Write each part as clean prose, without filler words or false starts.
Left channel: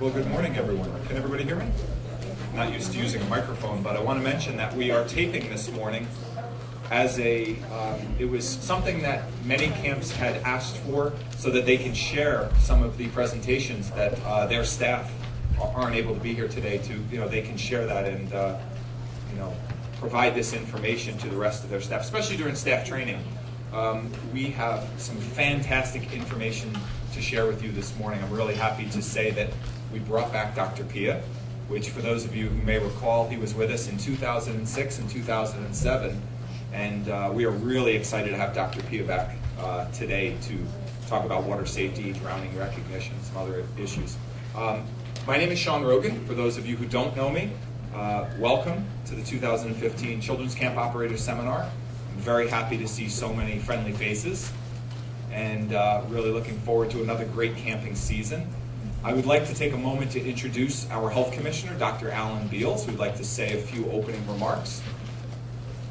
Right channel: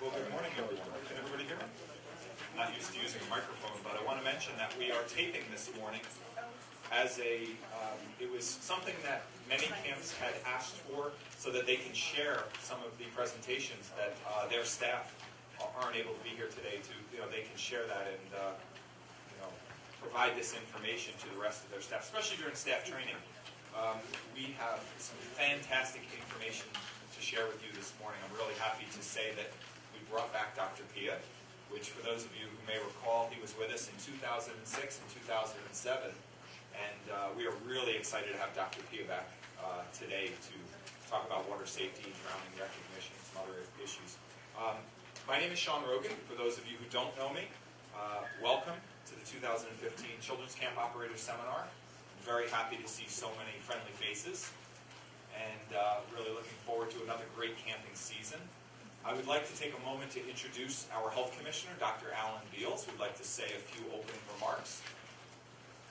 Well, good morning, everyone. Can everybody hear me? I'm not used to using a microphone, but I want to mention that we are taping this morning as it was something that many camps had asked for so that they can share some of the presentations that their staff aren't able to be here today to, they can share that and, provide this information to the rest of their staff, especially during staff training. We have some fantastic information to share with you this morning. I'm really happy to say that we brought back Dr. Pia, which for those of you who may recall, he was with us in 2006 and 2007. And we are really excited to have Dr. Pia back today to talk about water safety, drowning recognition, some other issues. My name is Sean Rogan. For those of you who don't know me, welcome to the 2015 Children's Camp Operators Seminar. I'm very happy to see so many friendly faces and really looking forward to another great camping season. I would like to take a moment to introduce our Health Commissioner, Dr. Alan Beals, who would like to say a few opening remarks.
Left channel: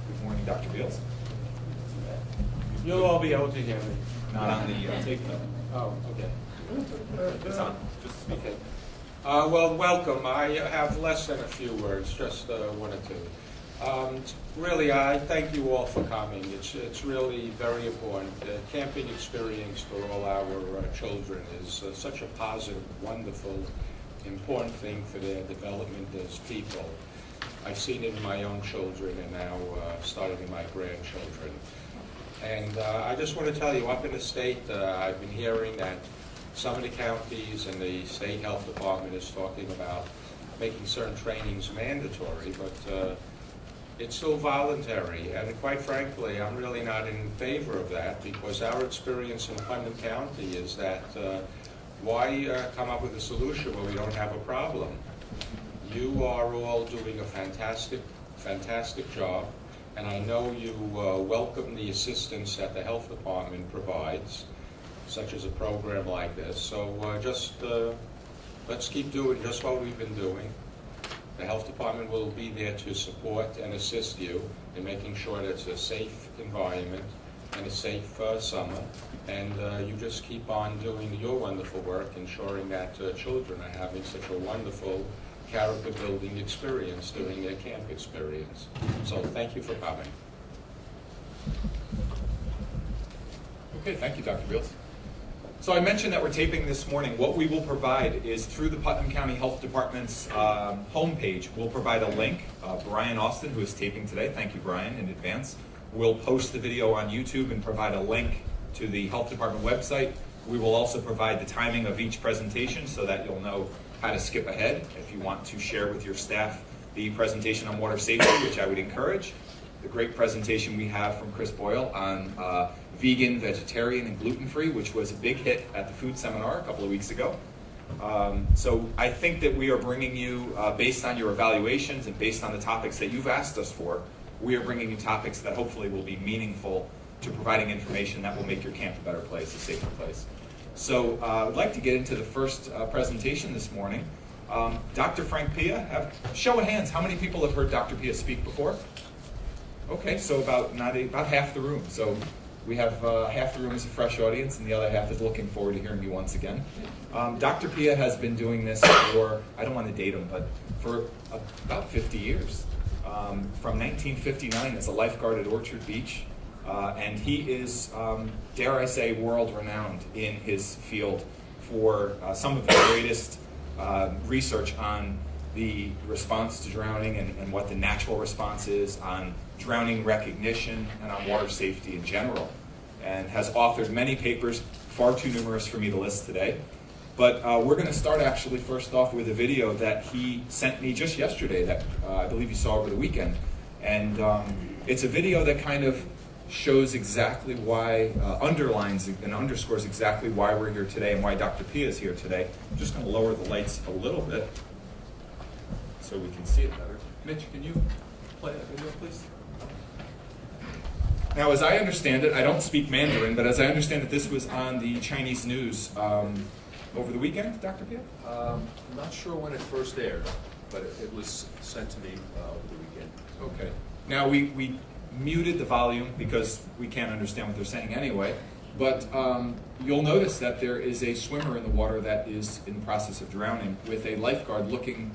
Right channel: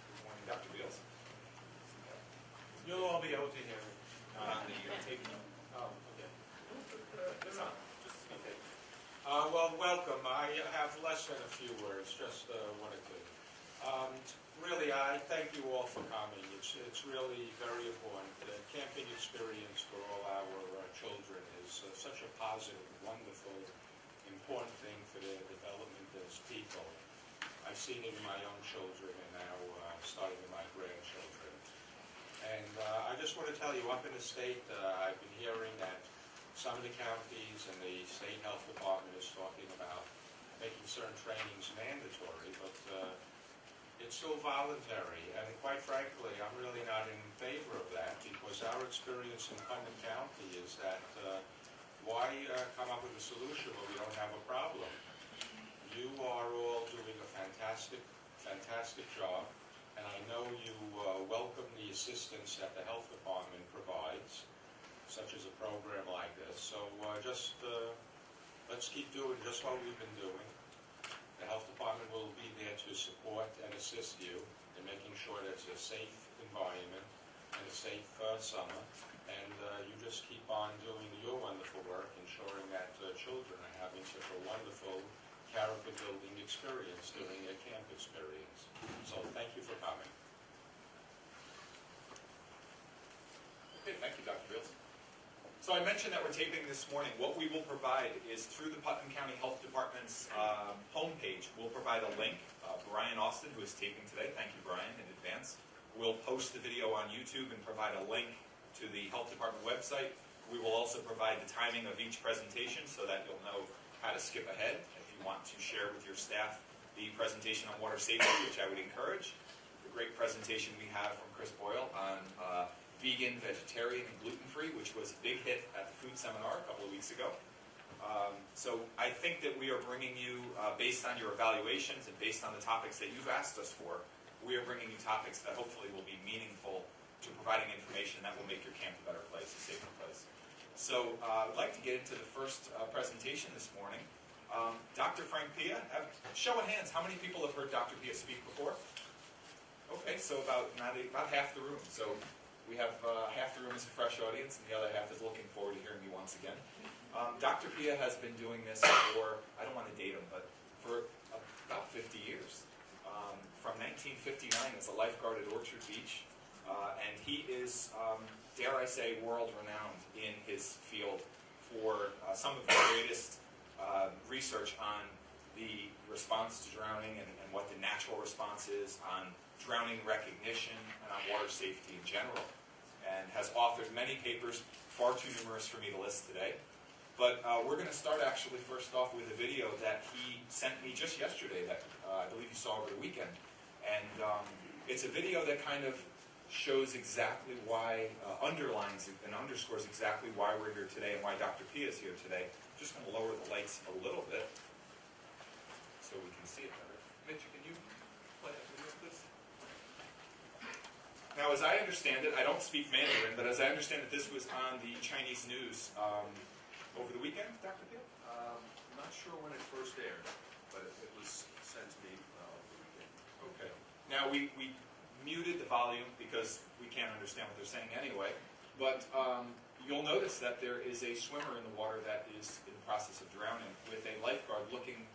Good morning, Dr. Beals. You'll all be able to hear me. Not on the tape, though. Oh, okay. It's on. Just speak. Okay. Well, welcome. I have less than a few words, just one or two. Really, I thank you all for coming. It's really very important. The camping experience for all our children is such a positive, wonderful, important thing for their development as people. I've seen it in my own children and now starting in my grandchildren. And I just want to tell you, up in the state, I've been hearing that some of the counties and the state health department is talking about making certain trainings mandatory, but it's still voluntary. And quite frankly, I'm really not in favor of that, because our experience in Putnam County is that why come up with a solution where we don't have a problem? You are all doing a fantastic job, and I know you welcome the assistance that the health department provides, such as a program like this. So let's keep doing just what we've been doing. The health department will be there to support and assist you in making sure that it's a safe environment and a safe summer. And you just keep on doing your wonderful work, ensuring that children are having such a wonderful character-building experience during their camp experience. So thank you for coming. Okay, thank you, Dr. Beals. So I mentioned that we're taping this morning. What we will provide is through the Putnam County Health Department's homepage, we'll provide a link. Brian Austin, who is taping today, thank you, Brian, in advance, will post the video on YouTube and provide a link to the Health Department website. We will also provide the timing of each presentation so that you'll know how to skip ahead if you want to share with your staff the presentation on water safety, which I would encourage. The great presentation we have from Chris Boyle on vegan, vegetarian, and gluten-free, which was a big hit at the food seminar a couple of weeks ago. So I think that we are bringing you, based on your evaluations and based on the topics that you've asked us for, we are bringing you topics that hopefully will be meaningful to providing information that will make your camp a better place, a safer place. So I'd like to get into the first presentation this morning. Dr. Frank Pia, show of hands, how many people have heard Dr. Pia speak before? Okay, so about half the room. So we have half the room is a fresh audience, and the other half is looking forward to hearing you once again. Dr. Pia has been doing this for, I don't want to date him, but for about 50 years. From 1959 as a lifeguard at Orchard Beach. And he is, dare I say, world-renowned in his field for some of the greatest research on the response to drowning and what the natural response is on drowning recognition and on water safety in general, and has authored many papers, far too numerous for me to list today. But we're going to start actually first off with a video that he sent me just yesterday that I believe you saw over the weekend. And it's a video that kind of shows exactly why, underlines and underscores exactly why we're here today and why Dr. Pia is here today. I'm just going to lower the lights a little bit so we can see it better. Mitch, can you play that video, please? Now, as I understand it, I don't speak Mandarin, but as I understand it, this was on the Chinese news over the weekend, Dr. Pia? I'm not sure when it first aired, but it was sent to me over the weekend. Okay. Now, we muted the volume because we can't understand what they're saying anyway. But you'll notice that there is a swimmer in the water that is in the process of drowning with a lifeguard looking,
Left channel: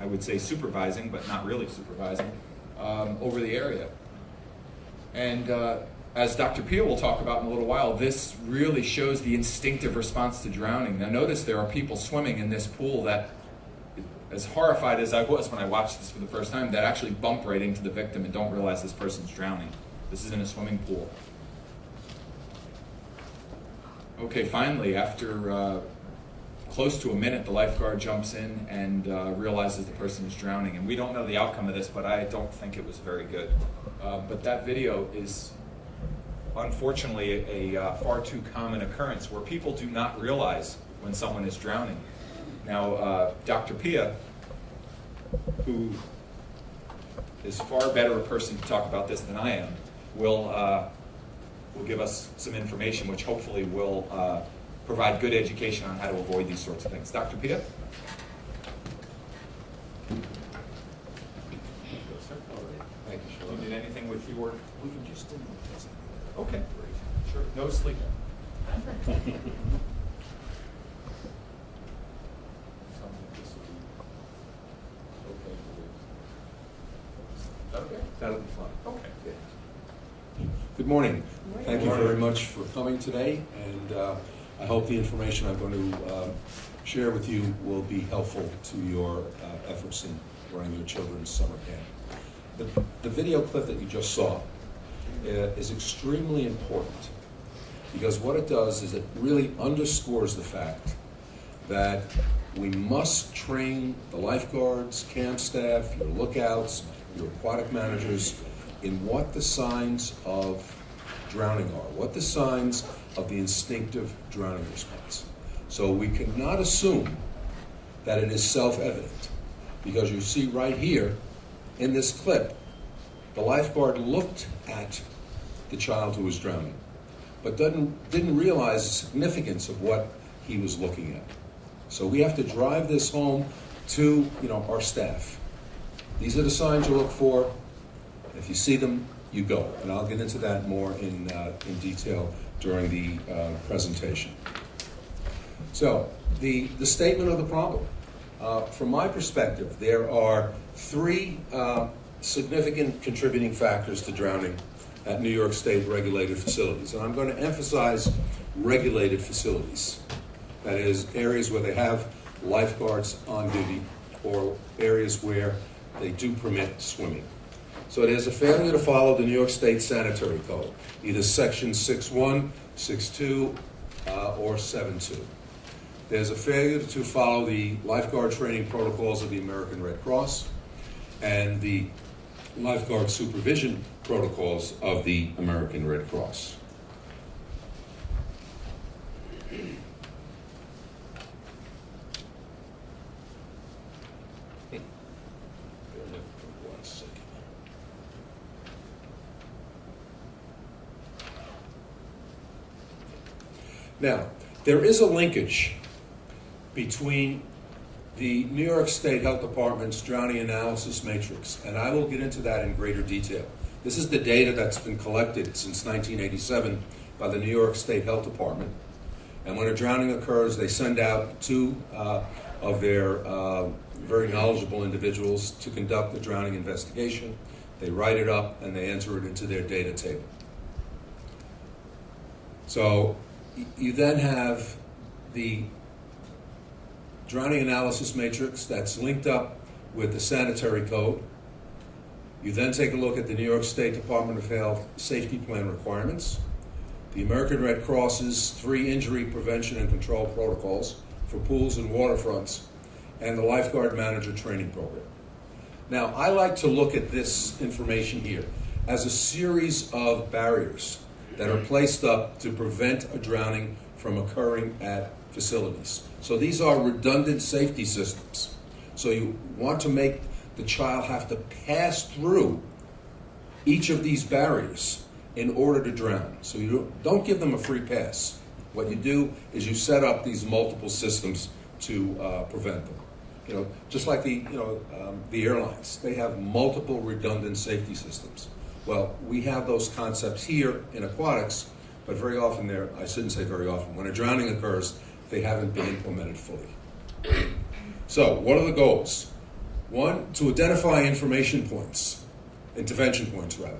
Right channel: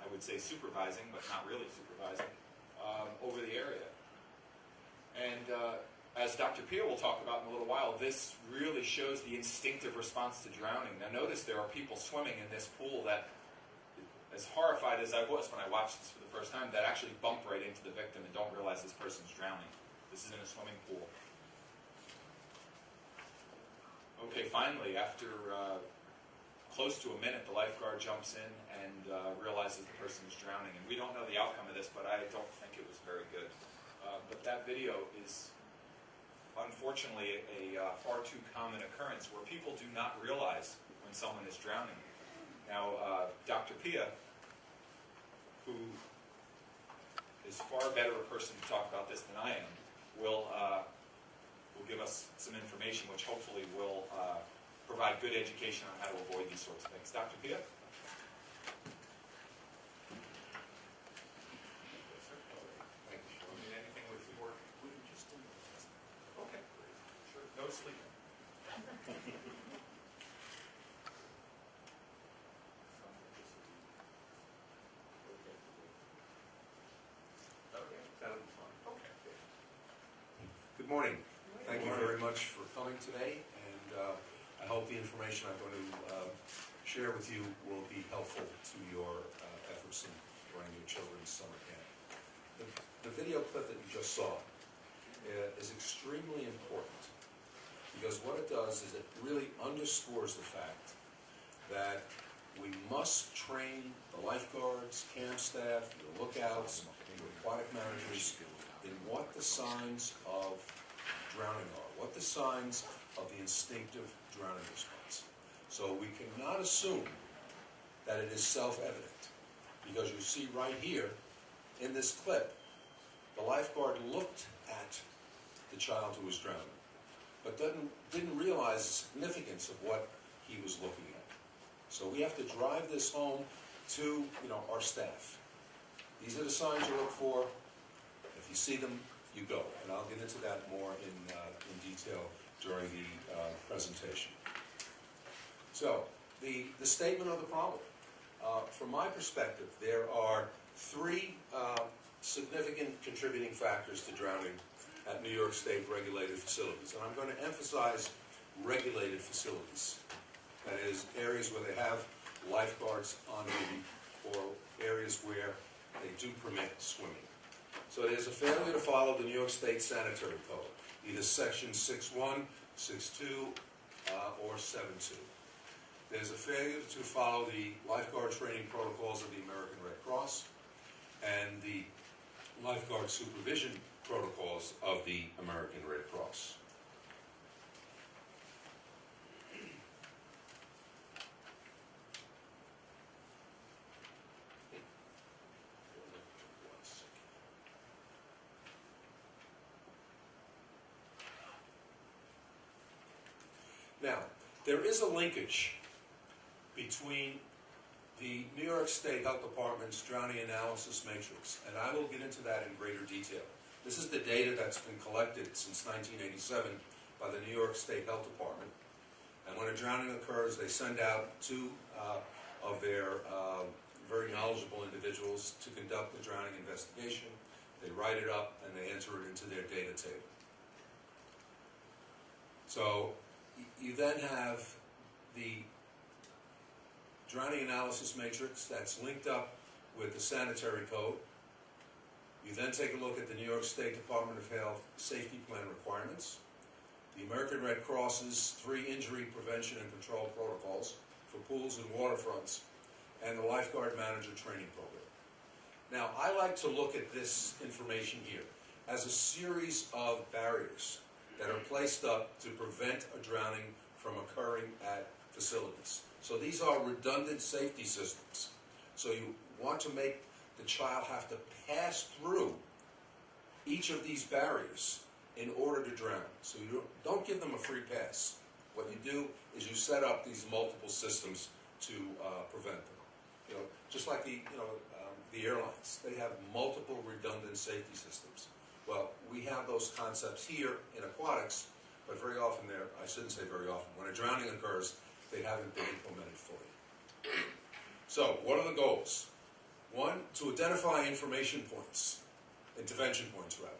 I would say supervising, but not really supervising, over the area. And as Dr. Pia will talk about in a little while, this really shows the instinctive response to drowning. Now notice there are people swimming in this pool that, as horrified as I was when I watched this for the first time, that actually bump right into the victim and don't realize this person's drowning. This is in a swimming pool. Okay, finally, after close to a minute, the lifeguard jumps in and realizes the person is drowning. And we don't know the outcome of this, but I don't think it was very good. But that video is unfortunately a far too common occurrence where people do not realize when someone is drowning. Now, Dr. Pia, who is far better a person to talk about this than I am, will give us some information which hopefully will provide good education on how to avoid these sorts of things. Dr. Pia? Thank you, Do Sean. you need anything with your... We can just do this. Okay, sure. No sleeping. Okay. That'll be fun. Okay. Good morning. Thank you Good morning. very much for coming today, and I hope the information I'm going to share with you will be helpful to your efforts in running your children's summer camp. The video clip that you just saw is extremely important because what it does is it really underscores the fact that we must train the lifeguards, camp staff, your lookouts, your aquatic managers in what the signs of drowning are, what the signs of the instinctive drowning response. So we cannot assume that it is self-evident because you see right here in this clip, the lifeguard looked at the child who was drowning, but didn't realize the significance of what he was looking at. So we have to drive this home to our staff. These are the signs you look for. If you see them, you go. And I'll get into that more in detail during the presentation. So the statement of the problem. From my perspective, there are three significant contributing factors to drowning at New York State regulated facilities. And I'm going to emphasize regulated facilities. That is, areas where they have lifeguards on duty or areas where they do permit swimming. So it is a failure to follow the New York State Sanitary Code, either Section 6.1, 6.2, or 7.2. There's a failure to follow the lifeguard training protocols of the American Red Cross and the lifeguard supervision protocols of the American Red Cross. Now, there is a linkage between the New York State Health Department's drowning analysis matrix, and I will get into that in greater detail. This is the data that's been collected since 1987 by the New York State Health Department. And when a drowning occurs, they send out two of their very knowledgeable individuals to conduct the drowning investigation. They write it up and they enter it into their data table. So you then have the drowning analysis matrix that's linked up with the sanitary code. You then take a look at the New York State Department of Health safety plan requirements, the American Red Cross's 3 injury prevention and control protocols for pools and waterfronts, and the lifeguard manager training program. Now, I like to look at this information here as a series of barriers that are placed up to prevent a drowning from occurring at facilities. So these are redundant safety systems. So you want to make the child have to pass through each of these barriers in order to drown. So you don't give them a free pass. What you do is you set up these multiple systems to prevent them. Just like the airlines, they have multiple redundant safety systems. Well, we have those concepts here in aquatics but very often I shouldn't say very often, when a drowning occurs, they haven't been implemented fully. So, what are the goals? One, to identify information points, intervention points rather.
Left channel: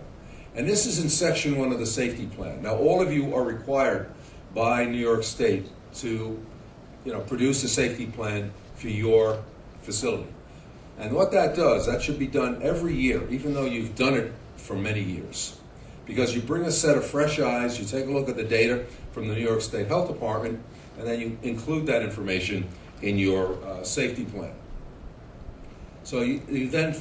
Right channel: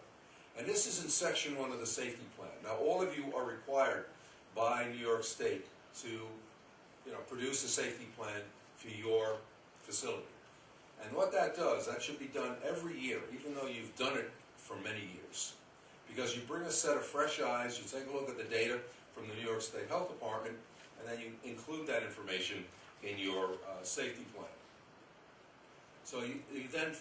And this is in section 1 of the safety plan. Now, all of you are required by New York State to, produce a safety plan for your facility. And what that does, that should be done every year, even though you've done it for many years. Because you bring a set of fresh eyes, you take a look at the data from the New York State Health Department, and then you include that information in your safety plan. So you then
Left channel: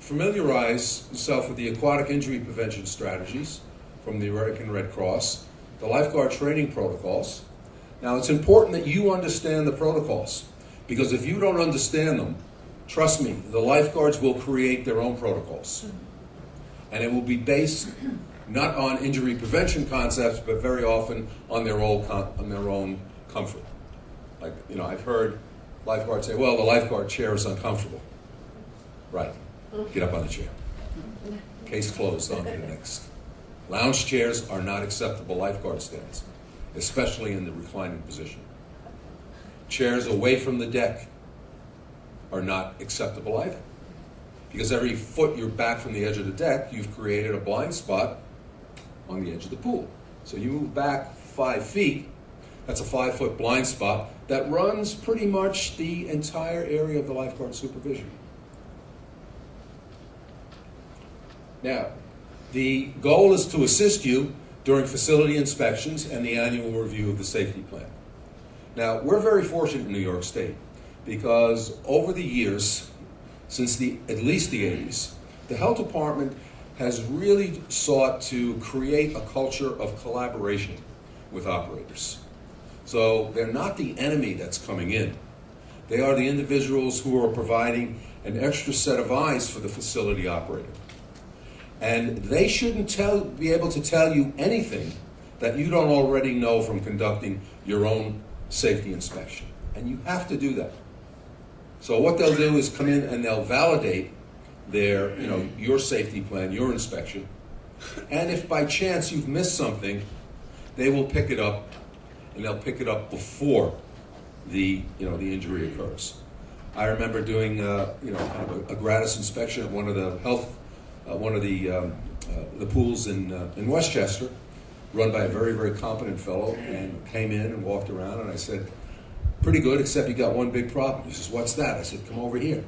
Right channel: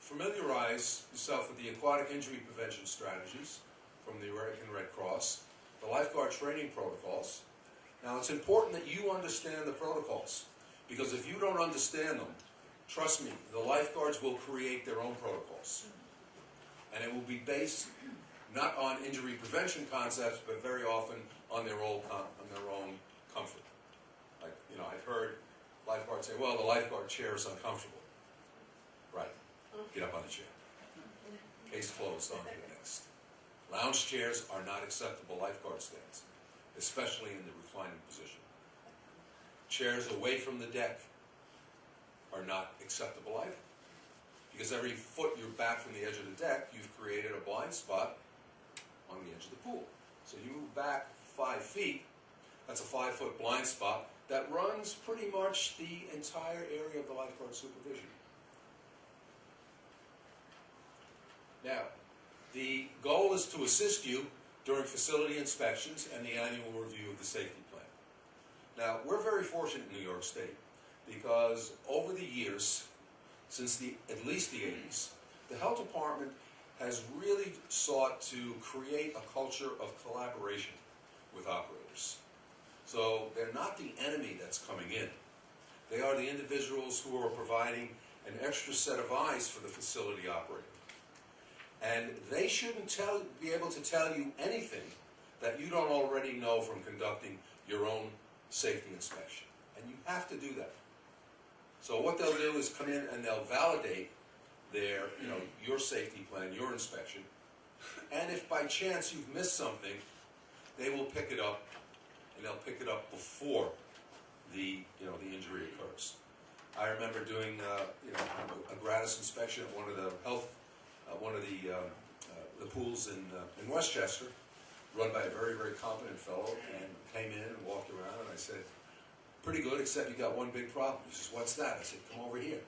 familiarize yourself with the aquatic injury prevention strategies from the American Red Cross, the lifeguard training protocols. Now, it's important that you understand the protocols, because if you don't understand them, trust me, the lifeguards will create their own protocols. And it will be based not on injury prevention concepts, but very often on their own comfort. Like, I've heard lifeguards say, well, the lifeguard chair is uncomfortable. Right, get up on the chair. Case closed, on to the next. Lounge chairs are not acceptable lifeguard stands, especially in the reclining position. Chairs away from the deck are not acceptable either. Because every foot you're back from the edge of the deck, you've created a blind spot on the edge of the pool. So you move back 5 feet, that's a 5-foot blind spot that runs pretty much the entire area of the lifeguard supervision. Now, the goal is to assist you during facility inspections and the annual review of the safety plan. Now, we're very fortunate in New York State because over the years, since at least the 80s, the health department has really sought to create a culture of collaboration with operators. So they're not the enemy that's coming in. They are the individuals who are providing an extra set of eyes for the facility operator. And they shouldn't be able to tell you anything that you don't already know from conducting your own safety inspection. And you have to do that. So what they'll do is come in and they'll validate your safety plan, your inspection. And if by chance you've missed something, they will pick it up, and they'll pick it up before the injury occurs. I remember doing kind of a gratis inspection at one of the pools in Westchester, run by a very, very competent fellow, and came in and walked around, and I said, pretty good, except you got one big problem. He says, what's that? I said, come over here,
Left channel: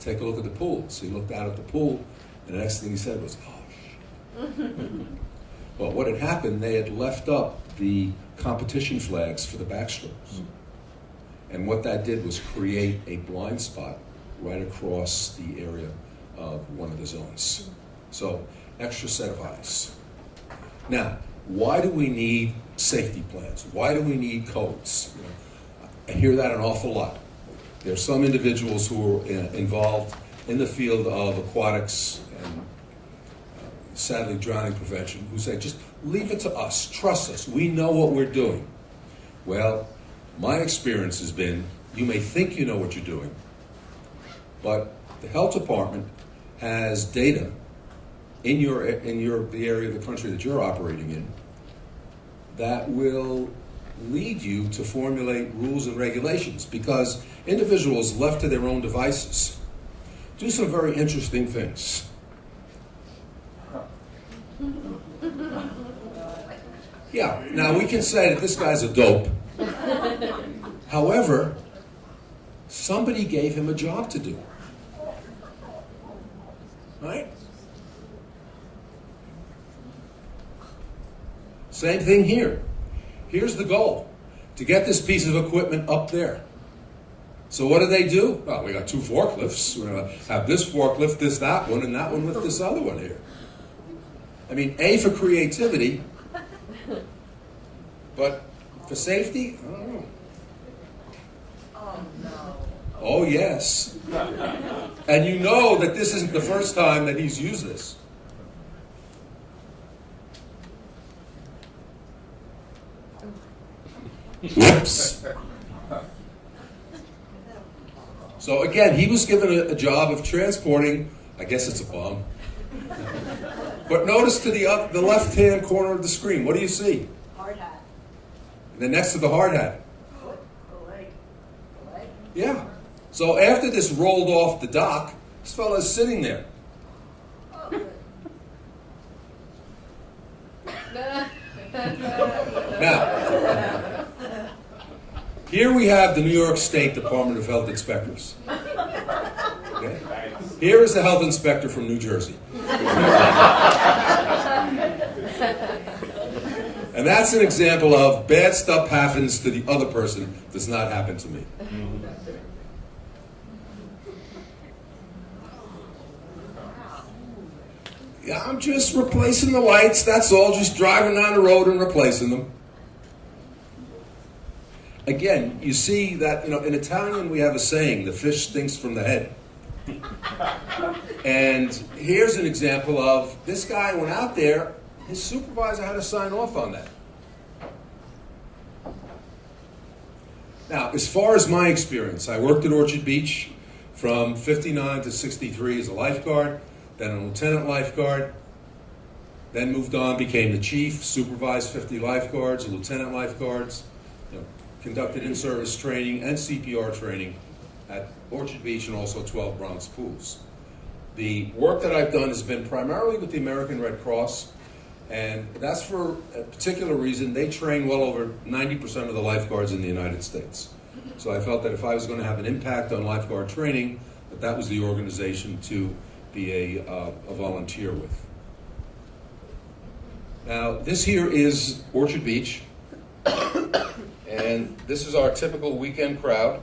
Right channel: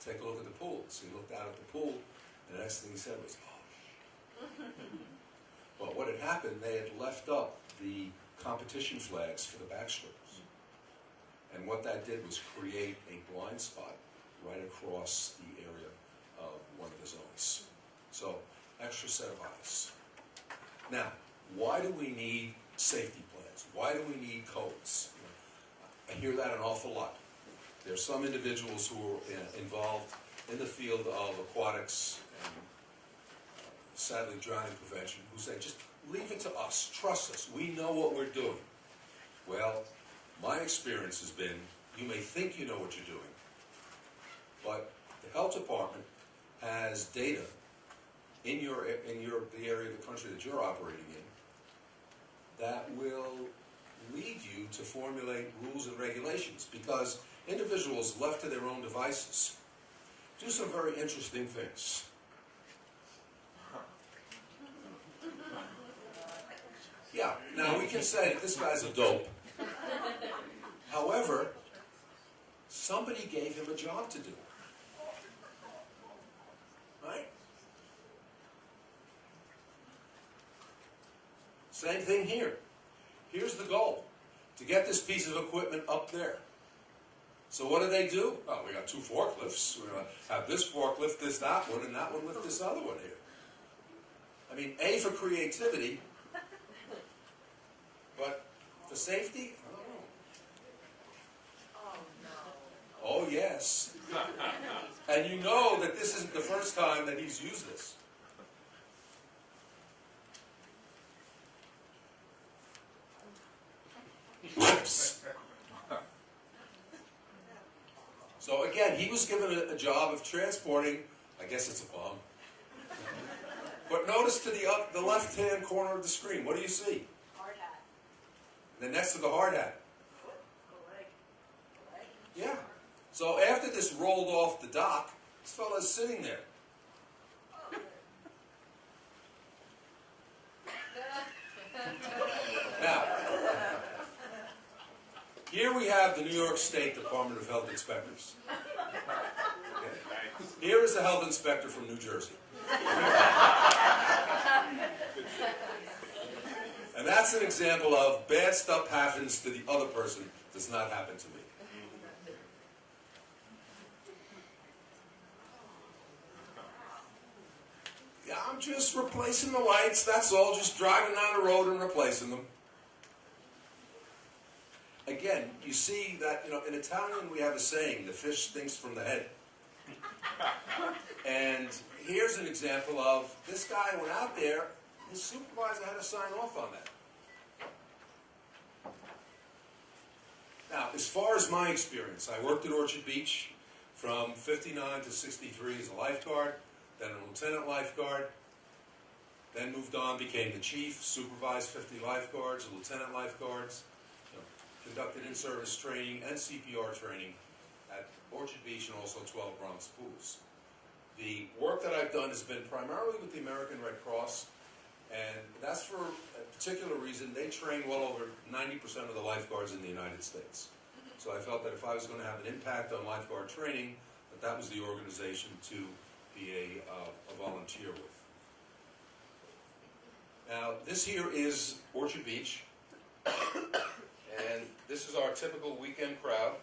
take a look at the pool. So he looked out at the pool, and the next thing he said was, oh, shit. Well, what had happened, they had left up the competition flags for the backstrokes. And what that did was create a blind spot right across the area of one of the zones. So, extra set of eyes. Now, why do we need safety plans? Why do we need codes? I hear that an awful lot. There are some individuals who are involved in the field of aquatics and sadly drowning prevention who say, just leave it to us, trust us, we know what we're doing. Well, my experience has been, you may think you know what you're doing, but the health department has data in the area of the country that you're operating in that will lead you to formulate rules and regulations, because individuals left to their own devices do some very interesting things. Yeah, now we can say that this guy's a dope. However, somebody gave him a job to do. Right? Same thing here. Here's the goal, to get this piece of equipment up there. So what do? Well, we got 2 forklifts. We're going to have this forklift, that one, and that one with this other one here. I mean, A, for creativity, but for safety, I don't know. Oh, no. Oh, yes. And you know that this isn't the first time that he's used this. Whoops. So again, he was given a job of transporting, I guess it's a bomb. But notice to the left-hand corner of the screen, what do you see? Hard hat. And then next to the hard hat. Foot, the leg. The leg? Yeah. So after this rolled off the dock, this fellow is sitting there. Oh, good. Now, here we have the New York State Department of Health inspectors. Okay? Here is the health inspector from New Jersey. And that's an example of bad stuff happens to the other person, does not happen to me. Yeah, I'm just replacing the lights, that's all, just driving down the road and replacing them. Again, you see that, in Italian we have a saying, the fish stinks from the head. And here's an example of, this guy went out there, his supervisor had to sign off on that. Now, as far as my experience, I worked at Orchard Beach from 59 to 63 as a lifeguard, then a lieutenant lifeguard, then moved on, became the chief, supervised 50 lifeguards, lieutenant lifeguards, conducted in-service training and CPR training at Orchard Beach and also 12 Bronx pools. The work that I've done has been primarily with the American Red Cross, and that's for a particular reason. They train well over 90% of the lifeguards in the United States. So I felt that if I was going to have an impact on lifeguard training, that was the organization to be a volunteer with. Now, this here is Orchard Beach, and this is our typical weekend crowd.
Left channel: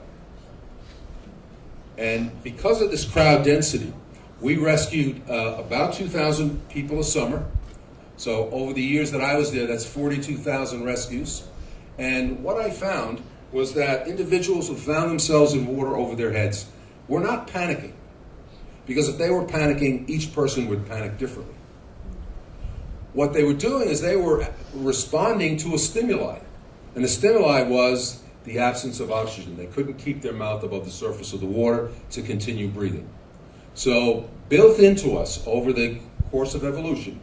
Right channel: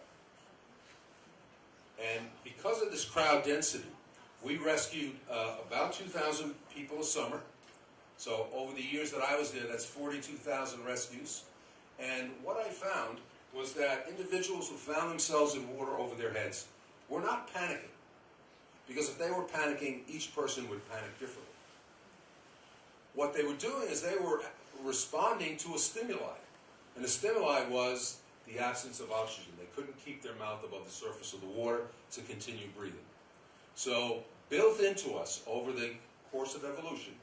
And because of this crowd density, we rescued about 2,000 people a summer. So over the years that I was there, that's 42,000 rescues. And what I found was that individuals who found themselves in water over their heads were not panicking. Because if they were panicking, each person would panic differently. What they were doing is they were responding to a stimuli. And the stimuli was the absence of oxygen. They couldn't keep their mouth above the surface of the water to continue breathing. So built into us over the course of evolution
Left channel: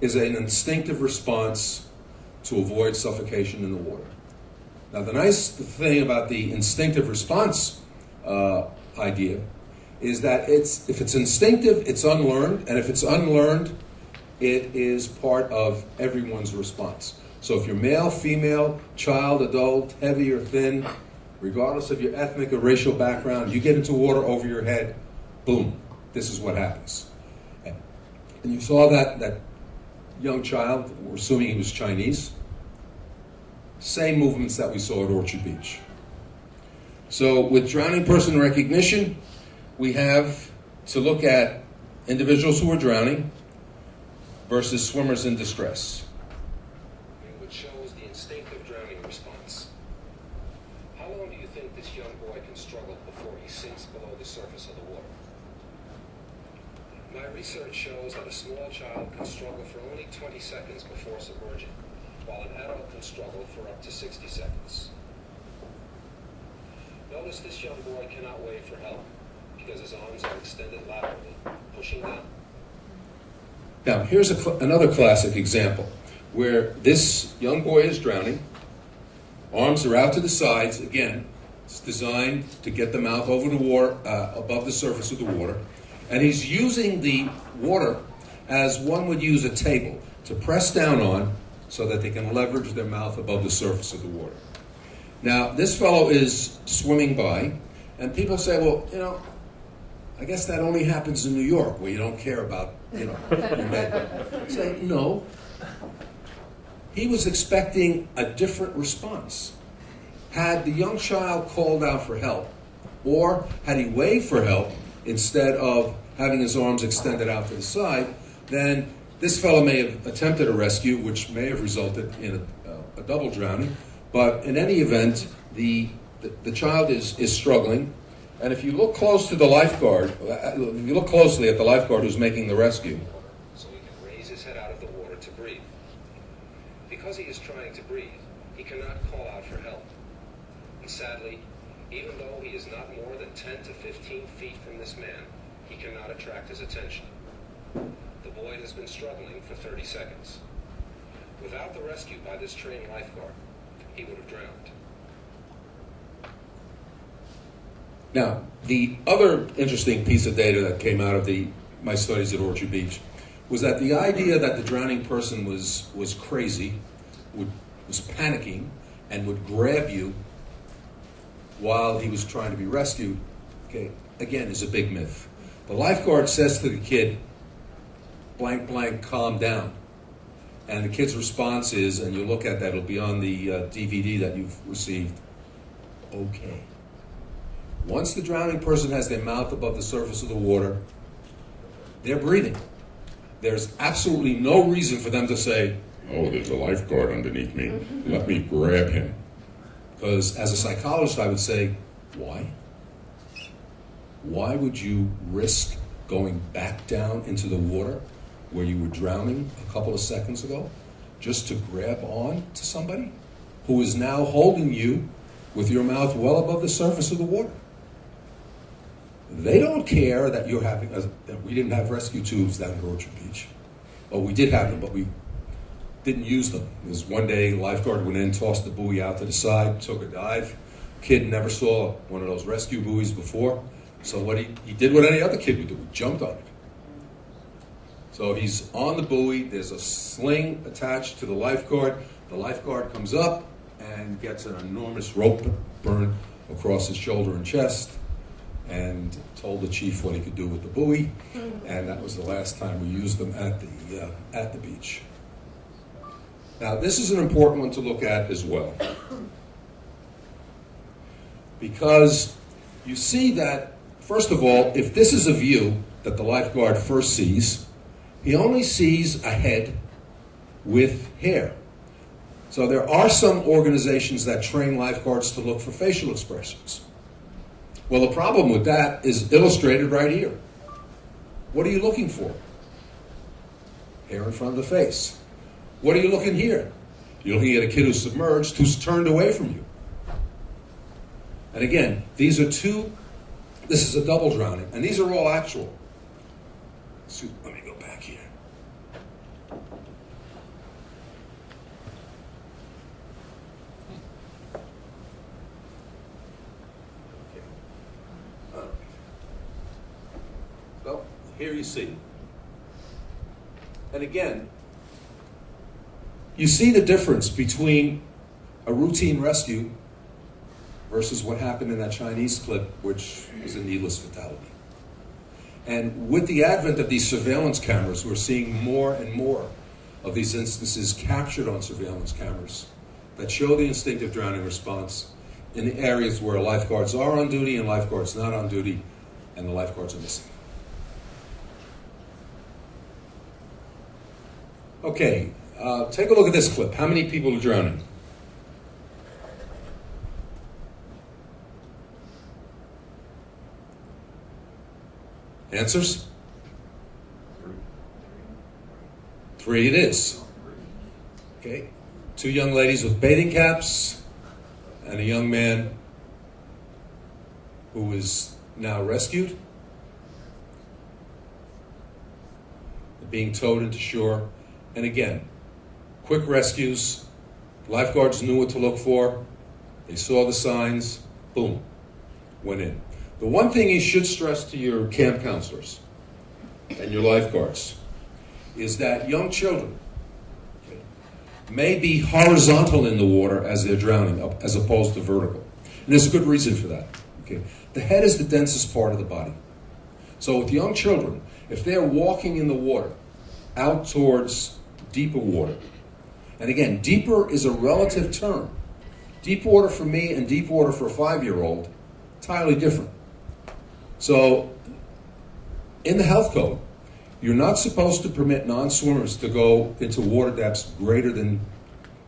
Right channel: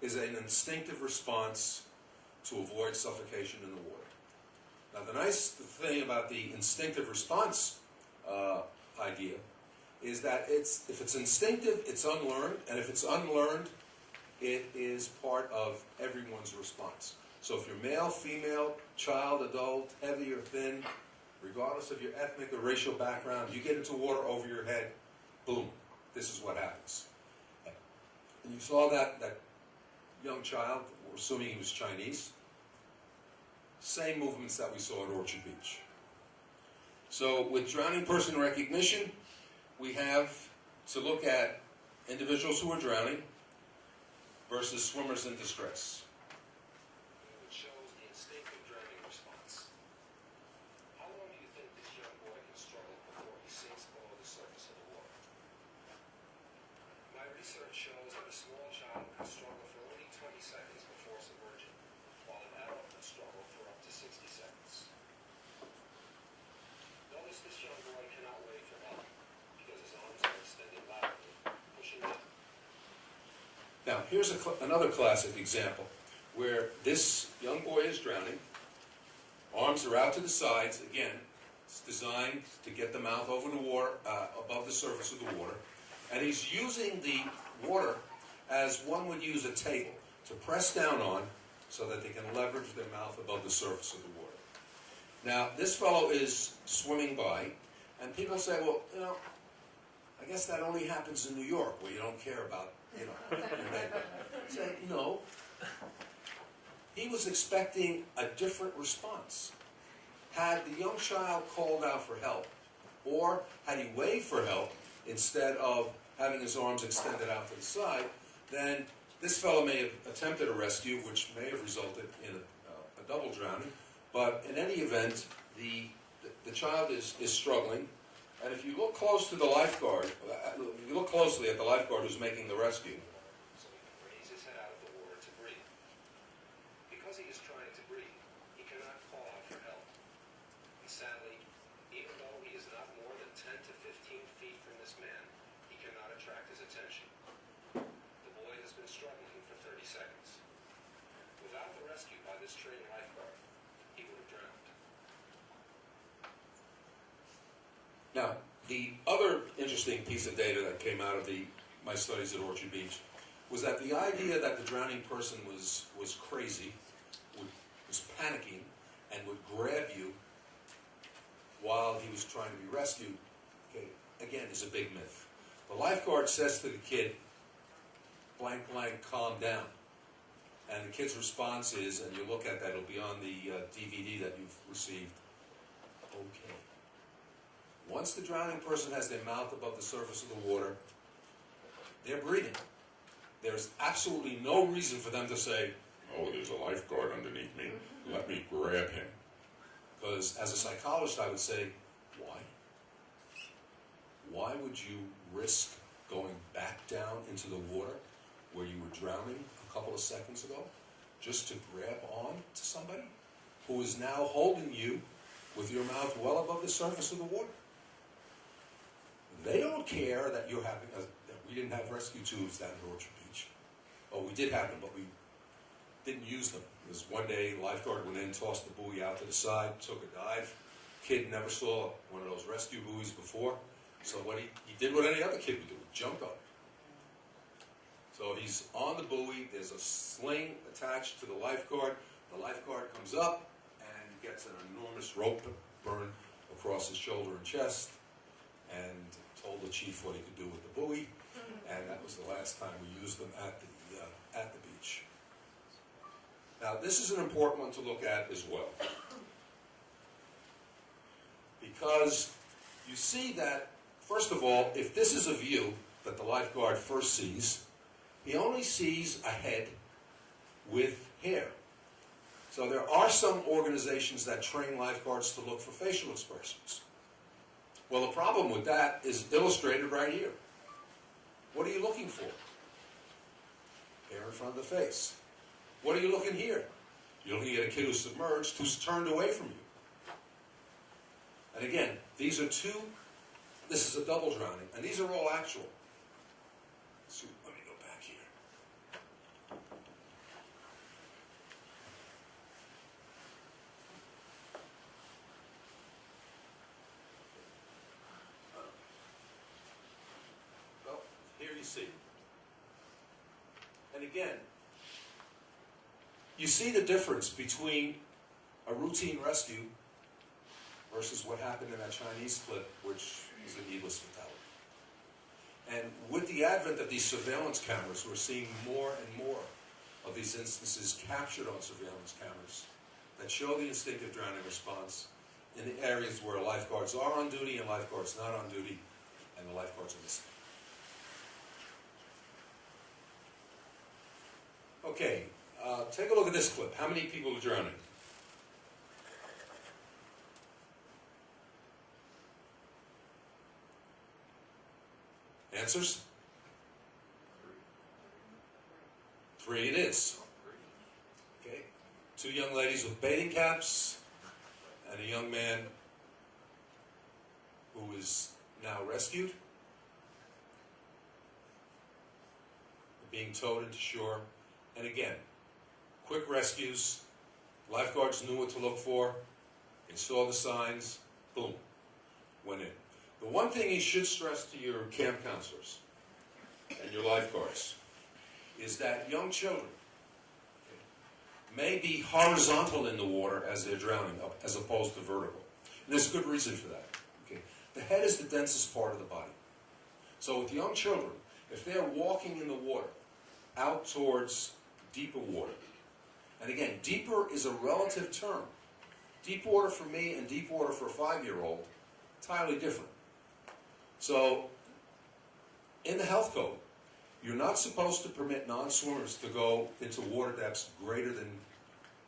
is an instinctive response to avoid suffocation in the water. Now, the nice thing about the instinctive response idea is that if it's instinctive, it's unlearned, and if it's unlearned, it is part of everyone's response. So if you're male, female, child, adult, heavy or thin, regardless of your ethnic or racial background, you get into water over your head, boom, this is what happens. And you saw that young child, we're assuming he was Chinese, same movements that we saw at Orchard Beach. So with drowning person recognition, we have to look at individuals who are drowning versus swimmers in distress. Which shows the instinctive drowning response. How long do you think this young boy can struggle before he sinks below the surface of the water? My research shows that a small child can struggle for only 20 seconds before submerging, while an adult can struggle for up to 60 seconds. Notice this young boy cannot wave for help because his arms are extended laterally, pushing down. Now, here's another classic example where this young boy is drowning. Arms are out to the sides. Again, it's designed to get the mouth over the water, above the surface of the water. And he's using the water as one would use a table to press down on so that they can leverage their mouth above the surface of the water. Now, this fellow is swimming by, and people say, well, I guess that only happens in New York where you don't care about, your neighbor. Say, no. He was expecting a different response. Had the young child called out for help, or had he waved for help instead of having his arms extended out to the side, then this fellow may have attempted a rescue, which may have resulted in a double drowning. But in any event, the child is struggling. And if you look close to the lifeguard, if you look closely at the lifeguard who's making the rescue, so he can raise his head out of the water to breathe. Because he is trying to breathe, he cannot call out for help. And sadly, even though he is not more than 10 to 15 feet from this man, he cannot attract his attention. The boy has been struggling for 30 seconds. Without the rescue by this trained lifeguard, he would have drowned. Now, the other interesting piece of data that came out of my studies at Orchard Beach was that the idea that the drowning person was crazy, was panicking, and would grab you while he was trying to be rescued, okay, again, is a big myth. The lifeguard says to the kid, blank, blank, calm down. And the kid's response is, and you look at that, it'll be on the DVD that you've received, okay. Once the drowning person has their mouth above the surface of the water, they're breathing. There's absolutely no reason for them to say, oh, there's a lifeguard underneath me. Let me grab him. Because as a psychologist, I would say, why? Why would you risk going back down into the water where you were drowning a couple of seconds ago just to grab on to somebody who is now holding you with your mouth well above the surface of the water? They don't care that you're having, that we didn't have rescue tubes down at Orchard Beach. Oh, we did have them, but we didn't use them. There was one day, lifeguard went in, tossed the buoy out to the side, took a dive. Kid never saw one of those rescue buoys before. So what he did what any other kid would do, he jumped on it. So he's on the buoy, there's a sling attached to the lifeguard. The lifeguard comes up and gets an enormous rope burn across his shoulder and chest, and told the chief what he could do with the buoy, and that was the last time we used them at the beach. Now, this is an important one to look at as well, because you see that, first of all, if this is a view that the lifeguard first sees, he only sees a head with hair. So there are some organizations that train lifeguards to look for facial expressions. Well, the problem with that is illustrated right here. What are you looking for? Hair in front of the face. What are you looking here? You're looking at a kid who's submerged, who's turned away from you. And again, this is a double drowning, and these are all actual. Let me go back here. Well, here you see. And again, you see the difference between a routine rescue versus what happened in that Chinese clip, which was a needless fatality. And with the advent of these surveillance cameras, we're seeing more and more of these instances captured on surveillance cameras that show the instinctive drowning response in the areas where lifeguards are on duty and lifeguards not on duty, and the lifeguards are missing. Okay, take a look at this clip. How many people are drowning? Answers? 3 it is. Okay. 2 young ladies with bathing caps and a young man who is now rescued. They're being towed into shore. And again, quick rescues. Lifeguards knew what to look for. They saw the signs. Boom. Went in. The one thing you should stress to your camp counselors and your lifeguards is that young children may be horizontal in the water as they're drowning, as opposed to vertical. And there's a good reason for that. Okay? The head is the densest part of the body. So with young children, if they're walking in the water out towards deeper water, and again, deeper is a relative term. Deep water for me and deep water for a 5-year-old, entirely different. So, in the health code, you're not supposed to permit non-swimmers to go into water depths greater than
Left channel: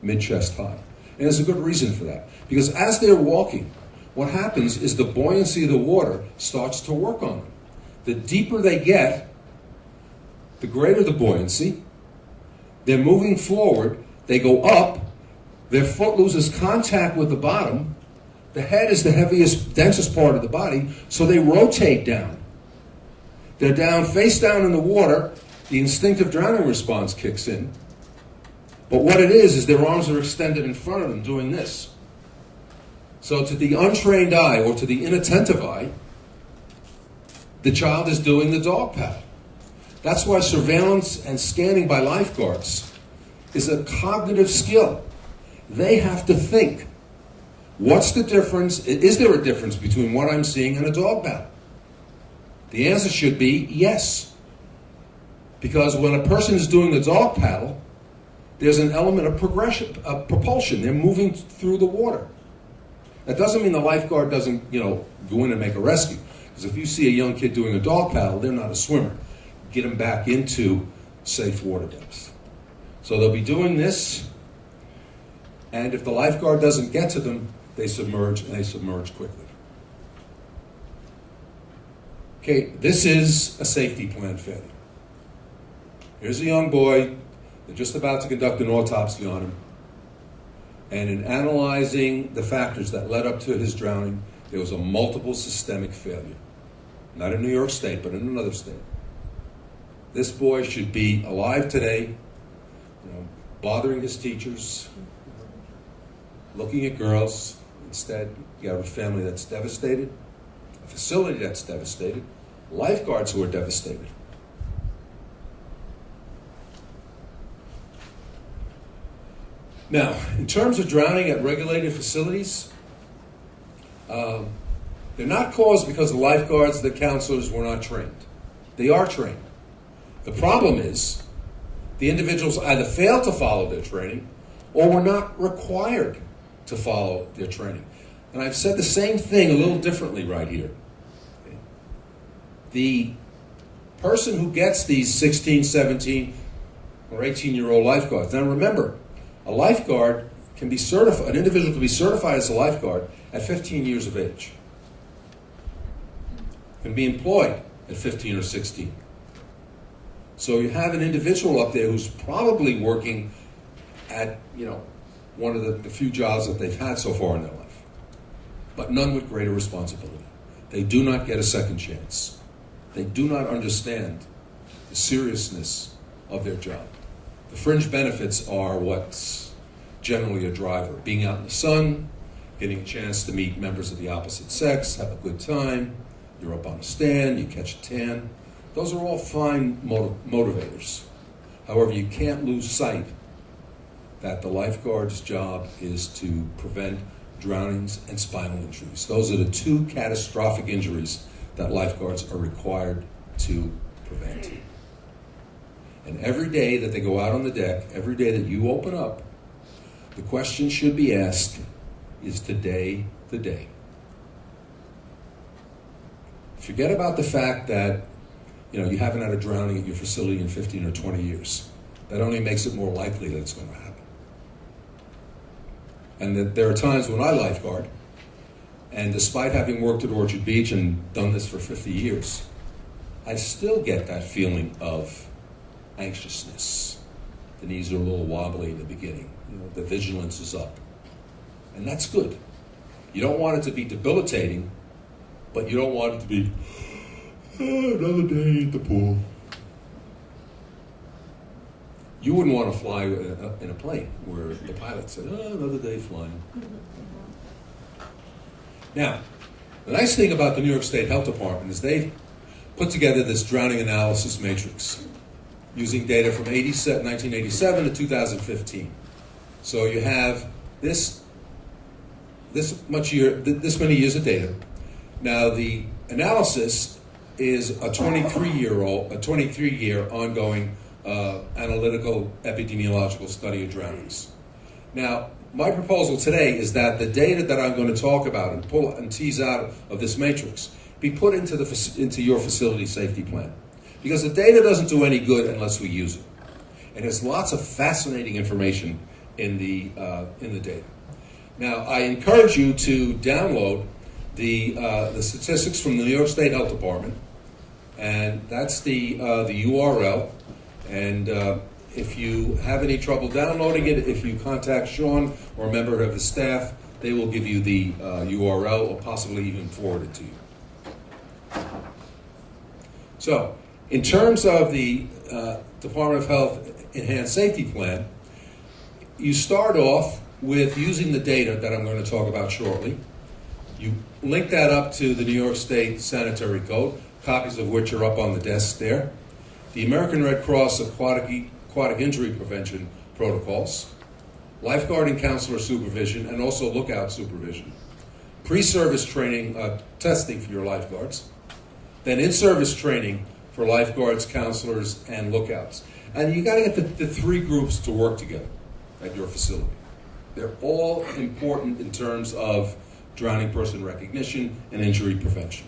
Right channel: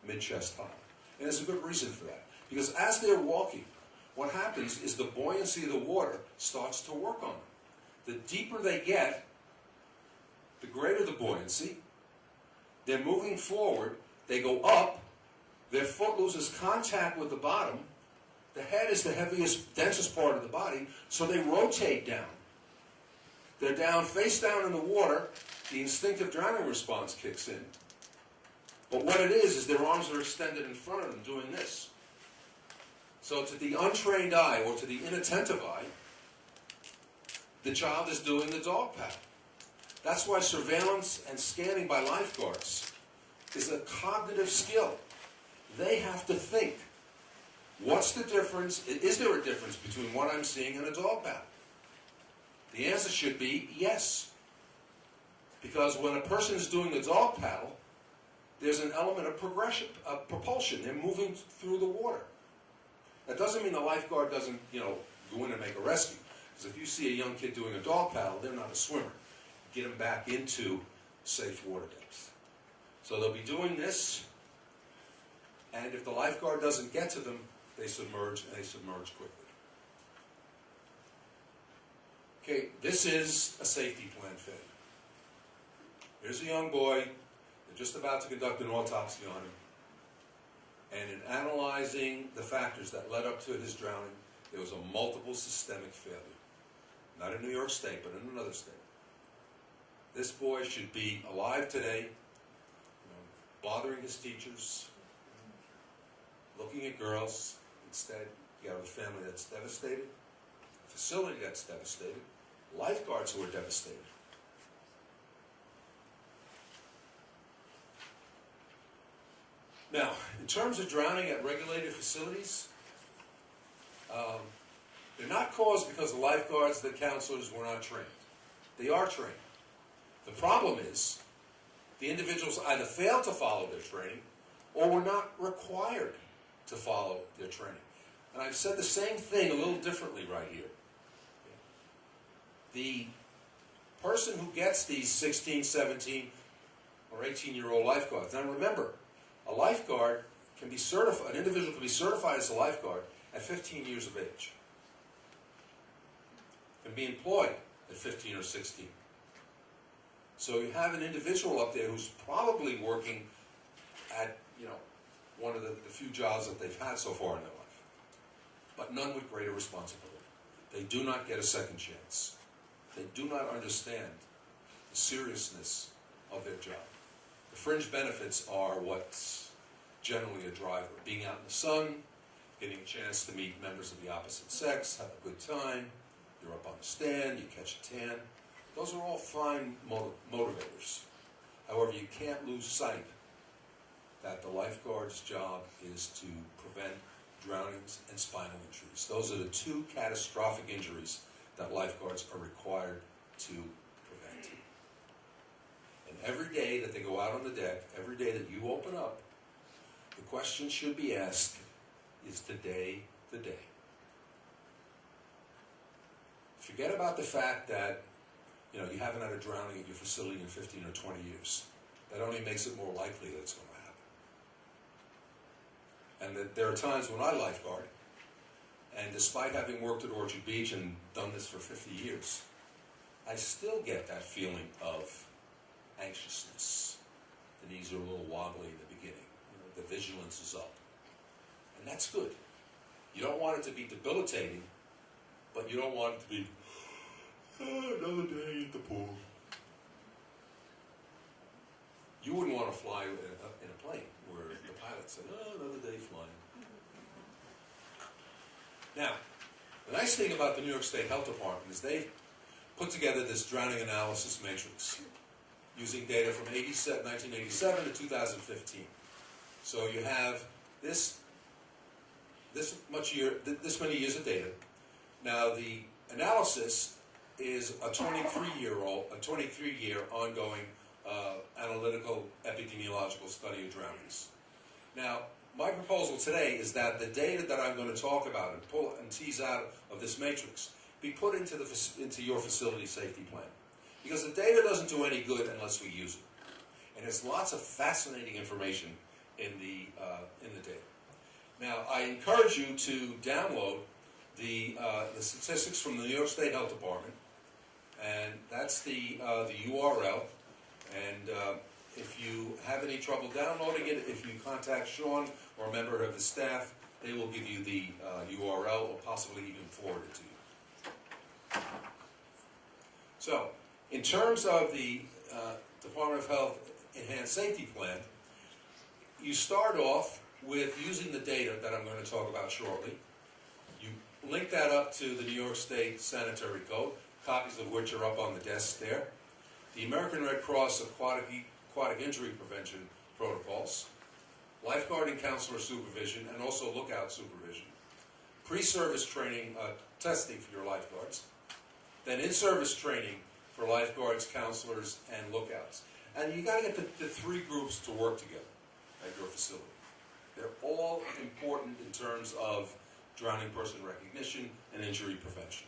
mid-chest high. And there's a good reason for that. Because as they're walking, what happens is the buoyancy of the water starts to work on them. The deeper they get, the greater the buoyancy. They're moving forward, they go up, their foot loses contact with the bottom. The head is the heaviest, densest part of the body, so they rotate down. They're down, face down in the water, the instinctive drowning response kicks in, But what it is their arms are extended in front of them doing this. So to the untrained eye or to the inattentive eye, the child is doing the dog paddle. That's why surveillance and scanning by lifeguards is a cognitive skill. They have to think. What's the difference? Is there a difference between what I'm seeing and a dog paddle? The answer should be yes. Because when a person is doing the dog paddle, there's an element of progression, of propulsion. They're moving through the water. That doesn't mean the lifeguard doesn't, go in and make a rescue. Because if you see a young kid doing a dog paddle, they're not a swimmer. Get them back into safe water depths. So they'll be doing this, and if the lifeguard doesn't get to them, they submerge, and they submerge quickly. Okay, this is a safety plan failure. Here's a young boy. They're just about to conduct an autopsy on him. And in analyzing the factors that led up to his drowning, there was a multiple systemic failure. Not in New York State, but in another state. This boy should be alive today, bothering his teachers, looking at girls. Instead, you have a family that's devastated, a facility that's devastated, lifeguards who are devastated. Now, in terms of drowning at regulated facilities, they're not caused because the lifeguards, the counselors were not trained. They are trained. The problem is the individuals either failed to follow their training or were not required to follow their training. And I've said the same thing a little differently right here. The person who gets these 16, 17, or 18-year-old lifeguards, now remember, a lifeguard can be certified, an individual can be certified as a lifeguard at 15 years of age. Can be employed at 15 or 16. So you have an individual up there who's probably working at, one of the few jobs that they've had so far in their life, but none with greater responsibility. They do not get a second chance. They do not understand the seriousness of their job. The fringe benefits are what's generally a driver. Being out in the sun, getting a chance to meet members of the opposite sex, have a good time, you're up on a stand, you catch a tan. Those are all fine motivators. However, you can't lose sight that the lifeguard's job is to prevent drownings and spinal injuries. Those are the two catastrophic injuries that lifeguards are required to prevent. And every day that they go out on the deck, every day that you open up, the question should be asked, is today the day? Forget about the fact that you haven't had a drowning at your facility in 15 or 20 years. That only makes it more likely that it's going to happen. And that there are times when I lifeguard, and despite having worked at Orchard Beach and done this for 50 years, I still get that feeling of anxiousness. The knees are a little wobbly in the beginning. The vigilance is up. And that's good. You don't want it to be debilitating, but you don't want it to be, another day at the pool. You wouldn't want to fly in a plane where the pilot said, another day flying. Now, the nice thing about the New York State Health Department is they've put together this drowning analysis matrix using data from 1987 to 2015. So you have this many years of data. Now the analysis is a 23-year ongoing analytical epidemiological study of drownings. Now, my proposal today is that the data that I'm going to talk about and pull and tease out of this matrix be put into your facility safety plan, because the data doesn't do any good unless we use it. And there's lots of fascinating information in the data. Now, I encourage you to download the statistics from the New York State Health Department, and that's the URL. And if you have any trouble downloading it, if you contact Sean or a member of his staff, they will give you the URL or possibly even forward it to you. So, in terms of the Department of Health Enhanced Safety Plan, you start off with using the data that I'm going to talk about shortly. You link that up to the New York State Sanitary Code, copies of which are up on the desk there. The American Red Cross Aquatic Injury Prevention Protocols, lifeguard and counselor supervision, and also lookout supervision, pre-service training, testing for your lifeguards, then in-service training for lifeguards, counselors, and lookouts. And you got to get the three groups to work together at your facility. They're all important in terms of drowning person recognition and injury prevention.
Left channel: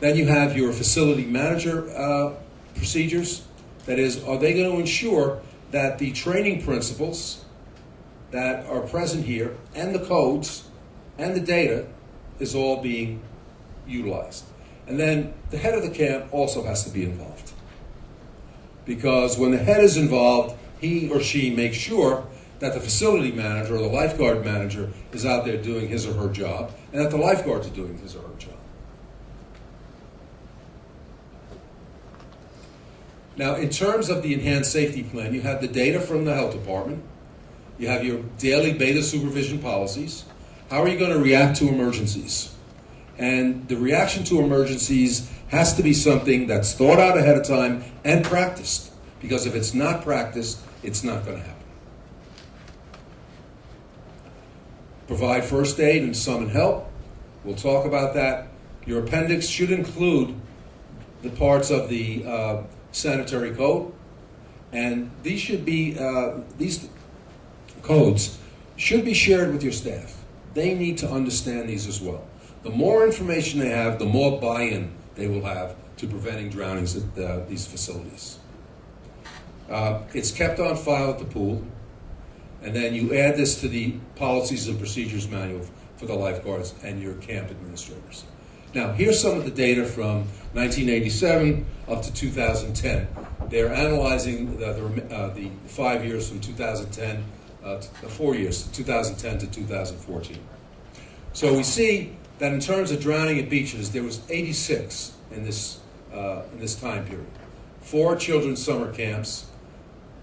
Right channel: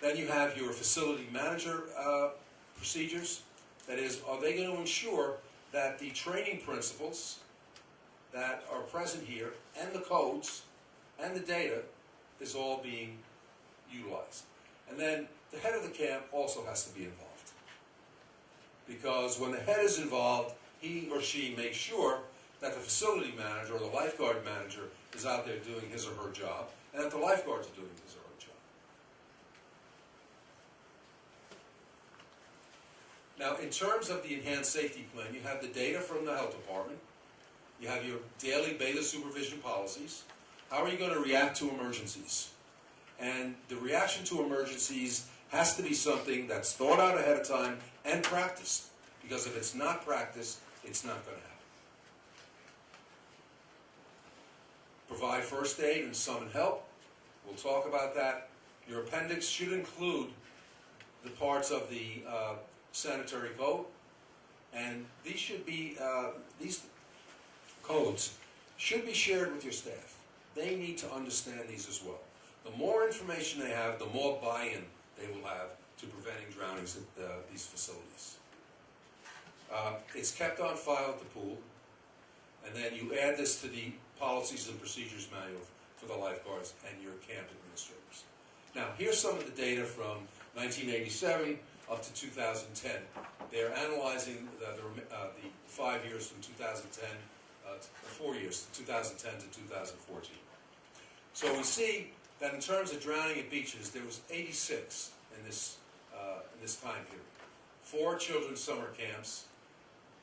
Then you have your facility manager procedures. That is, are they going to ensure that the training principles that are present here and the codes and the data is all being utilized? And then the head of the camp also has to be involved. Because when the head is involved, he or she makes sure that the facility manager or the lifeguard manager is out there doing his or her job, and that the lifeguards are doing his or her job. Now, in terms of the enhanced safety plan, you have the data from the health department, you have your daily beta supervision policies. How are you going to react to emergencies? And the reaction to emergencies has to be something that's thought out ahead of time and practiced, because if it's not practiced, it's not going to happen. Provide first aid and summon help. We'll talk about that. Your appendix should include the parts of the sanitary code, and these should be these codes should be shared with your staff. They need to understand these as well. The more information they have, the more buy-in they will have to preventing drownings at these facilities. It's kept on file at the pool, and then you add this to the policies and procedures manual for the lifeguards and your camp administrators. Now, here's some of the data from 1987 up to 2010. They're analyzing the 5 years from 2010, 4 years, 2010 to 2014. So we see that in terms of drowning at beaches, there was 86 in this time period. 4 children's summer camps,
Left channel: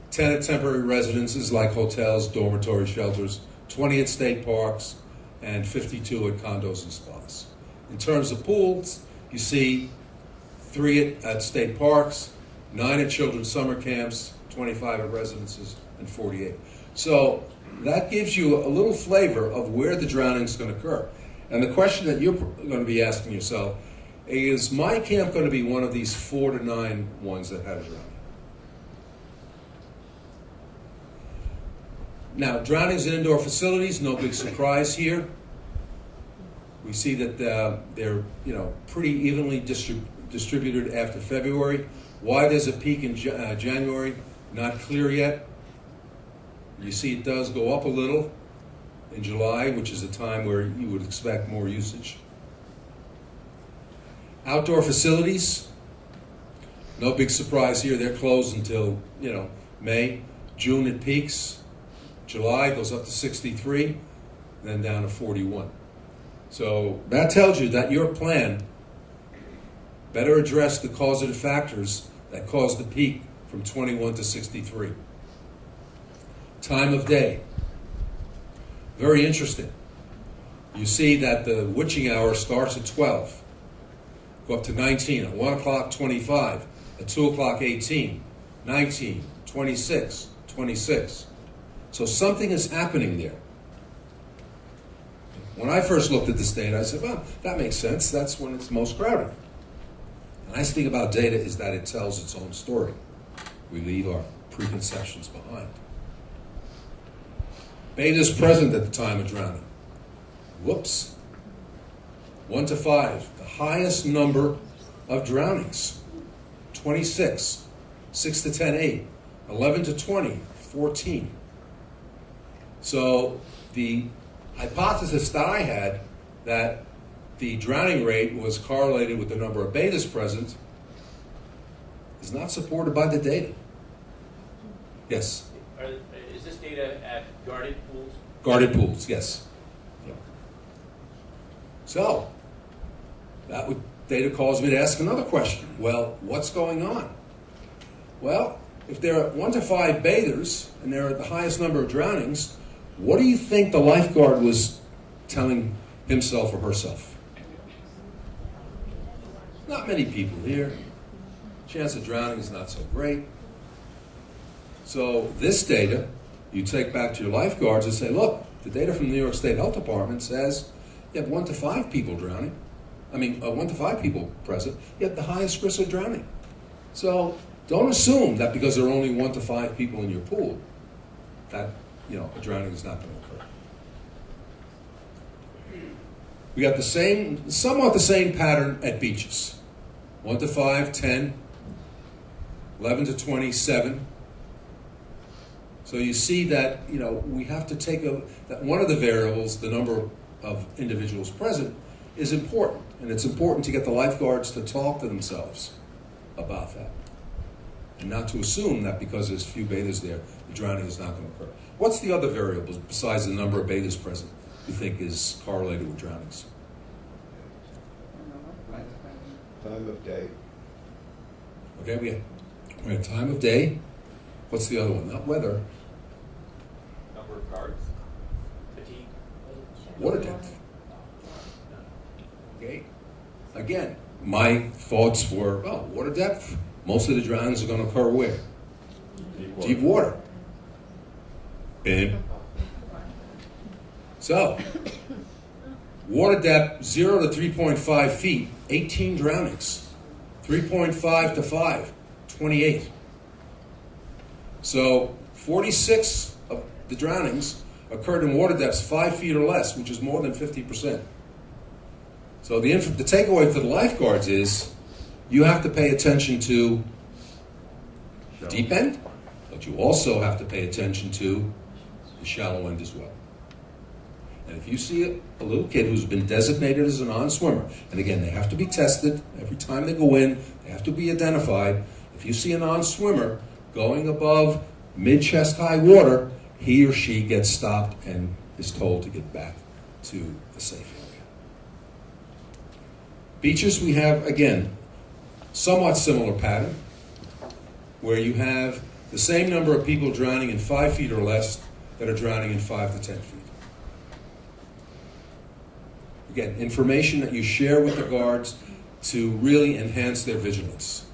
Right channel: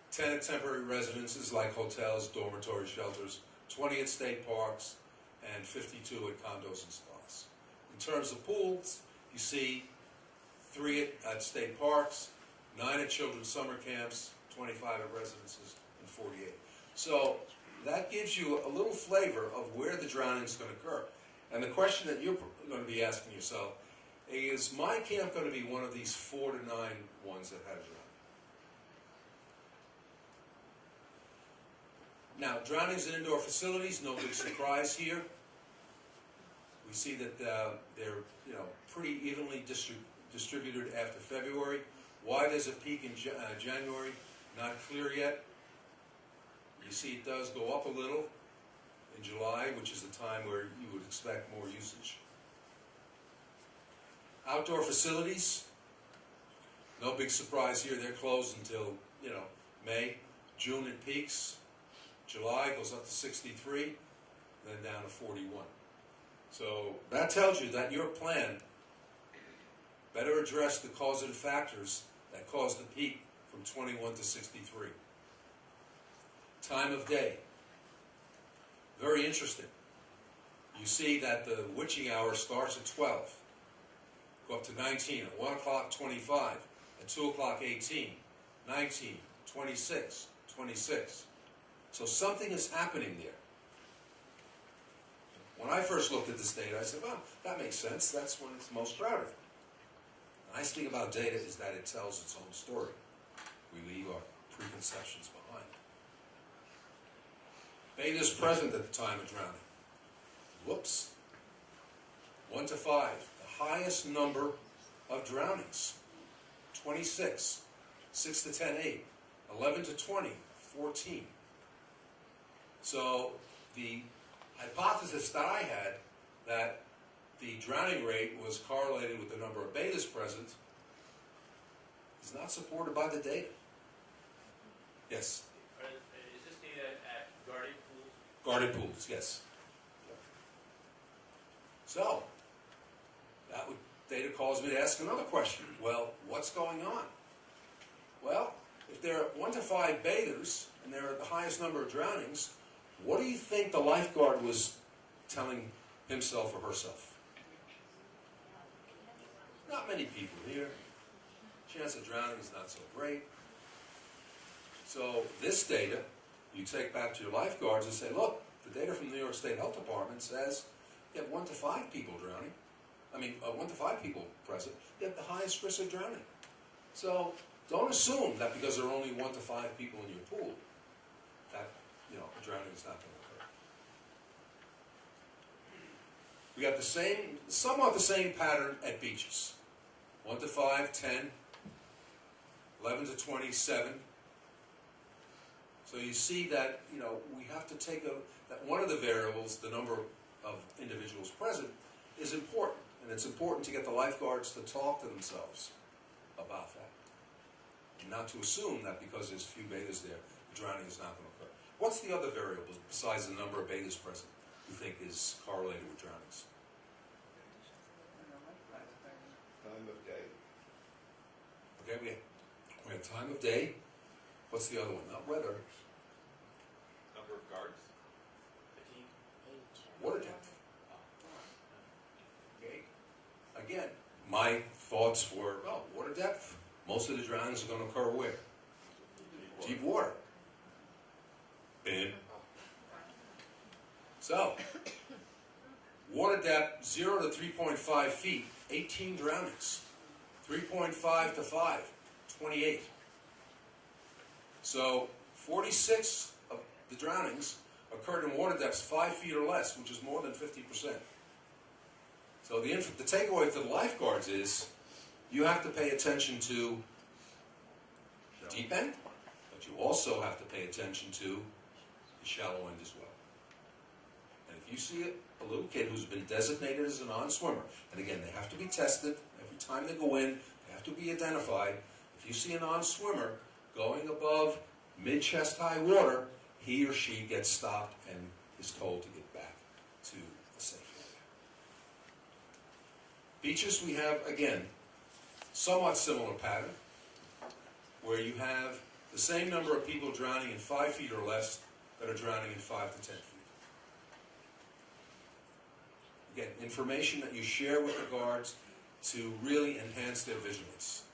10 at temporary residences like hotels, dormitory shelters, 20 at state parks, and 52 at condos and spas. In terms of pools, you see 3 at state parks, 9 at children's summer camps, 25 at residences, and 48. So that gives you a little flavor of where the drowning is going to occur. And the question that you're going to be asking yourself is my camp going to be one of these 4 to 9 ones that had a drowning? Now, drownings in indoor facilities, no big surprise here. We see that they're pretty evenly distributed after February. Why there's a peak in January, not clear yet. You see it does go up a little in July, which is a time where you would expect more usage. Outdoor facilities, no big surprise here. They're closed until May. June it peaks. July goes up to 63, then down to 41. So that tells you that your plan better address the causative factors that caused the peak from 21 to 63. Time of day. Very interesting. You see that the witching hour starts at 12, go up to 19, at 1 o'clock, 25, at 2 o'clock, 18, 19, 26, 26. So something is happening there. When I first looked at this data, I said, well, that makes sense. That's when it's most crowded. The nice thing about data is that it tells its own story. We leave our preconceptions behind. Beta is present at the time of drowning. Whoops. 1 to 5, the highest number of drownings. 26. 6 to 10, 8. 11 to 20, 14. So the hypothesis that I had that the drowning rate was correlated with the number of betas present is not supported by the data. Yes? Is this data at guarded pools? Guarded pools, yes. Yeah. So, data calls me to ask another question. Well, what's going on? Well, if there are 1 to 5 bathers and there are the highest number of drownings, what do you think the lifeguard was telling himself or herself? Not many people here. Chance of drowning is not so great. So this data, you take back to your lifeguards and say, look, the data from the New York State Health Department says you have 1 to 5 people drowning. 1 to 5 people present, you have the highest risk of drowning. So don't assume that because there are only 1 to 5 people in your pool, that a drowning is not going to occur. We got somewhat the same pattern at beaches. 1 to 5, 10, 11 to 20, 7. So you see that, we have to take that one of the variables, the number of individuals present, is important. And it's important to get the lifeguards to talk to themselves about that. And not to assume that because there's few bathers there, the drowning is not going to occur. What's the other variable besides the number of bathers present you think is correlated with drownings? Time of day. Okay, we have time of day. What's the other one? Not weather. Number of guards, fatigue. Water depth. Okay. Again, my thoughts were, water depth. Most of the drownings are going to occur where? Deep water. So, water depth 0 to 3.5 feet, 18 drownings. 3.5 to 5, 28. So 46 of the drownings occurred in water depths 5 feet or less, which is more than 50%. So the takeaway for the lifeguards is you have to pay attention to deep end, but you also have to pay attention to the shallow end as well. And if you see a little kid who's been designated as a non-swimmer, and again, they have to be tested every time they go in, they have to be identified. If you see a non-swimmer going above mid-chest high water, he or she gets stopped and is told to get back to a safe area. Beaches, we have, again, somewhat similar pattern, where you have the same number of people drowning in 5 feet or less that are drowning in 5 to 10 feet. Again, information that you share with the guards to really enhance their vigilance.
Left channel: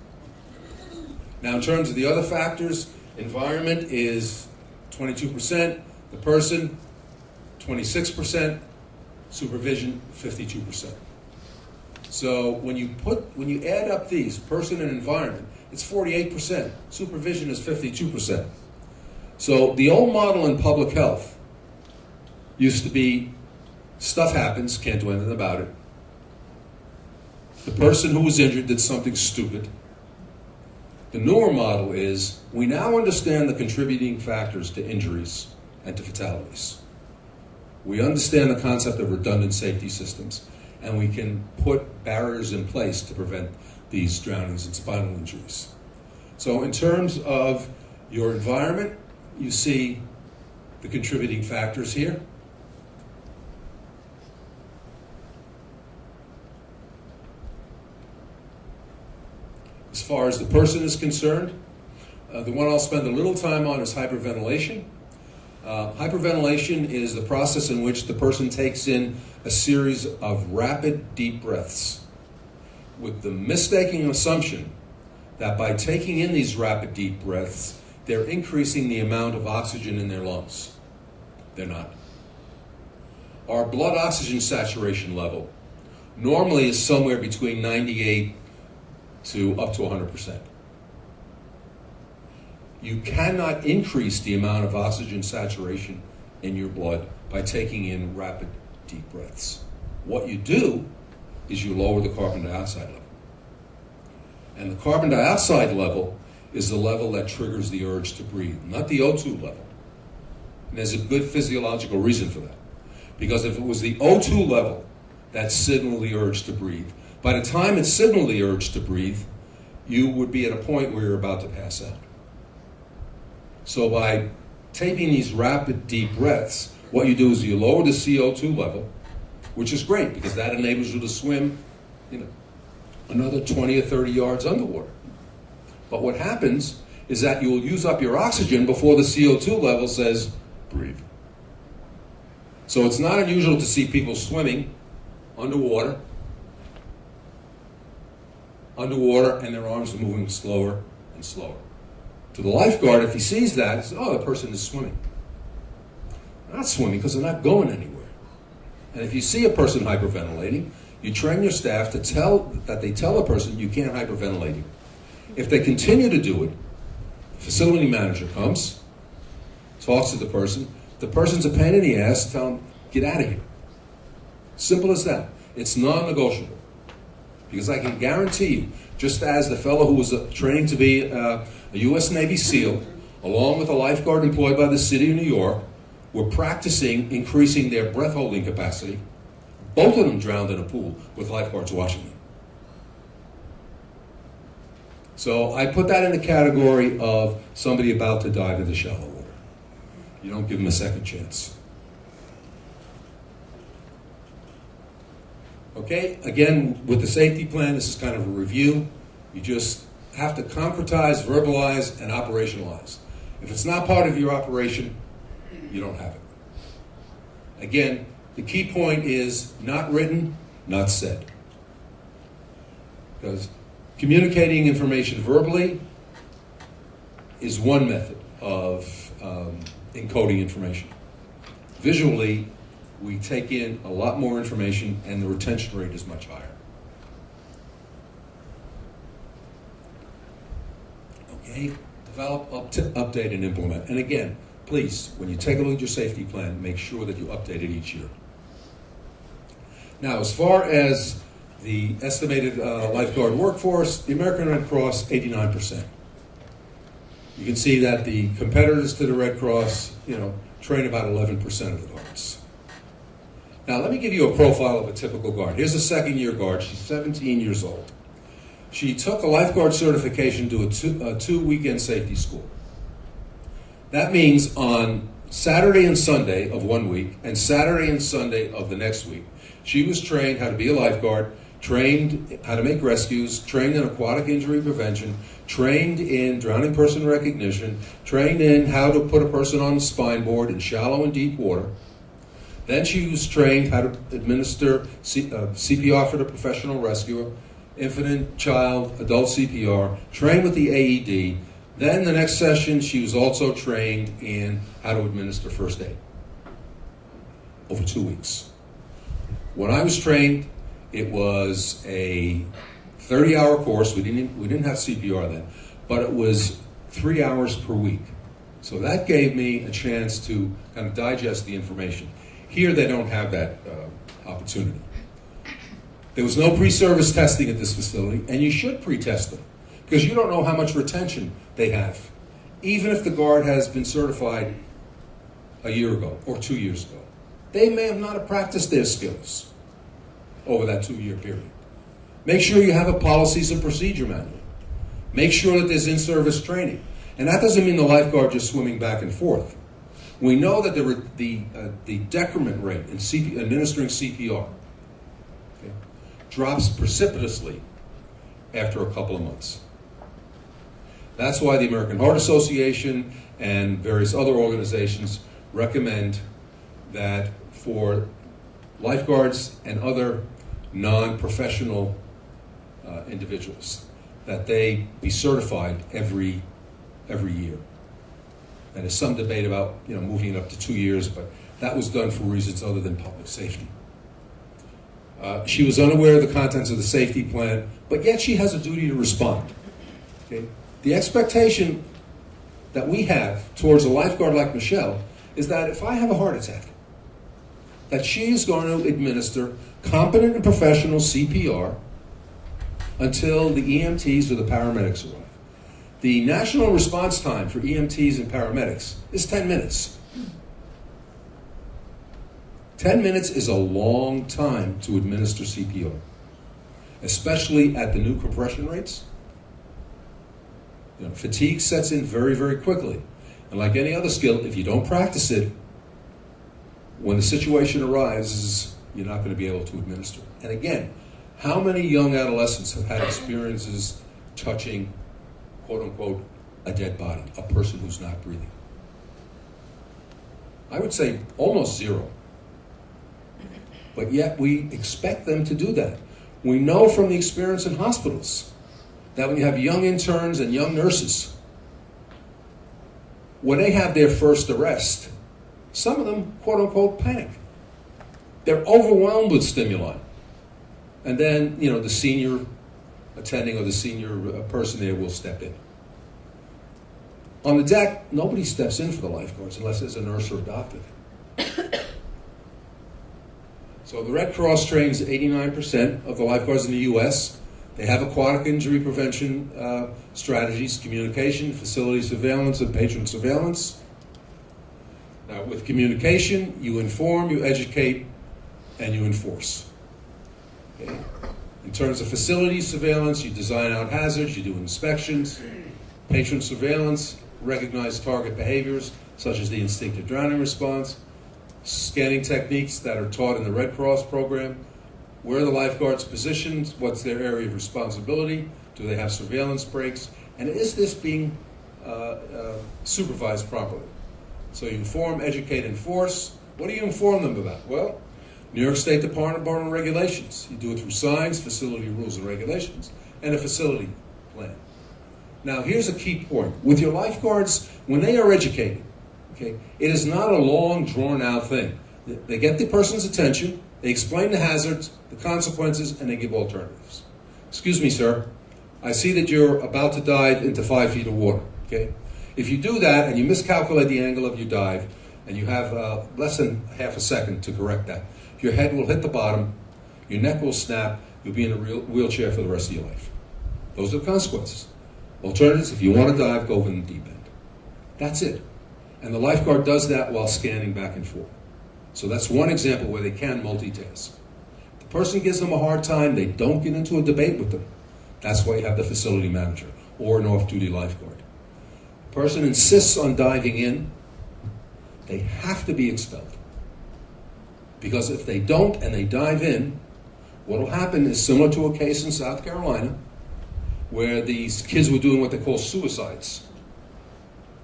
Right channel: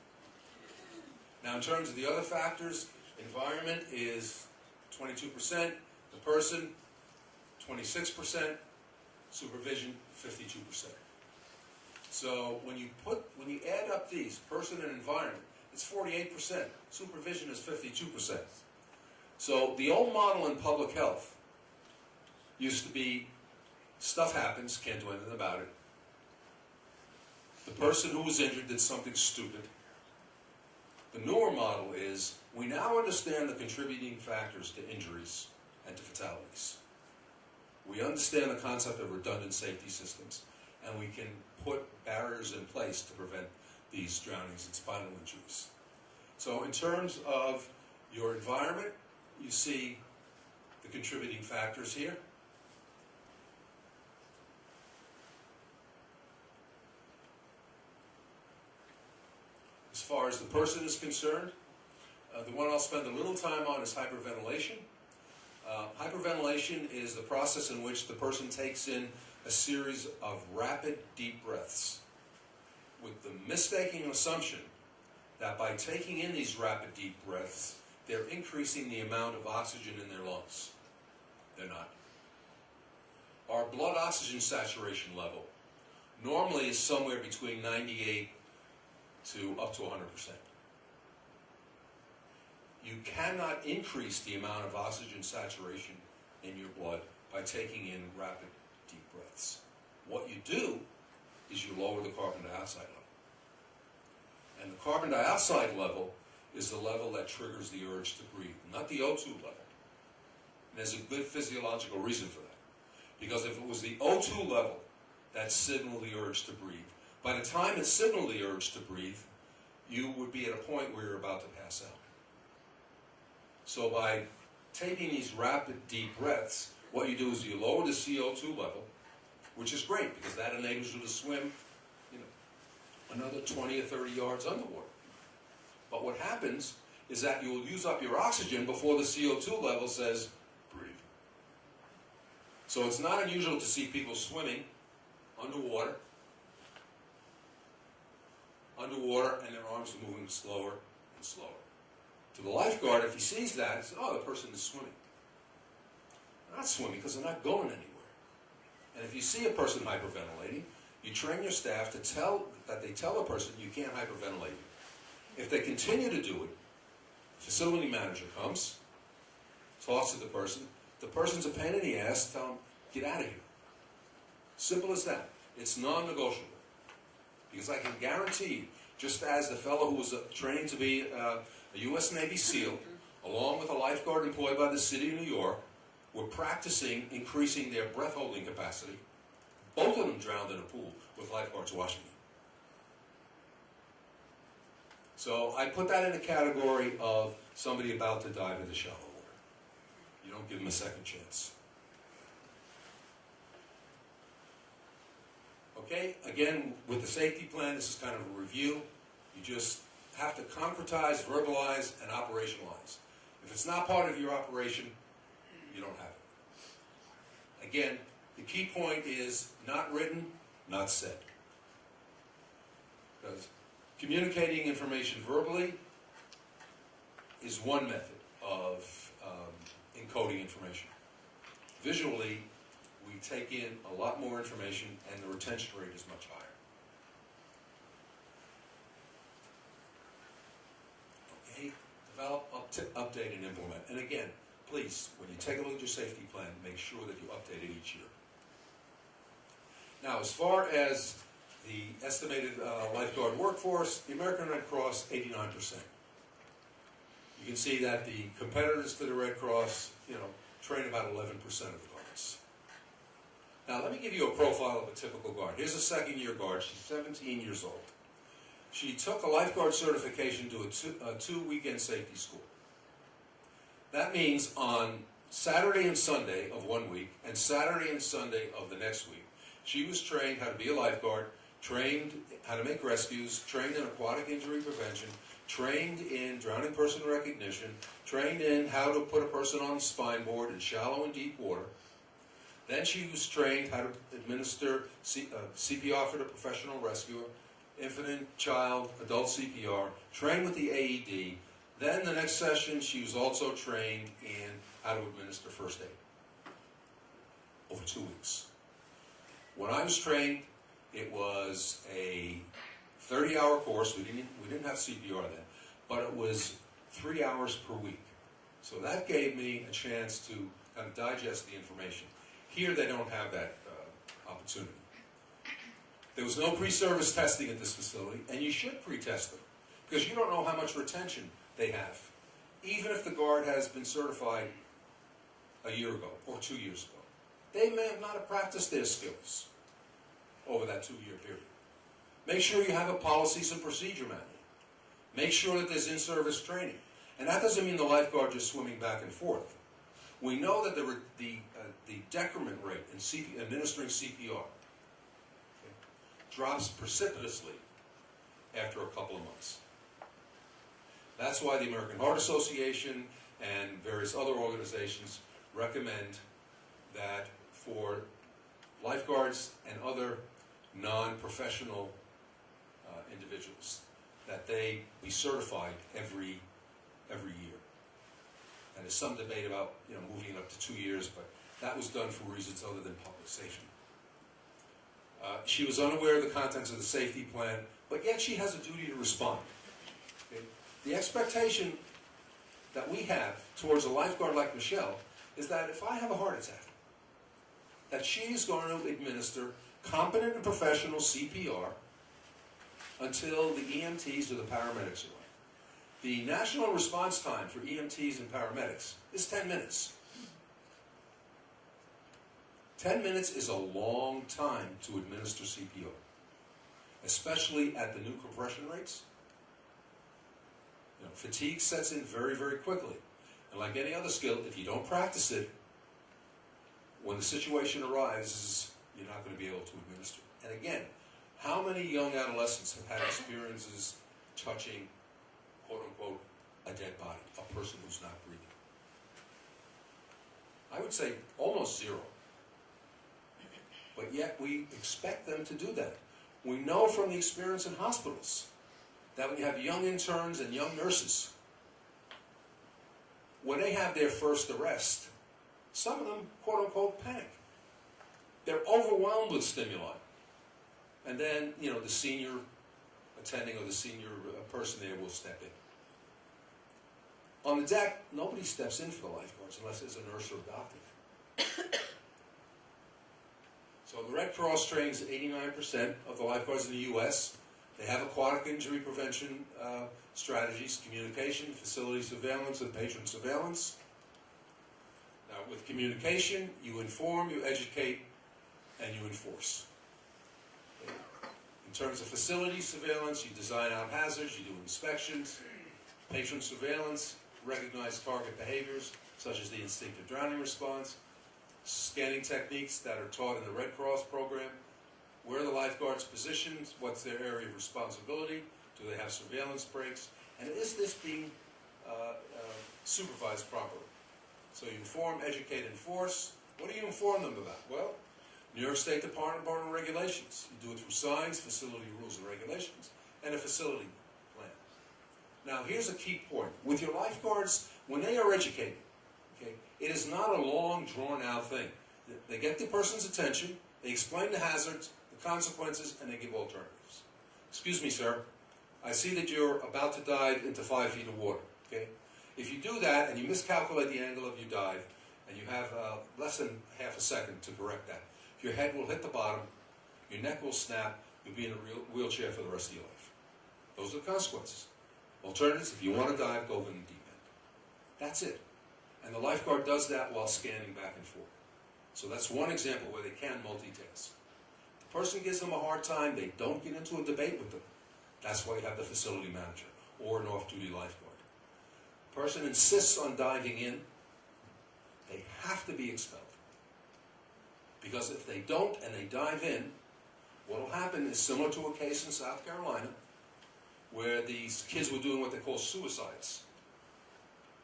Now, in terms of the other factors, environment is 22%, the person 26%, supervision 52%. So when you add up these, person and environment, it's 48%. Supervision is 52%. So the old model in public health used to be stuff happens, can't do anything about it. The person who was injured did something stupid. The newer model is we now understand the contributing factors to injuries and to fatalities. We understand the concept of redundant safety systems, and we can put barriers in place to prevent these drownings and spinal injuries. So in terms of your environment, you see the contributing factors here. As far as the person is concerned, the one I'll spend a little time on is hyperventilation. Hyperventilation is the process in which the person takes in a series of rapid, deep breaths with the mistaken assumption that by taking in these rapid, deep breaths, they're increasing the amount of oxygen in their lungs. They're not. Our blood oxygen saturation level normally is somewhere between 98 to up to 100%. You cannot increase the amount of oxygen saturation in your blood by taking in rapid, deep breaths. What you do is you lower the carbon dioxide level. And the carbon dioxide level is the level that triggers the urge to breathe, not the O2 level. And there's a good physiological reason for that. Because if it was the O2 level that signaled the urge to breathe, by the time it signaled the urge to breathe, you would be at a point where you're about to pass out. So by taking these rapid, deep breaths, what you do is you lower the CO2 level, which is great because that enables you to swim, another 20 or 30 yards underwater. But what happens is that you will use up your oxygen before the CO2 level says, breathe. So it's not unusual to see people swimming underwater, and their arms are moving slower and slower. To the lifeguard, if he sees that, he says, oh, the person is swimming. They're not swimming because they're not going anywhere. And if you see a person hyperventilating, you train your staff to tell a person you can't hyperventilate. If they continue to do it, the facility manager comes, talks to the person. The person's a pain in the ass, tell them, get out of here. Simple as that. It's non-negotiable. Because I can guarantee you, just as the fellow who was training to be a U.S. Navy SEAL, along with a lifeguard employed by the city of New York, were practicing increasing their breath-holding capacity, both of them drowned in a pool with lifeguards watching them. So I put that in the category of somebody about to dive into shallow water. You don't give them a second chance. Okay, again, with the safety plan, this is kind of a review. You just have to concretize, verbalize, and operationalize. If it's not part of your operation, you don't have it. Again, the key point is not written, not said. Because communicating information verbally is one method of encoding information. Visually, we take in a lot more information and the retention rate is much higher. Okay, develop, update, and implement. And again, please, when you take a look at your safety plan, make sure that you update it each year. Now, as far as the estimated lifeguard workforce, the American Red Cross, 89%. You can see that the competitors to the Red Cross, train about 11% of the guards. Now, let me give you a profile of a typical guard. Here's a second-year guard. She's 17 years old. She took a lifeguard certification to a two-weekend safety school. That means on Saturday and Sunday of one week and Saturday and Sunday of the next week, she was trained how to be a lifeguard, trained how to make rescues, trained in aquatic injury prevention, trained in drowning person recognition, trained in how to put a person on the spine board in shallow and deep water. Then she was trained how to administer CPR for the professional rescuer, infant, child, adult CPR, trained with the AED. Then the next session, she was also trained in how to administer first aid over 2 weeks. When I was trained, it was a 30-hour course. We didn't have CPR then, but it was 3 hours per week. So that gave me a chance to kind of digest the information. Here, they don't have that opportunity. There was no pre-service testing at this facility, and you should pre-test them, because you don't know how much retention they have, even if the guard has been certified a year ago or 2 years ago. They may have not practiced their skills over that 2-year period. Make sure you have a policies and procedure manual. Make sure that there's in-service training. And that doesn't mean the lifeguard just swimming back and forth. We know that the decrement rate in administering CPR drops precipitously after a couple of months. That's why the American Heart Association and various other organizations recommend that for lifeguards and other non-professional individuals, that they be certified every year. And there's some debate about moving it up to 2 years, but that was done for reasons other than public safety. She was unaware of the contents of the safety plan, but yet she has a duty to respond. Okay? The expectation that we have towards a lifeguard like Michelle is that if I have a heart attack, that she is going to administer competent and professional CPR until the EMTs or the paramedics arrive. The national response time for EMTs and paramedics is 10 minutes. 10 minutes is a long time to administer CPR, especially at the new compression rates. Fatigue sets in very, very quickly. And like any other skill, if you don't practice it, when the situation arises, you're not going to be able to administer. And again, how many young adolescents have had experiences touching, quote unquote, a dead body, a person who's not breathing. I would say almost zero. But yet we expect them to do that. We know from the experience in hospitals that when you have young interns and young nurses, when they have their first arrest, some of them, quote unquote, panic. They're overwhelmed with stimuli. And then, the senior attending or the senior person there will step in. On the deck, nobody steps in for the lifeguards unless there's a nurse or a doctor. So the Red Cross trains 89% of the lifeguards in the U.S. They have aquatic injury prevention strategies, communication, facility surveillance, and patient surveillance. Now, with communication, you inform, you educate, and you enforce. Okay. In terms of facility surveillance, you design out hazards, you do inspections, patient surveillance, recognize target behaviors, such as the instinctive drowning response, scanning techniques that are taught in the Red Cross program, where are the lifeguards positioned, what's their area of responsibility, do they have surveillance breaks, and is this being supervised properly? So you inform, educate, enforce. What do you inform them about? Well, New York State Department of Regulations. You do it through signs, facility rules and regulations, and a facility plan. Now, here's a key point. With your lifeguards, when they are educated, okay, it is not a long, drawn-out thing. They get the person's attention, they explain the hazards, the consequences, and they give alternatives. Excuse me, sir. I see that you're about to dive into 5 feet of water, okay? If you do that and you miscalculate the angle of your dive, and you have less than half a second to correct that, your head will hit the bottom, your neck will snap, you'll be in a wheelchair for the rest of your life. Those are the consequences. Alternatives, if you want to dive, go in the deep end. That's it. And the lifeguard does that while scanning back and forth. So that's one example where they can multitask. The person gives them a hard time, they don't get into a debate with them. That's why you have the facility manager or an off-duty lifeguard. The person insists on diving in, they have to be expelled. Because if they don't and they dive in, what will happen is similar to a case in South Carolina where these kids were doing what they call suicides,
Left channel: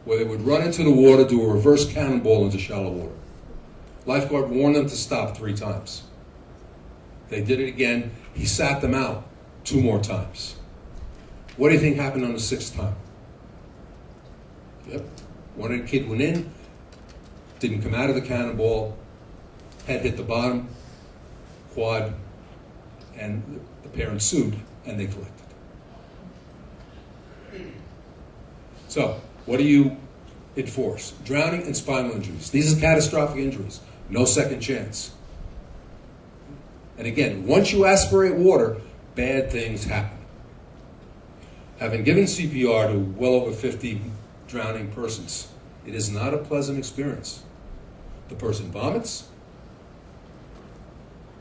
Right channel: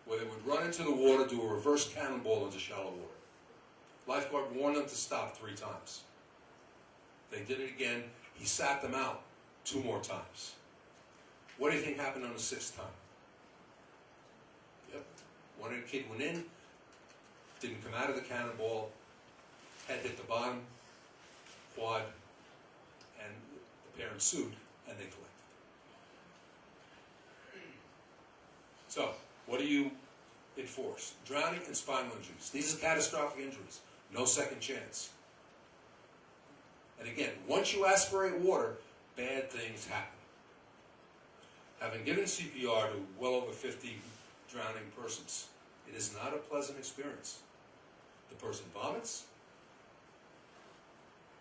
where they would run into the water, do a reverse cannonball into shallow water. Lifeguard warned them to stop 3 times. They did it again. He sat them out 2 more times. What do you think happened on the 6th time? Yep. One kid went in, didn't come out of the cannonball, head hit the bottom, quad, and the parents sued, and they collected. So, what do you enforce? Drowning and spinal injuries. These are catastrophic injuries. No second chance. And again, once you aspirate water, bad things happen. Having given CPR to well over 50 drowning persons, it is not a pleasant experience. The person vomits,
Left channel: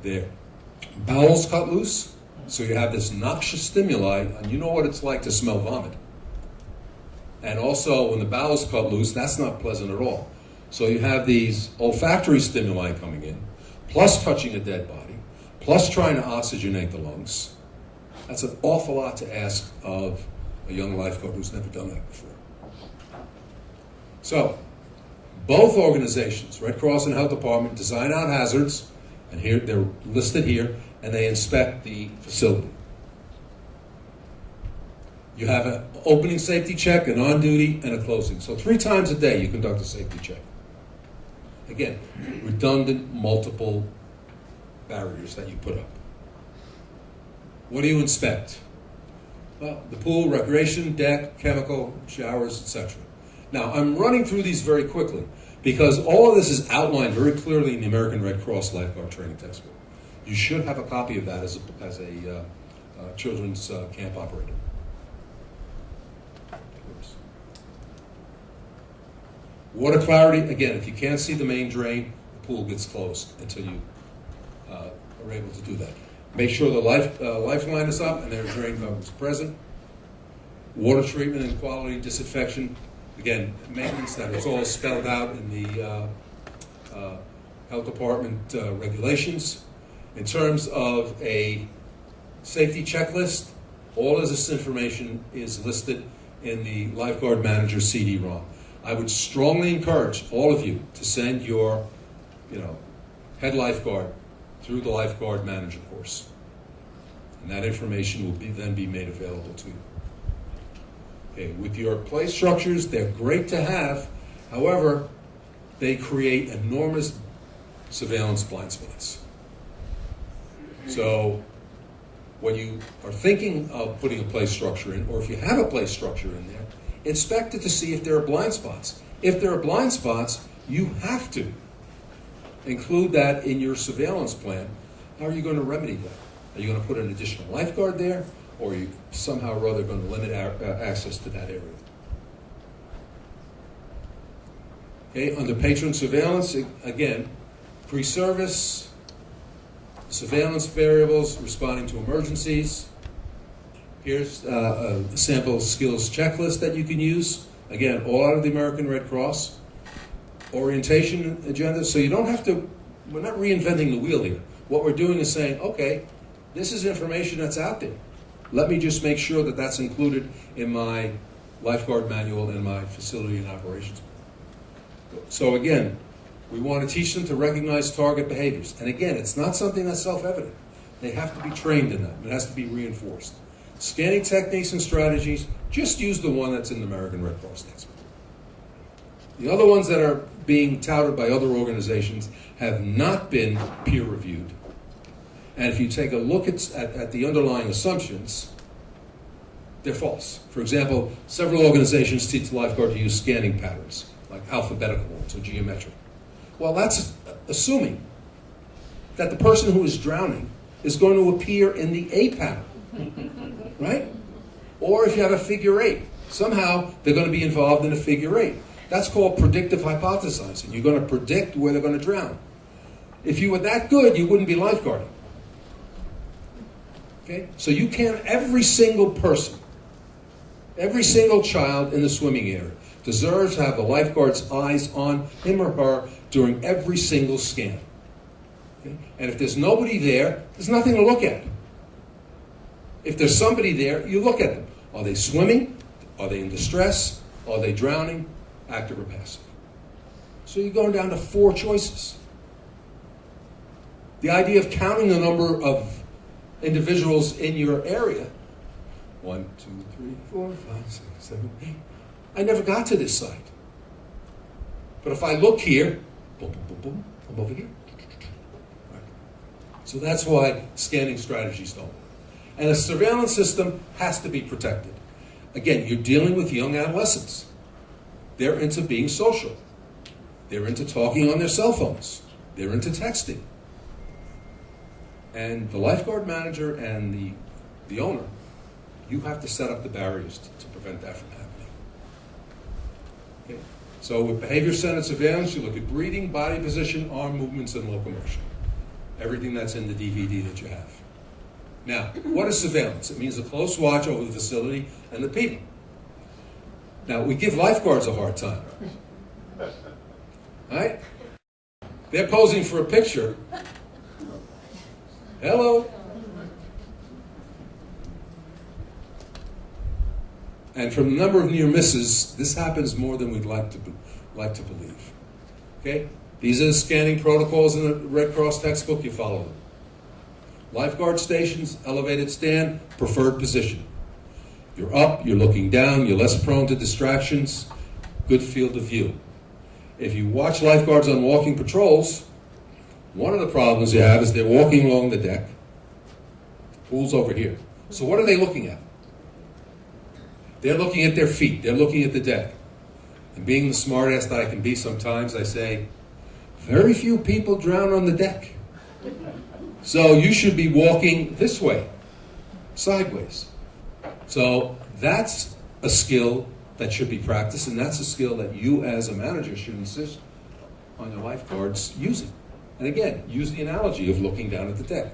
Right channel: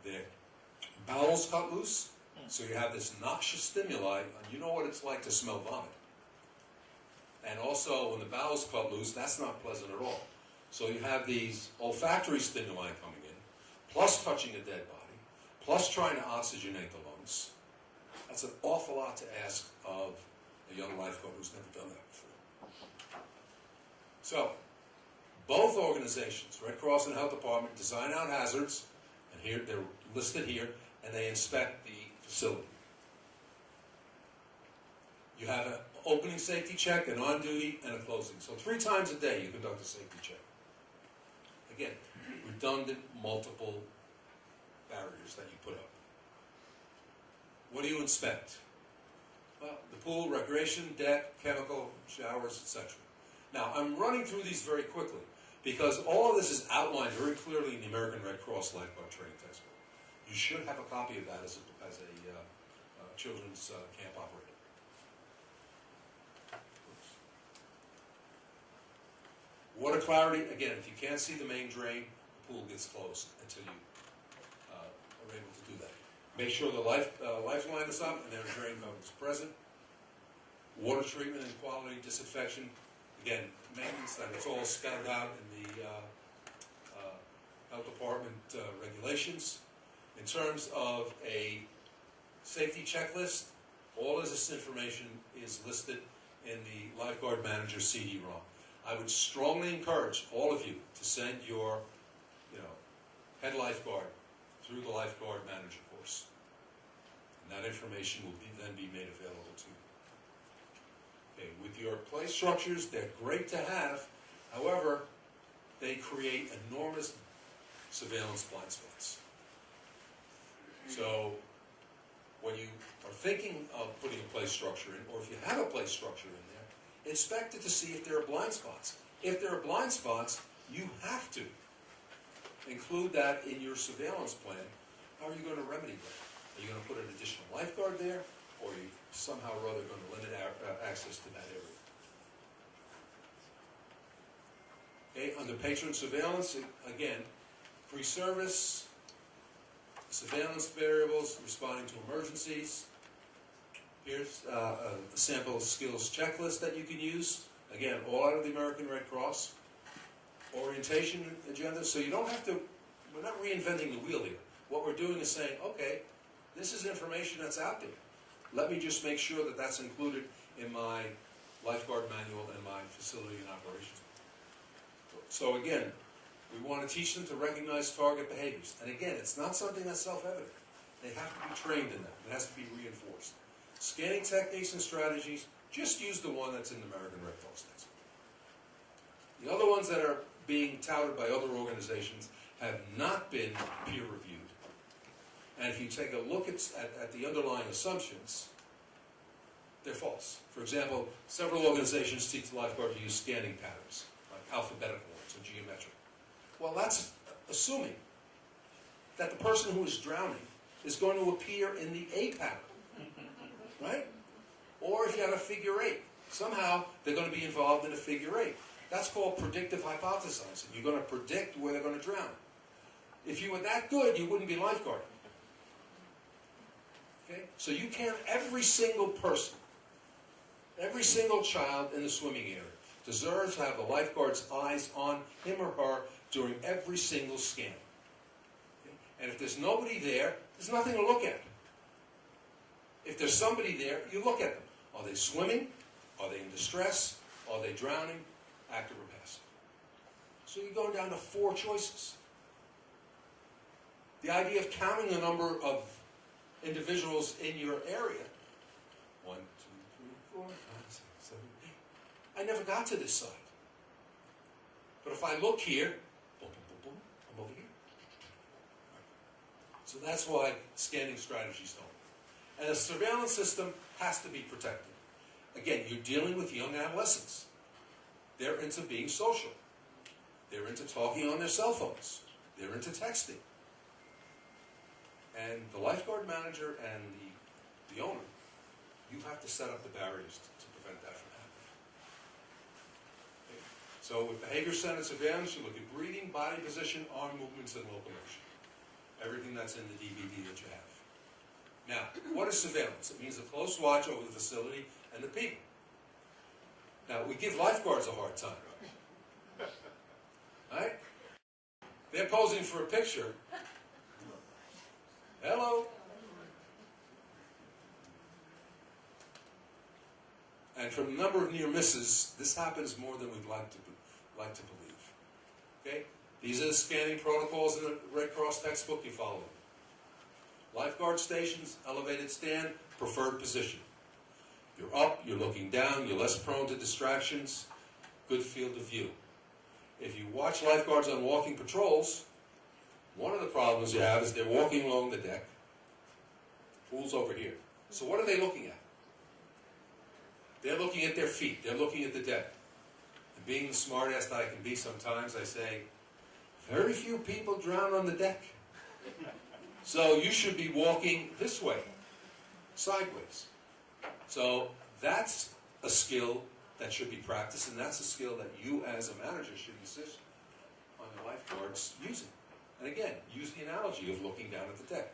their bowels cut loose, so you have this noxious stimuli, and you know what it's like to smell vomit. And also, when the bowels cut loose, that's not pleasant at all. So you have these olfactory stimuli coming in, plus touching a dead body, plus trying to oxygenate the lungs. That's an awful lot to ask of a young lifeguard who's never done that before. So, both organizations, Red Cross and Health Department, design out hazards, and here they're listed here, and they inspect the facility. You have an opening safety check, an on-duty, and a closing. So 3 times a day you conduct a safety check. Again, redundant, multiple barriers that you put up. What do you inspect? Well, the pool, recreation, deck, chemical, showers, etc. Now, I'm running through these very quickly because all of this is outlined very clearly in the American Red Cross Lifeguard Training Textbook. You should have a copy of that as a children's camp operator. Water clarity, again, if you can't see the main drain, the pool gets closed until you are able to do that. Make sure the lifeline is up and their drain cover is present. Water treatment and quality disinfection, again, maintenance, that is all spelled out in the Health Department regulations. In terms of a safety checklist, all of this information is listed in the lifeguard manager CD-ROM. I would strongly encourage all of you to send your, head lifeguard through the lifeguard manager course. And that information will then be made available to you. Okay, with your play structures, they're great to have. However, they create enormous surveillance blind spots. So when you are thinking of putting a play structure in, or if you have a play structure in there, inspect it to see if there are blind spots. If there are blind spots, you have to include that in your surveillance plan. How are you going to remedy that? Are you going to put an additional lifeguard there, or are you somehow or other going to limit access to that area? Okay, under patron surveillance, again, pre-service, surveillance variables, responding to emergencies. Here's a sample skills checklist that you can use. Again, all out of the American Red Cross. Orientation agenda, so you don't have to, we're not reinventing the wheel here. What we're doing is saying, okay, this is information that's out there. Let me just make sure that that's included in my lifeguard manual and my facility and operations. So again, we want to teach them to recognize target behaviors. And again, it's not something that's self-evident. They have to be trained in that. It has to be reinforced. Scanning techniques and strategies, just use the one that's in the American Red Cross textbook. The other ones that are being touted by other organizations have not been peer-reviewed. And if you take a look at the underlying assumptions, they're false. For example, several organizations teach the lifeguard to use scanning patterns, like alphabetical ones or geometric. Well, that's assuming that the person who is drowning is going to appear in the A pattern, right? Or if you have a figure eight, somehow they're going to be involved in a figure eight. That's called predictive hypothesizing. You're going to predict where they're going to drown. If you were that good, you wouldn't be lifeguarding. Okay? So you can't, every single person, every single child in the swimming area deserves to have the lifeguard's eyes on him or her during every single scan. Okay? And if there's nobody there, there's nothing to look at. If there's somebody there, you look at them. Are they swimming? Are they in distress? Are they drowning? Active or passive? So you're going down to 4 choices. The idea of counting the number of individuals in your area, 1, 2, 3, 4, 5, 6, 7, 8. I never got to this side. But if I look here, boom, boom, boom, boom, I'm over here. Right. So that's why scanning strategies don't work. And a surveillance system has to be protected. Again, you're dealing with young adolescents. They're into being social. They're into talking on their cell phones. They're into texting. And the lifeguard manager and the owner, you have to set up the barriers to prevent that from happening. Okay. So with behavior-centered surveillance, you look at breathing, body position, arm movements, and locomotion. Everything that's in the DVD that you have. Now, what is surveillance? It means a close watch over the facility and the people. Now, we give lifeguards a hard time. Right? They're posing for a picture. Hello. And from the number of near misses, this happens more than we'd like to believe. Okay? These are the scanning protocols in the Red Cross textbook. You follow them. Lifeguard stations, elevated stand, preferred position. You're up, you're looking down, you're less prone to distractions, good field of view. If you watch lifeguards on walking patrols, one of the problems you have is they're walking along the deck. The pool's over here. So what are they looking at? They're looking at their feet. They're looking at the deck. And being the smartass that I can be sometimes, I say, very few people drown on the deck. So you should be walking this way, sideways. So that's a skill that should be practiced, and that's a skill that you as a manager should insist on your lifeguards using. And again, use the analogy of looking down at the deck.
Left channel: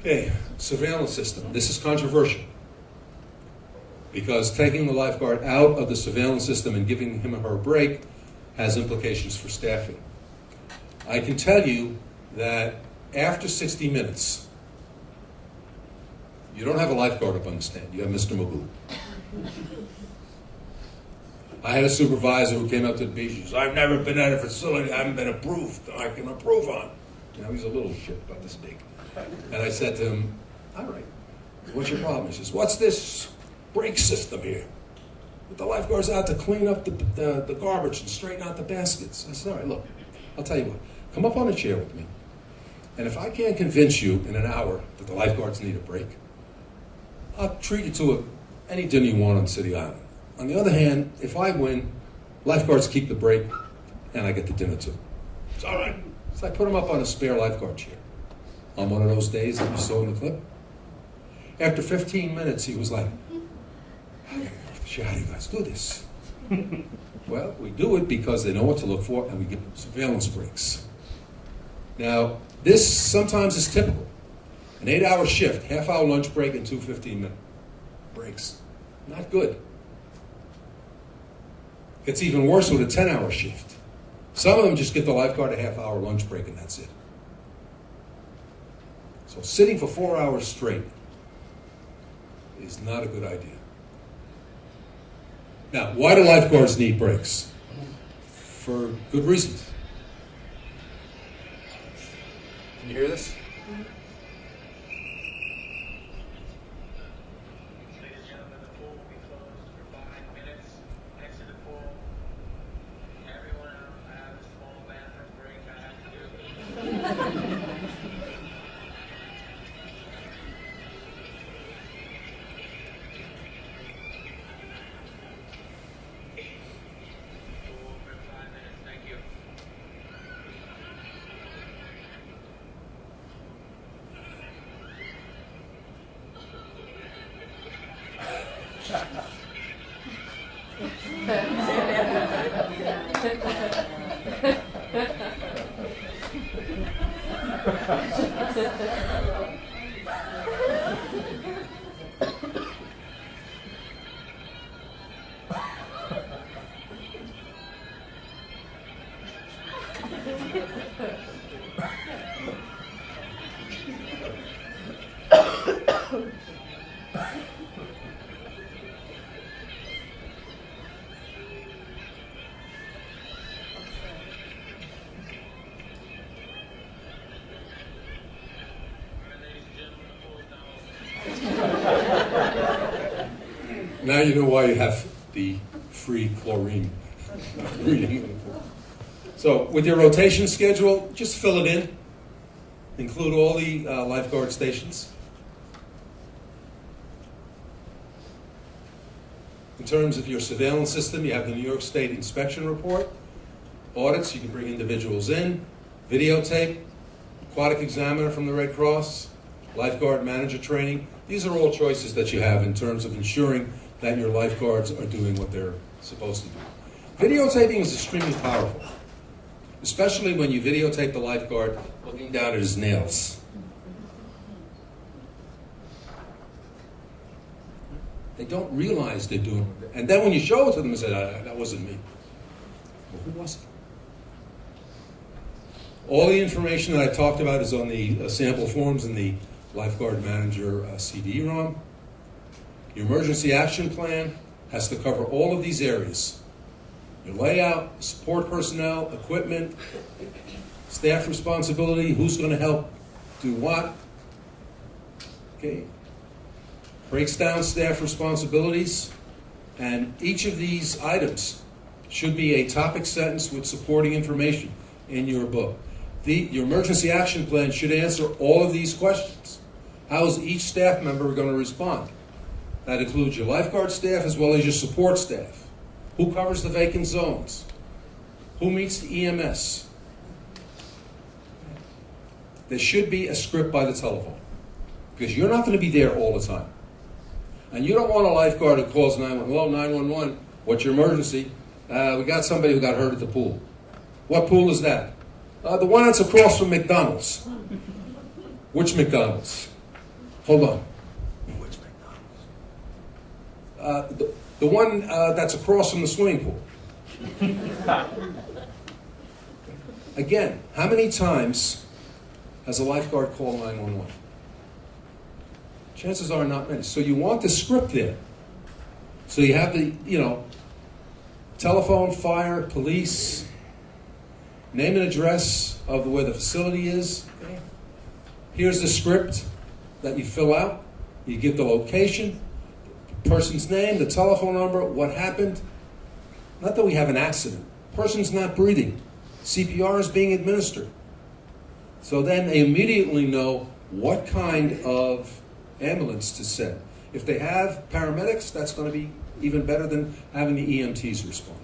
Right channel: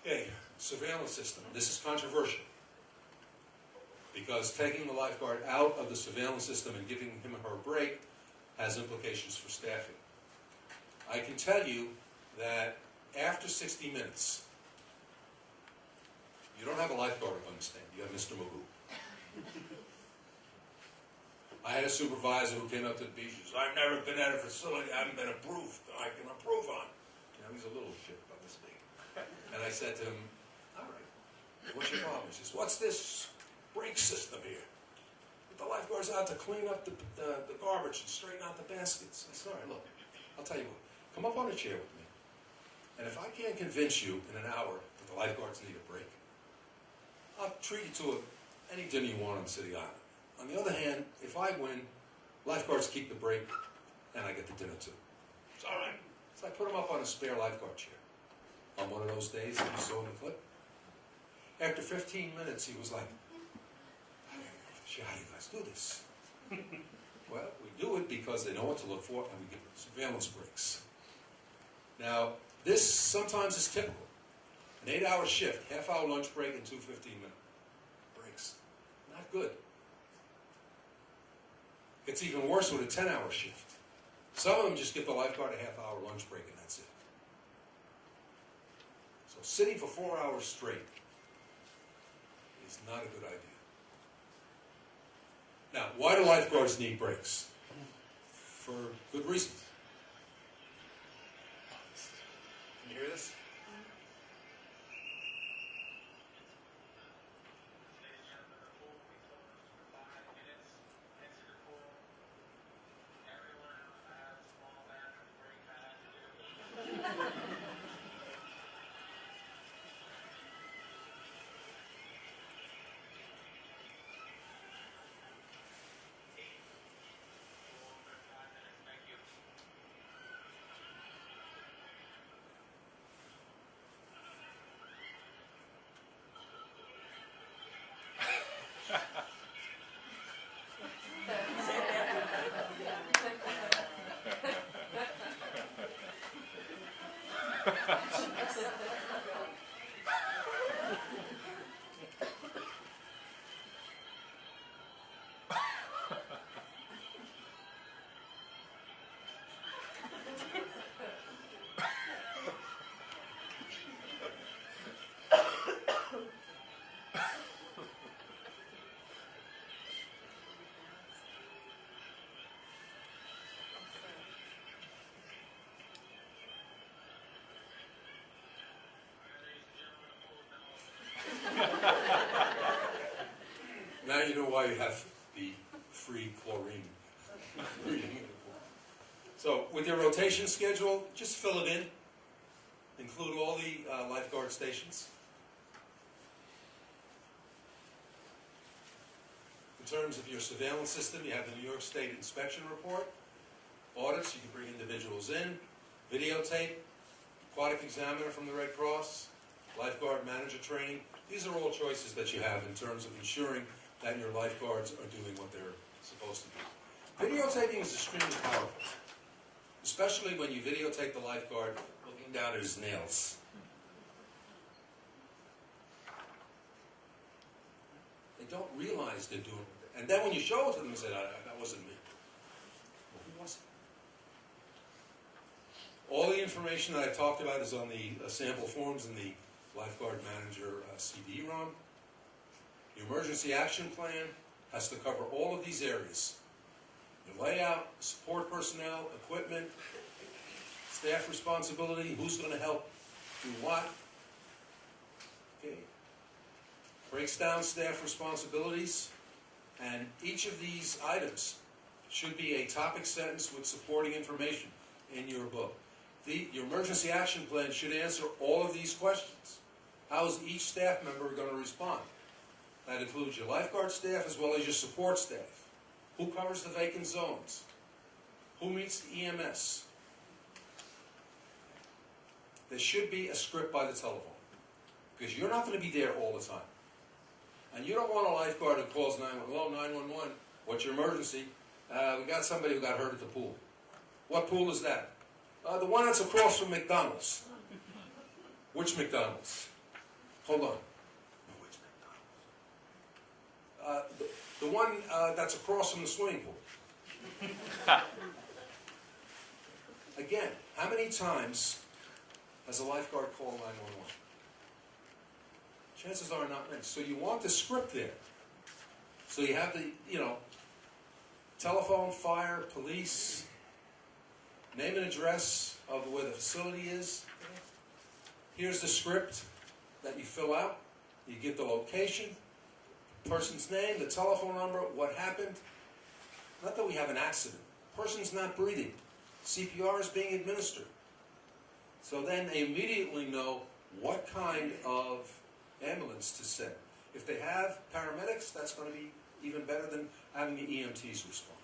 Okay, surveillance system. This is controversial because taking the lifeguard out of the surveillance system and giving him or her a break has implications for staffing. I can tell you that after 60 minutes, you don't have a lifeguard up on the stand. You have Mr. Magoo. I had a supervisor who came up to the beach. He says, "I've never been at a facility I haven't been approved. I can approve on." Now he's a little shit about this big. And I said to him, "All right, what's your problem?" He says, "What's this brake system here? With the lifeguards out to clean up the garbage and straighten out the baskets." I said, "All right, look, I'll tell you what. Come up on a chair with me. And if I can't convince you in an hour that the lifeguards need a break, I'll treat you to any dinner you want on City Island. On the other hand, if I win, lifeguards keep the break and I get the dinner too." It's all right. So I put him up on a spare lifeguard chair on one of those days that you saw in the clip. After 15 minutes, he was like, "I gotta get off the chair. How do you guys do this?" Well, we do it because they know what to look for and we give them surveillance breaks. Now, this sometimes is typical. An 8-hour shift, half-hour lunch break, and 2 15-minute breaks. Not good. It's even worse with a 10-hour shift. Some of them just give the lifeguard a half-hour lunch break and that's it. So sitting for 4 hours straight is not a good idea. Now, why do lifeguards need breaks? For good reasons. Can you hear this? Ladies and gentlemen, the pool will be closed for 5 minutes. Exit the pool. Everyone out. I have a small bathroom break I have to do. Pool open in 5 minutes. Thank you. Now you know why you have the free chlorine reading in the pool. So with your rotation schedule, just fill it in. Include all the lifeguard stations. In terms of your surveillance system, you have the New York State Inspection Report. Audits, you can bring individuals in. Videotape, aquatic examiner from the Red Cross, lifeguard manager training. These are all choices that you have in terms of ensuring that your lifeguards are doing what they're supposed to do. Videotaping is extremely powerful, especially when you videotape the lifeguard looking down at his nails. They don't realize they're doing it. And then when you show it to them, they say, that wasn't me. Well, who was it? All the information that I talked about is on the sample forms in the Lifeguard Manager CD-ROM. Your emergency action plan has to cover all of these areas. Your layout, support personnel, equipment, staff responsibility, who's going to help do what. Okay. Breaks down staff responsibilities, and each of these items should be a topic sentence with supporting information in your book. Your emergency action plan should answer all of these questions. How is each staff member going to respond? That includes your lifeguard staff as well as your support staff. Who covers the vacant zones? Who meets the EMS? There should be a script by the telephone, because you're not going to be there all the time. And you don't want a lifeguard who calls 911. Hello, 911, what's your emergency? We got somebody who got hurt at the pool. What pool is that? The one that's across from McDonald's. Which McDonald's? Hold on. Which McDonald's? The one that's across from the swimming pool. Again, how many times has a lifeguard called 911? Chances are not many. So you want the script there. So you have the, telephone, fire, police, name and address of where the facility is. Here's the script that you fill out. You give the location, the person's name, the telephone number, what happened. Not that we have an accident. Person's not breathing. CPR is being administered. So then they immediately know what kind of ambulance to send. If they have paramedics, that's going to be even better than having the EMTs respond.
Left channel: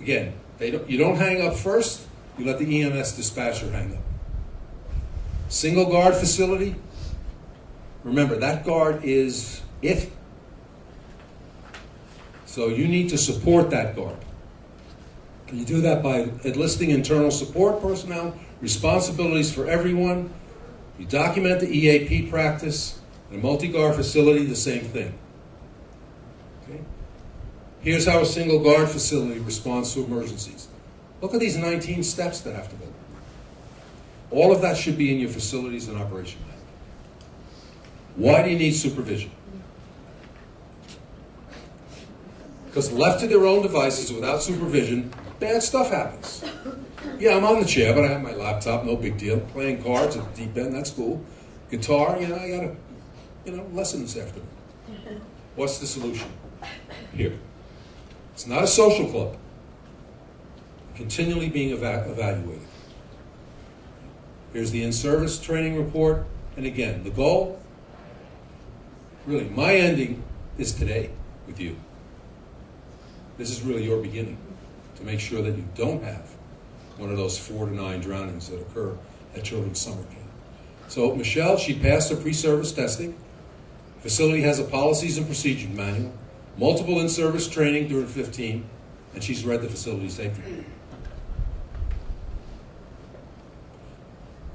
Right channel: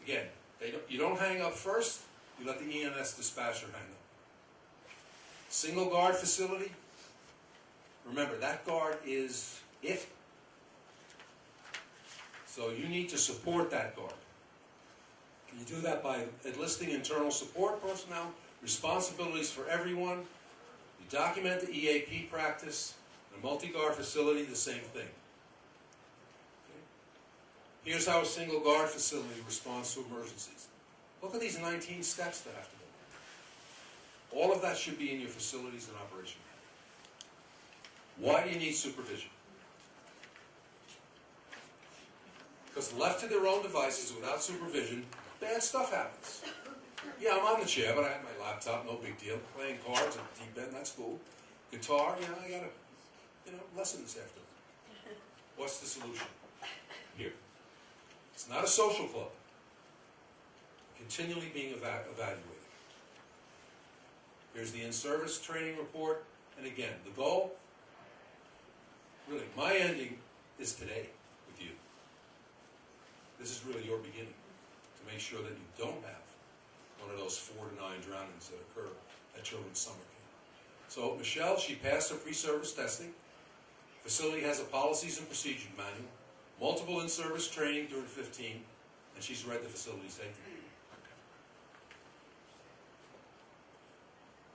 Again, you don't hang up first, you let the EMS dispatcher hang up. Single guard facility, remember that guard is it. So you need to support that guard. And you do that by enlisting internal support personnel, responsibilities for everyone. You document the EAP practice. In a multi-guard facility, the same thing. Okay? Here's how a single guard facility responds to emergencies. Look at these 19 steps that have to go. All of that should be in your facilities and operation manual. Why do you need supervision? Because left to their own devices without supervision, bad stuff happens. Yeah, I'm on the chair, but I have my laptop, no big deal. Playing cards at the deep end, that's cool. Guitar, I gotta, lesson this afternoon. What's the solution? Here. It's not a social club. Continually being evaluated. Here's the in-service training report. And again, the goal, really, my ending is today with you. This is really your beginning to make sure that you don't have one of those 4 to 9 drownings that occur at children's summer camp. So Michelle, she passed her pre-service testing. Facility has a policies and procedure manual, multiple in-service training during 15, and she's read the facility safety.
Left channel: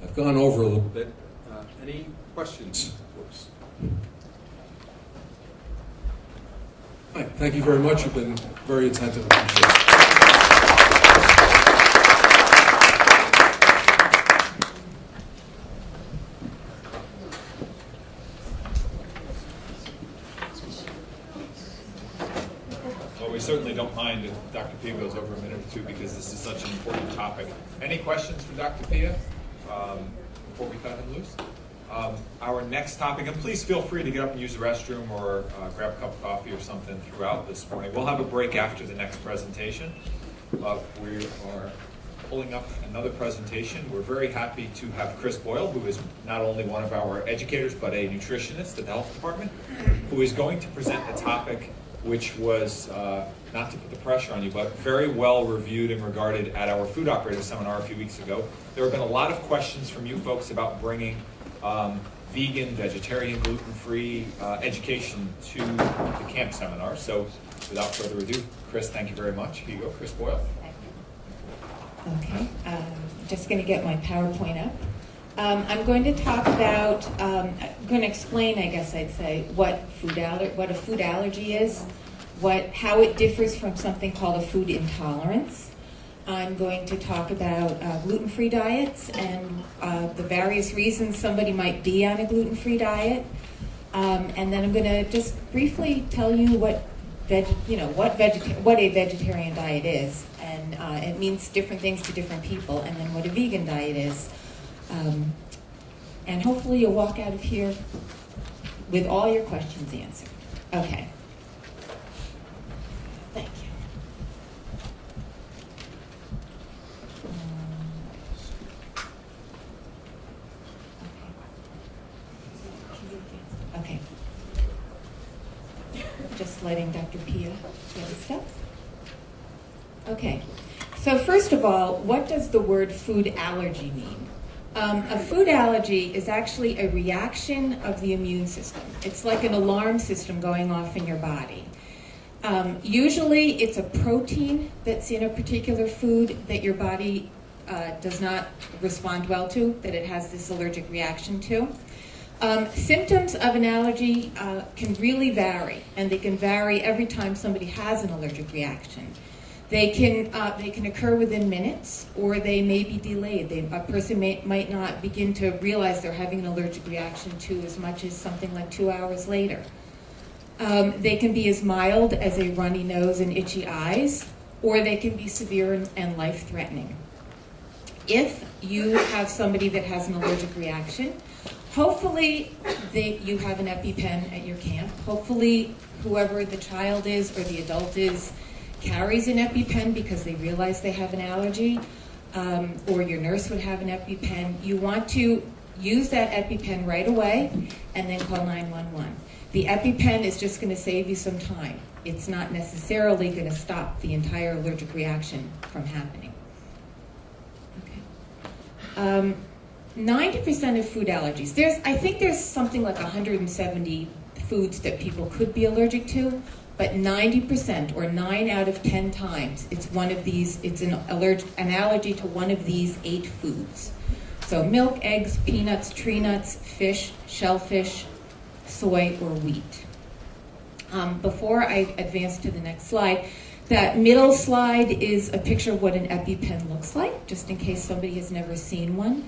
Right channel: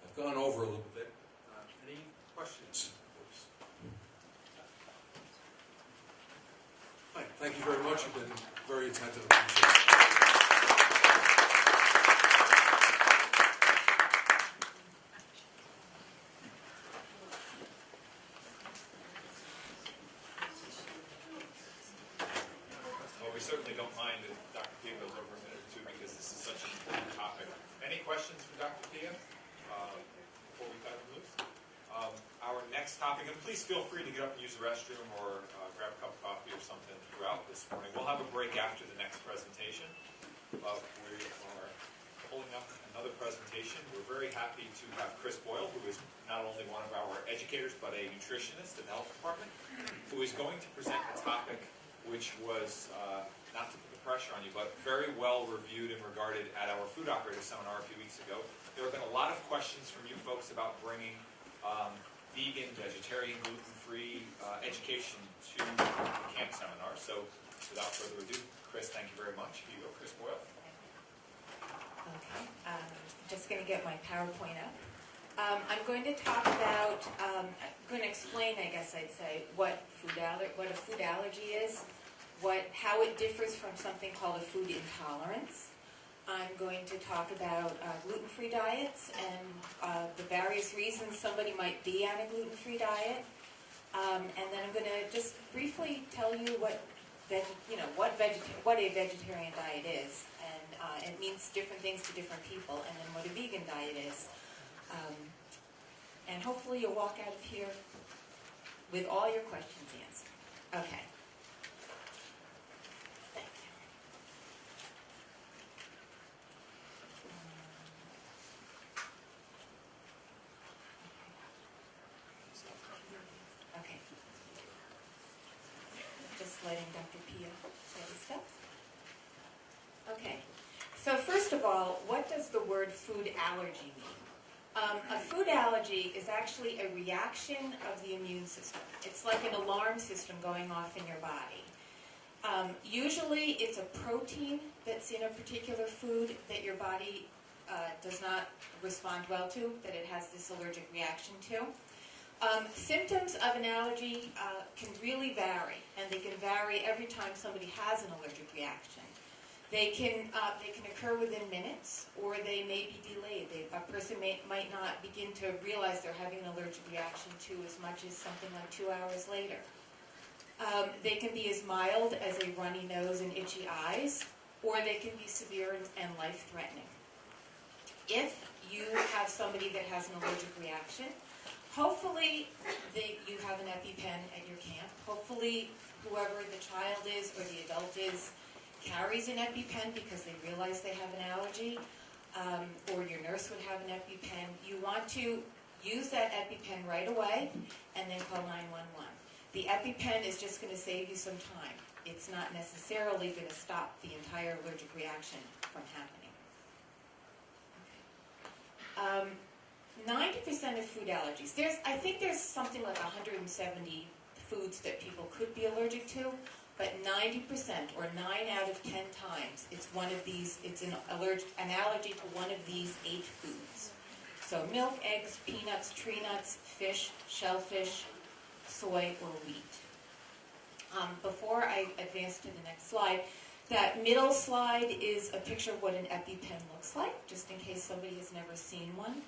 I've gone over a little bit. Any questions? All right, thank you very much. You've been very attentive. Appreciate it. Well, we certainly don't mind if Dr. Pia goes over a minute or two because this is such an important topic. Any questions for Dr. Pia before we cut him loose? Our next topic, and please feel free to get up and use the restroom or grab a cup of coffee or something throughout this morning. We'll have a break after the next presentation. We are pulling up another presentation. We're very happy to have Chris Boyle, who is not only one of our educators, but a nutritionist at the health department, who is going to present a topic which was, not to put the pressure on you, but very well reviewed and regarded at our food operator seminar a few weeks ago. There have been a lot of questions from you folks about bringing vegan, vegetarian, gluten-free education to the camp seminar. So without further ado, Chris, thank you very much. Here you go, Chris Boyle. Okay, just going to get my PowerPoint up. I'm going to talk about, I'm going to explain, I guess I'd say, what a food allergy is, how it differs from something called a food intolerance. I'm going to talk about gluten-free diets and the various reasons somebody might be on a gluten-free diet. And then I'm going to just briefly tell you what a vegetarian diet is. And it means different things to different people. And then what a vegan diet is. And hopefully you'll walk out of here with all your questions answered. Okay. Thank you. Okay. Just letting Dr. Pia get his stuff. Okay. So first of all, what does the word food allergy mean? A food allergy is actually a reaction of the immune system. It's like an alarm system going off in your body. Usually it's a protein that's in a particular food that your body does not respond well to, that it has this allergic reaction to. Symptoms of an allergy can really vary, and they can vary every time somebody has an allergic reaction. They can occur within minutes, or they may be delayed. A person might not begin to realize they're having an allergic reaction to as much as something like 2 hours later. They can be as mild as a runny nose and itchy eyes, or they can be severe and life-threatening. If you have somebody that has an allergic reaction, hopefully you have an EpiPen at your camp. Hopefully whoever the child is or the adult is carries an EpiPen because they realize they have an allergy, or your nurse would have an EpiPen. You want to use that EpiPen right away and then call 911. The EpiPen is just going to save you some time. It's not necessarily going to stop the entire allergic reaction from happening. Okay. 90% of food allergies. I think there's something like 170 foods that people could be allergic to, but 90%, or 9 out of 10 times, it's one of these. It's an allergy to one of these 8 foods. So milk, eggs, peanuts, tree nuts, fish, shellfish, soy, or wheat. Before I advance to the next slide, that middle slide is a picture of what an EpiPen looks like, just in case somebody has never seen one.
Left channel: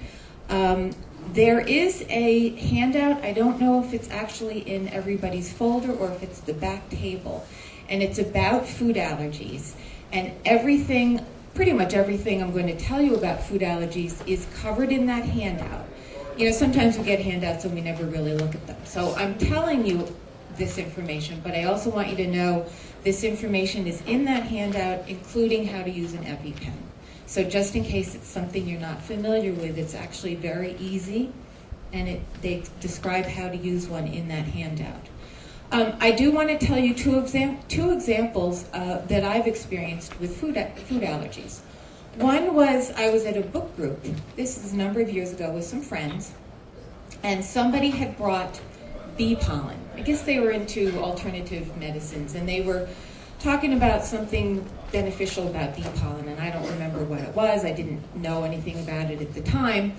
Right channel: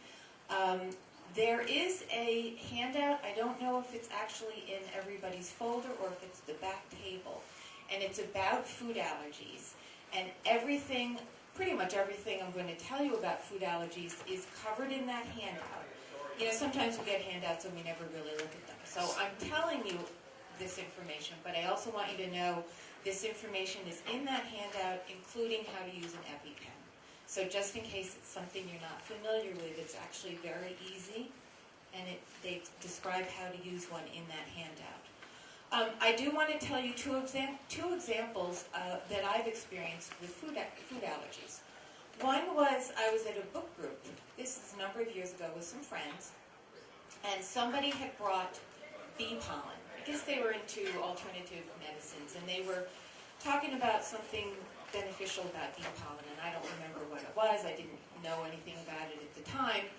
There is a handout. I don't know if it's actually in everybody's folder or if it's the back table, and it's about food allergies. And everything, pretty much everything I'm going to tell you about food allergies is covered in that handout. You know, sometimes we get handouts and we never really look at them. So I'm telling you this information, but I also want you to know this information is in that handout, including how to use an EpiPen. So just in case it's something you're not familiar with, it's actually very easy, and they describe how to use one in that handout. I do want to tell you two examples that I've experienced with food allergies. One was I was at a book group, this is a number of years ago, with some friends, and somebody had brought bee pollen. I guess they were into alternative medicines, and they were talking about something beneficial about bee pollen, and I don't remember what it was. I didn't know anything about it at the time.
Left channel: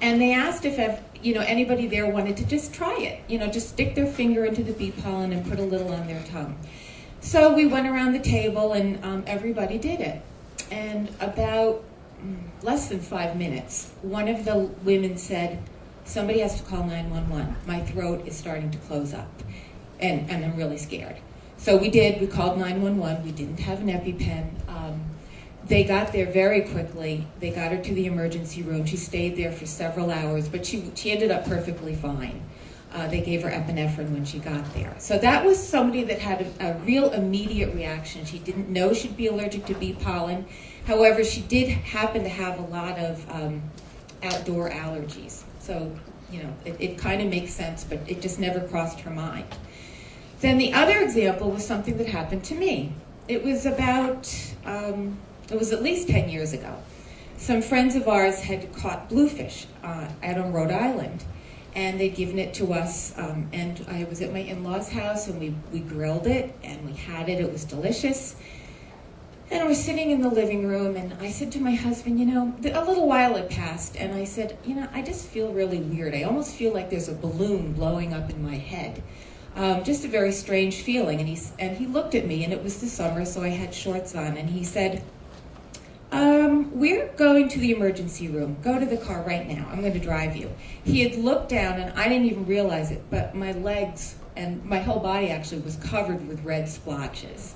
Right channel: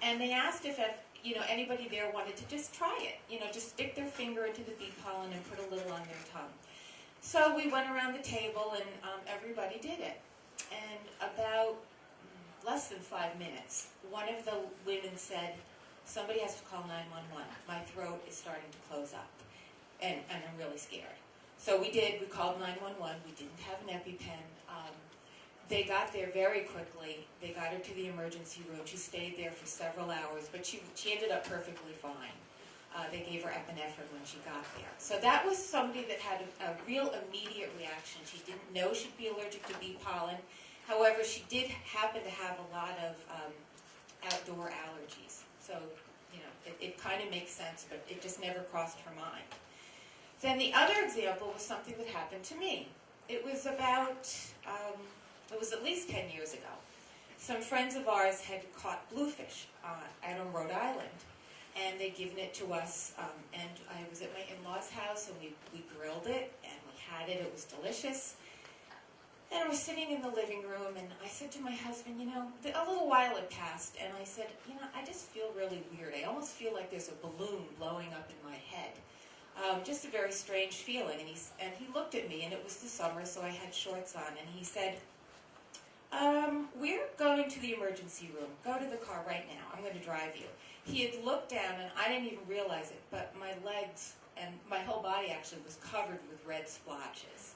And they asked if anybody there wanted to just try it, just stick their finger into the bee pollen and put a little on their tongue. So we went around the table, and everybody did it. And about less than 5 minutes, one of the women said, "Somebody has to call 911. My throat is starting to close up, and I'm really scared." So we did. We called 911. We didn't have an EpiPen. They got there very quickly. They got her to the emergency room. She stayed there for several hours, but she ended up perfectly fine. They gave her epinephrine when she got there. So that was somebody that had a real immediate reaction. She didn't know she'd be allergic to bee pollen. However, she did happen to have a lot of outdoor allergies. So, it kind of makes sense, but it just never crossed her mind. Then the other example was something that happened to me. It was it was at least 10 years ago. Some friends of ours had caught bluefish out on Rhode Island, and they'd given it to us, and I was at my in-laws' house, and we grilled it, and we had it. It was delicious. And I was sitting in the living room, and I said to my husband, a little while had passed, and I said, I just feel really weird. I almost feel like there's a balloon blowing up in my head. Just a very strange feeling. And he looked at me, and it was the summer, so I had shorts on, and he said, "We're going to the emergency room. Go to the car right now. I'm going to drive you." He had looked down, and I didn't even realize it, but my legs and my whole body actually was covered with red splotches.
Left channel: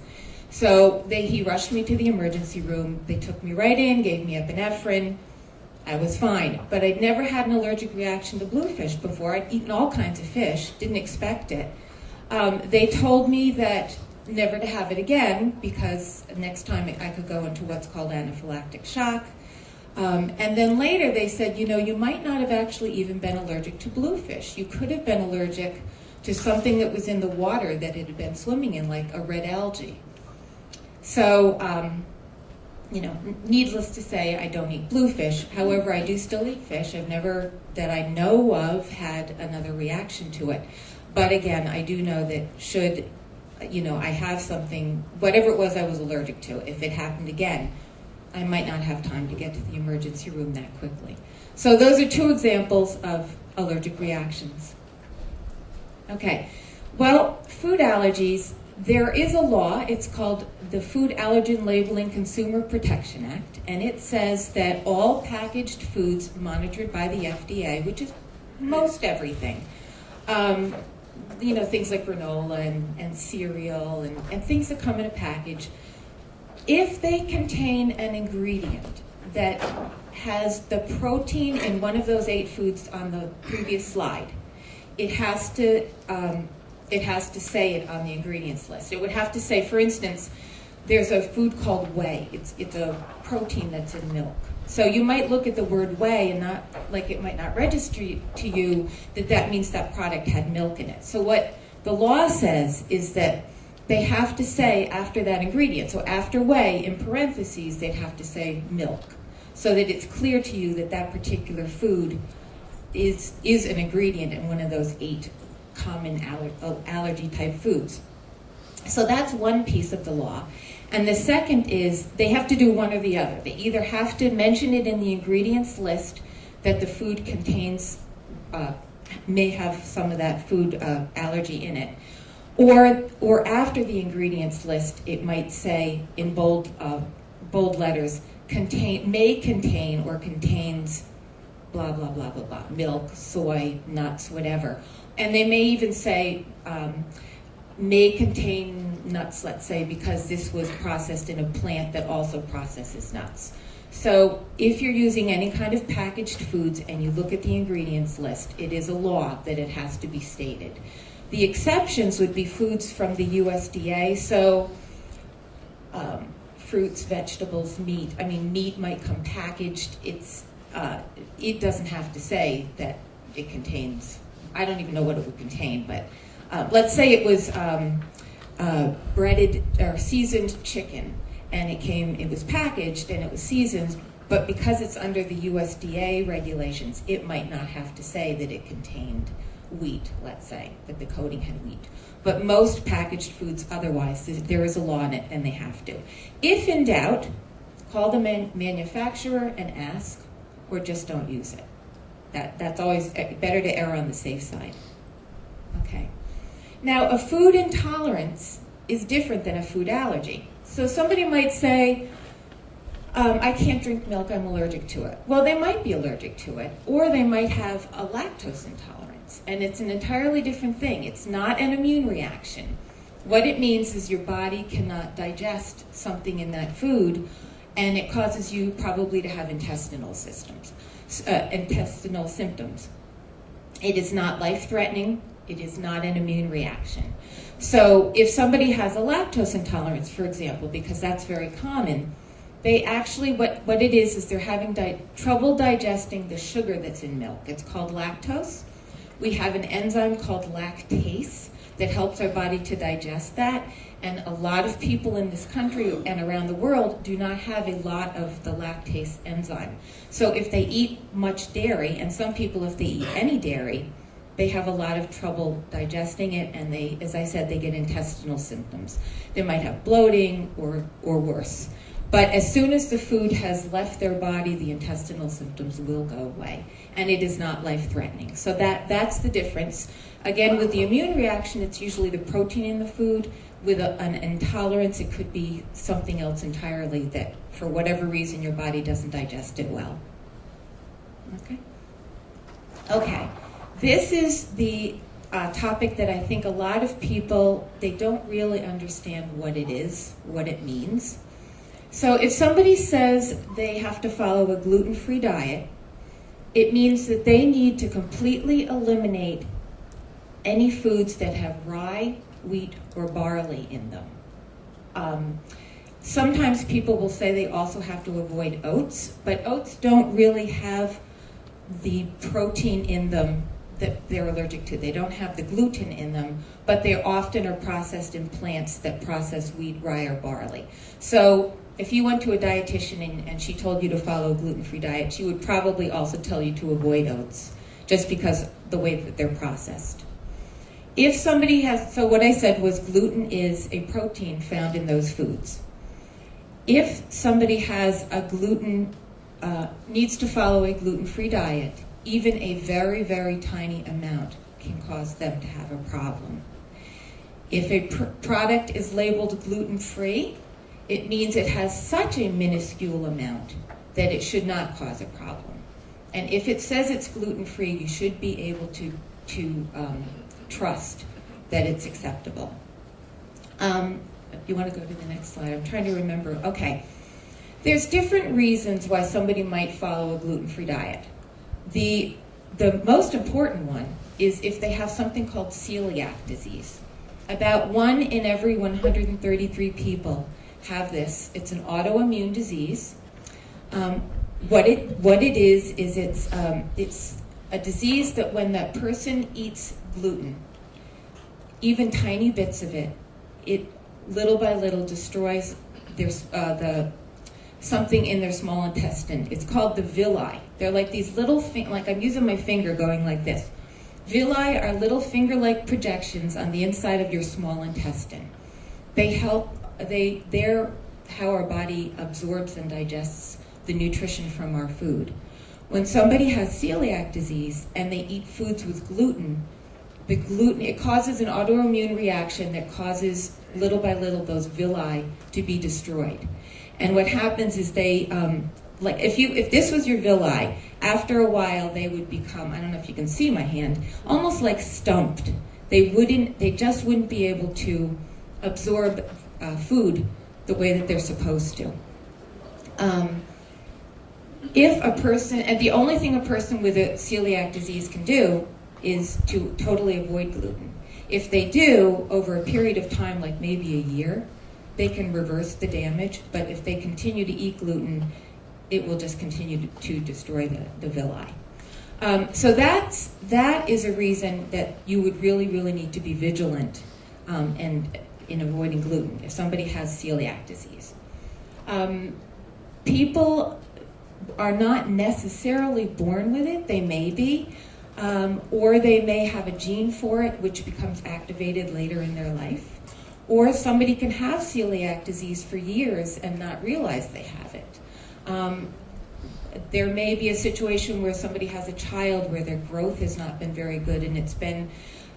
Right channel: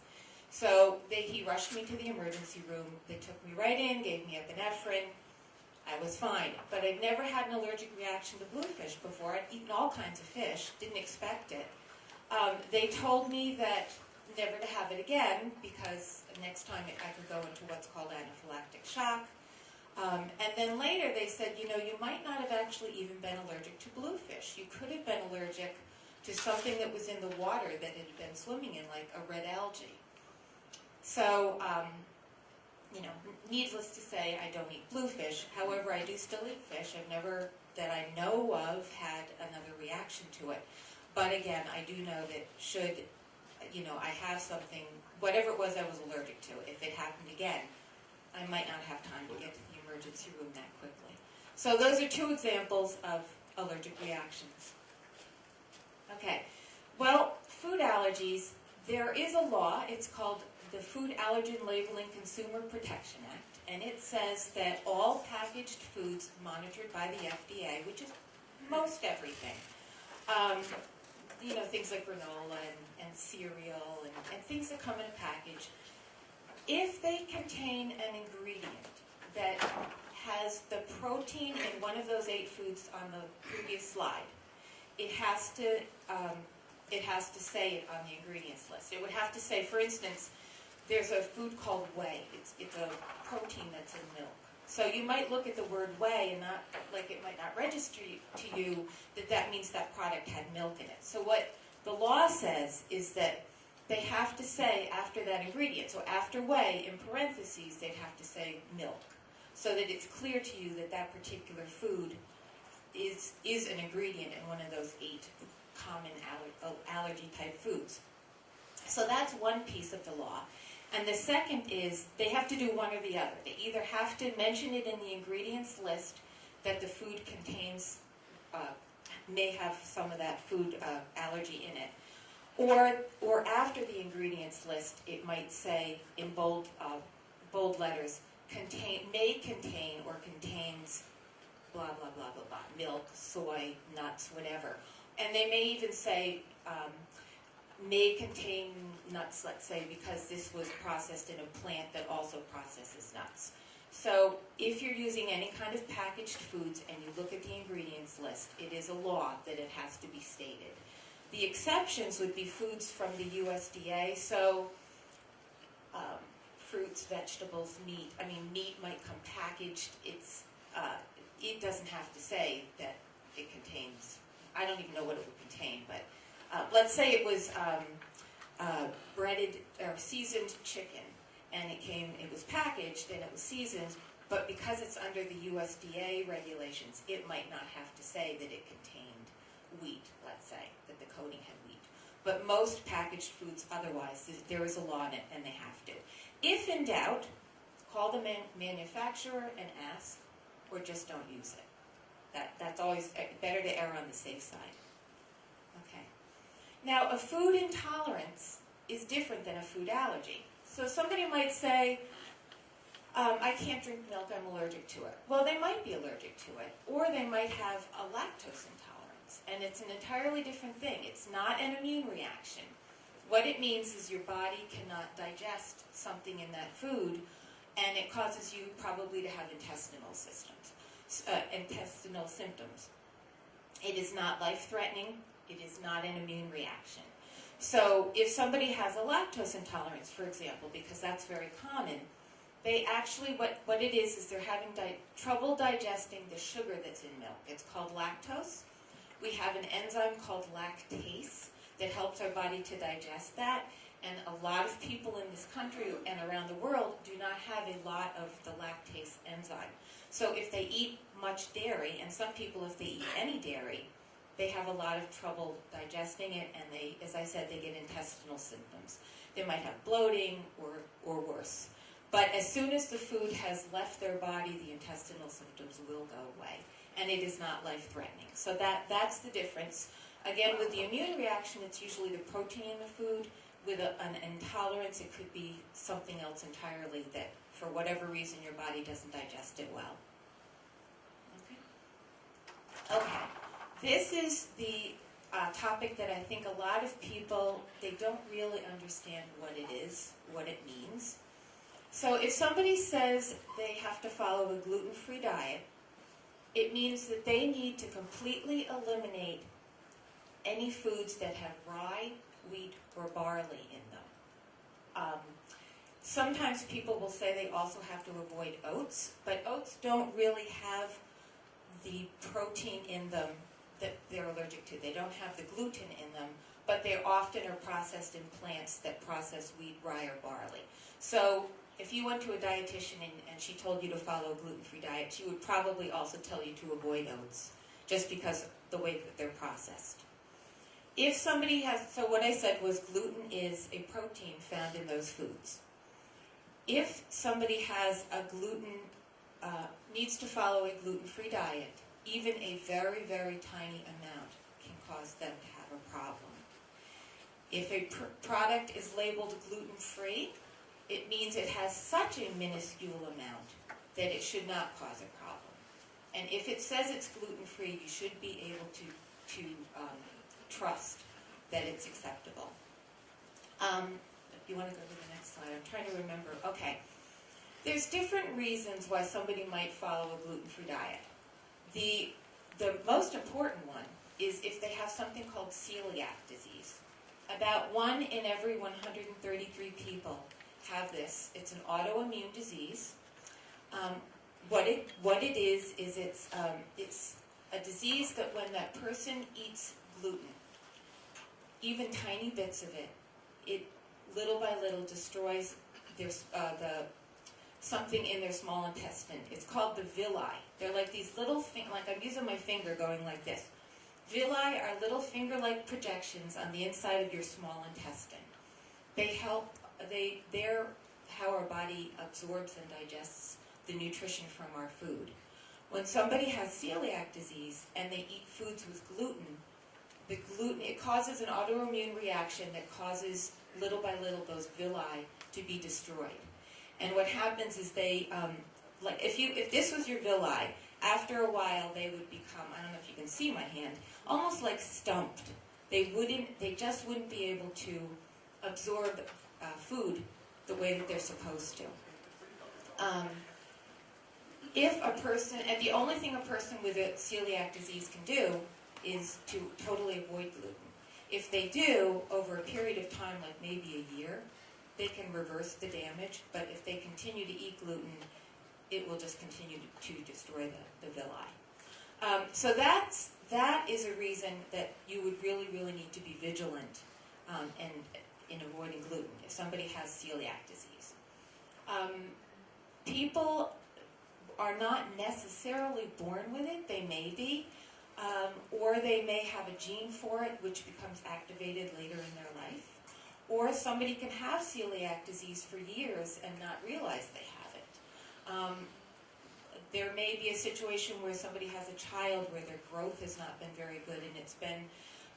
So he rushed me to the emergency room. They took me right in, gave me epinephrine. I was fine, but I'd never had an allergic reaction to bluefish before. I'd eaten all kinds of fish, didn't expect it. They told me that never to have it again because next time I could go into what's called anaphylactic shock. And then later they said, you might not have actually even been allergic to bluefish. You could have been allergic to something that was in the water that it had been swimming in, like a red algae. So, needless to say, I don't eat bluefish. However, I do still eat fish. I've never, that I know of, had another reaction to it. But again, I do know that should, I have something, whatever it was I was allergic to, if it happened again, I might not have time to get to the emergency room that quickly. So those are 2 examples of allergic reactions. Okay, well, food allergies, there is a law. It's called the Food Allergen Labeling Consumer Protection Act, and it says that all packaged foods monitored by the FDA, which is most everything, things like granola and cereal and things that come in a package, if they contain an ingredient that has the protein in one of those 8 foods on the previous slide, it has to say it on the ingredients list. It would have to say, for instance, there's a food called whey. It's a protein that's in milk. So you might look at the word whey and not, like, it might not register to you that means that product had milk in it. So what the law says is that they have to say after that ingredient, so after whey, in parentheses, they'd have to say milk, so that it's clear to you that that particular food is an ingredient in one of those 8 common allergy type foods. So that's one piece of the law. And the second is they have to do one or the other. They either have to mention it in the ingredients list that the food contains, may have some of that food allergy in it, or after the ingredients list, it might say in bold letters, may contain or contains blah, blah, blah, blah, blah, milk, soy, nuts, whatever. And they may even say, may contain nuts, let's say, because this was processed in a plant that also processes nuts. So if you're using any kind of packaged foods and you look at the ingredients list, it is a law that it has to be stated. The exceptions would be foods from the USDA, so fruits, vegetables, meat. I mean, meat might come packaged. It doesn't have to say that it contains, I don't even know what it would contain, but let's say it was breaded or seasoned chicken, and it was packaged and it was seasoned, but because it's under the USDA regulations, it might not have to say that it contained wheat, let's say, that the coating had wheat. But most packaged foods otherwise, there is a law in it and they have to. If in doubt, call the manufacturer and ask, or just don't use it. That's always better to err on the safe side. Okay. Now, a food intolerance is different than a food allergy. So somebody might say, I can't drink milk, I'm allergic to it. Well, they might be allergic to it, or they might have a lactose intolerance, and it's an entirely different thing. It's not an immune reaction. What it means is your body cannot digest something in that food, and it causes you probably to have intestinal symptoms. It is not life-threatening. It is not an immune reaction. So if somebody has a lactose intolerance, for example, because that's very common, they actually, what it is they're having trouble digesting the sugar that's in milk. It's called lactose. We have an enzyme called lactase that helps our body to digest that. And a lot of people in this country and around the world do not have a lot of the lactase enzyme. So if they eat much dairy, and some people, if they eat any dairy, they have a lot of trouble digesting it, and they, as I said, they get intestinal symptoms. They might have bloating or worse. But as soon as the food has left their body, the intestinal symptoms will go away, and it is not life-threatening. So that's the difference. Again, with the immune reaction, it's usually the protein in the food. With an intolerance, it could be something else entirely that, for whatever reason, your body doesn't digest it well. Okay. This is the topic that I think a lot of people, they don't really understand what it is, what it means. So if somebody says they have to follow a gluten-free diet, it means that they need to completely eliminate any foods that have rye, wheat, or barley in them. Sometimes people will say they also have to avoid oats, but oats don't really have the protein in them that they're allergic to. They don't have the gluten in them, but they often are processed in plants that process wheat, rye, or barley. So if you went to a dietitian and she told you to follow a gluten-free diet, she would probably also tell you to avoid oats, just because the way that they're processed. If somebody has, so what I said was gluten is a protein found in those foods. If somebody has a needs to follow a gluten-free diet, even a very, very tiny amount can cause them to have a problem. If a product is labeled gluten-free, it means it has such a minuscule amount that it should not cause a problem. And if it says it's gluten-free, you should be able to trust that it's acceptable. You want to go to the next slide? I'm trying to remember. Okay. There's different reasons why somebody might follow a gluten-free diet. The most important one is if they have something called celiac disease. About 1 in every 133 people have this. It's an autoimmune disease. What it is it's a disease that when that person eats gluten, even tiny bits of it, it little by little destroys their something in their small intestine. It's called the villi. They're like these little, like I'm using my finger going like this. Villi are little finger-like projections on the inside of your small intestine. They're how our body absorbs and digests the nutrition from our food. When somebody has celiac disease and they eat foods with gluten, it causes an autoimmune reaction that causes little by little those villi to be destroyed. And what happens is they, like if this was your villi, after a while they would become, I don't know if you can see my hand, almost like stumped. They just wouldn't be able to absorb food the way that they're supposed to. If a person, and the only thing a person with a celiac disease can do is to totally avoid gluten. If they do, over a period of time, like maybe a year, they can reverse the damage, but if they continue to eat gluten, it will just continue to destroy the villi. So that is a reason that you would really, really need to be vigilant and in avoiding gluten if somebody has celiac disease. People are not necessarily born with it. They may be, or they may have a gene for it, which becomes activated later in their life. Or somebody can have celiac disease for years and not realize they have it. There may be a situation where somebody has a child where their growth has not been very good, and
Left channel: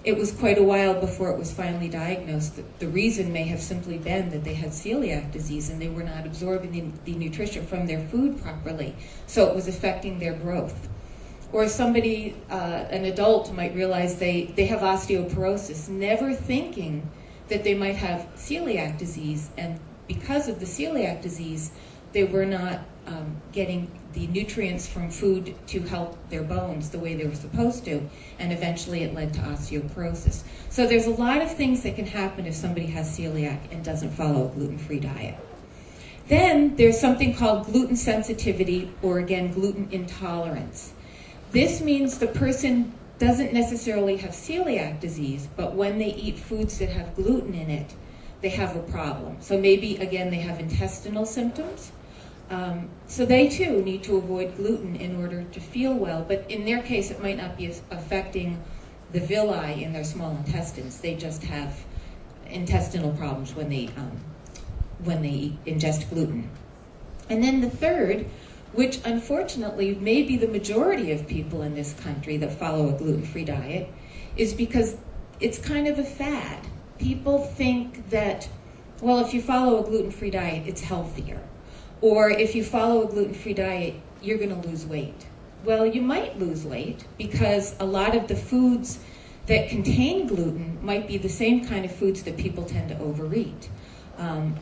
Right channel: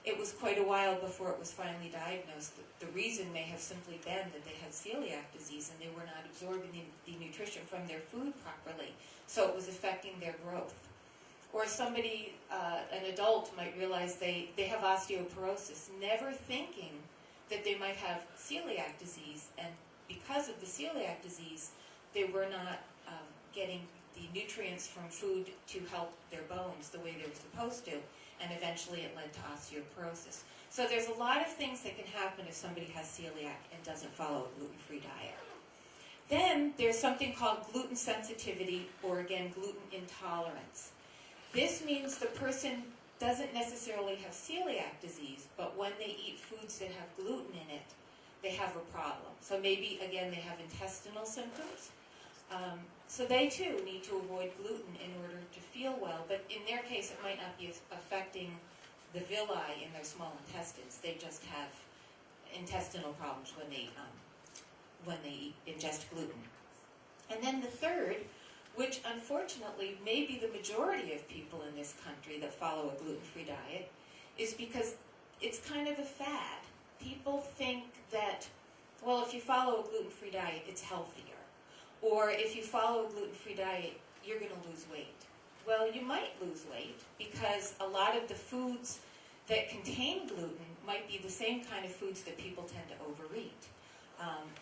it was quite a while before it was finally diagnosed. The reason may have simply been that they had celiac disease and they were not absorbing the nutrition from their food properly, so it was affecting their growth. Or somebody, an adult, might realize they have osteoporosis, never thinking that they might have celiac disease, and because of the celiac disease, they were not getting the nutrients from food to help their bones the way they were supposed to, and eventually it led to osteoporosis. So there's a lot of things that can happen if somebody has celiac and doesn't follow a gluten-free diet. Then there's something called gluten sensitivity, or again, gluten intolerance. This means the person doesn't necessarily have celiac disease, but when they eat foods that have gluten in it, they have a problem. So maybe, again, they have intestinal symptoms. So they, too, need to avoid gluten in order to feel well. But in their case, it might not be affecting the villi in their small intestines. They just have intestinal problems when they ingest gluten. And then the third, which unfortunately may be the majority of people in this country that follow a gluten-free diet, is because it's kind of a fad. People think that, well, if you follow a gluten-free diet, it's healthier. Or if you follow a gluten-free diet, you're going to lose weight. Well, you might lose weight because a lot of the foods that contain gluten might be the same kind of foods that people tend to overeat.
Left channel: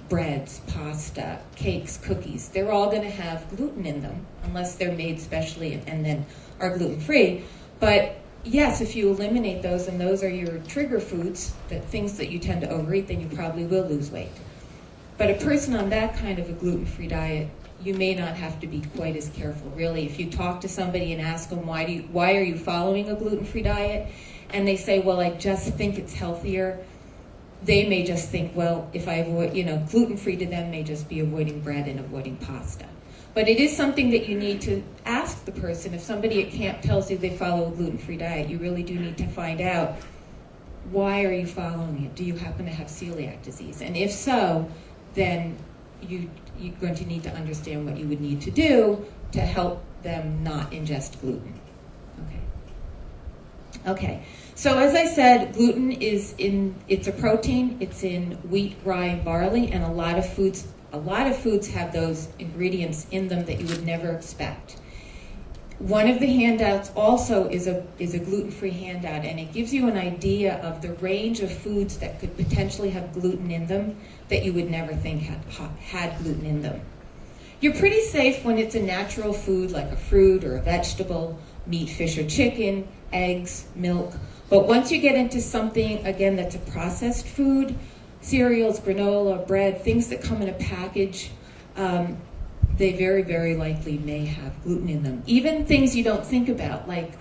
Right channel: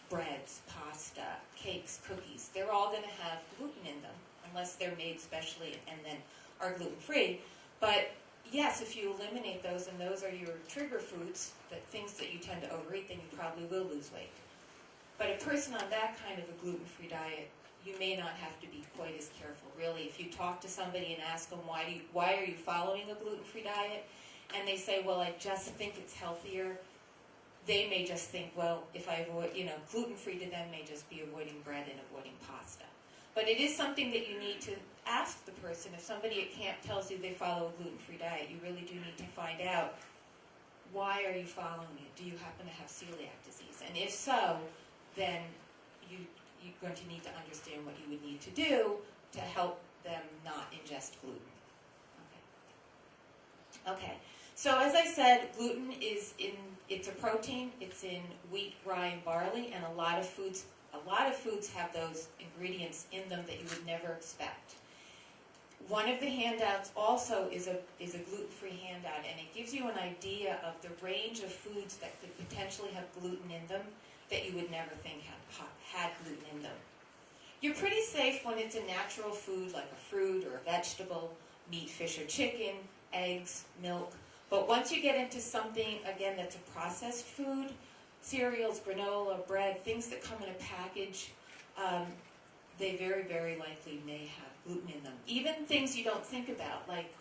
Breads, pasta, cakes, cookies, they're all going to have gluten in them unless they're made specially and then are gluten-free. But yes, if you eliminate those and those are your trigger foods, the things that you tend to overeat, then you probably will lose weight. But a person on that kind of a gluten-free diet, you may not have to be quite as careful. Really, if you talk to somebody and ask them, why are you following a gluten-free diet? And they say, well, I just think it's healthier. They may just think, well, if I avoid, gluten-free to them may just be avoiding bread and avoiding pasta. But it is something that you need to ask the person. If somebody at camp tells you they follow a gluten-free diet, you really do need to find out, why are you following it? Do you happen to have celiac disease? And if so, then you're going to need to understand what you would need to do to help them not ingest gluten. Okay. So as I said, gluten it's a protein. It's in wheat, rye, and barley, and a lot of foods have those ingredients in them that you would never expect. One of the handouts also is a gluten-free handout, and it gives you an idea of the range of foods that could potentially have gluten in them that you would never think had gluten in them. You're pretty safe when it's a natural food like a fruit or a vegetable, meat, fish, or chicken, eggs, milk. But once you get into something, again, that's a processed food, cereals, granola, bread, things that come in a package, they very, very likely may have gluten in them. Even things you don't think about, like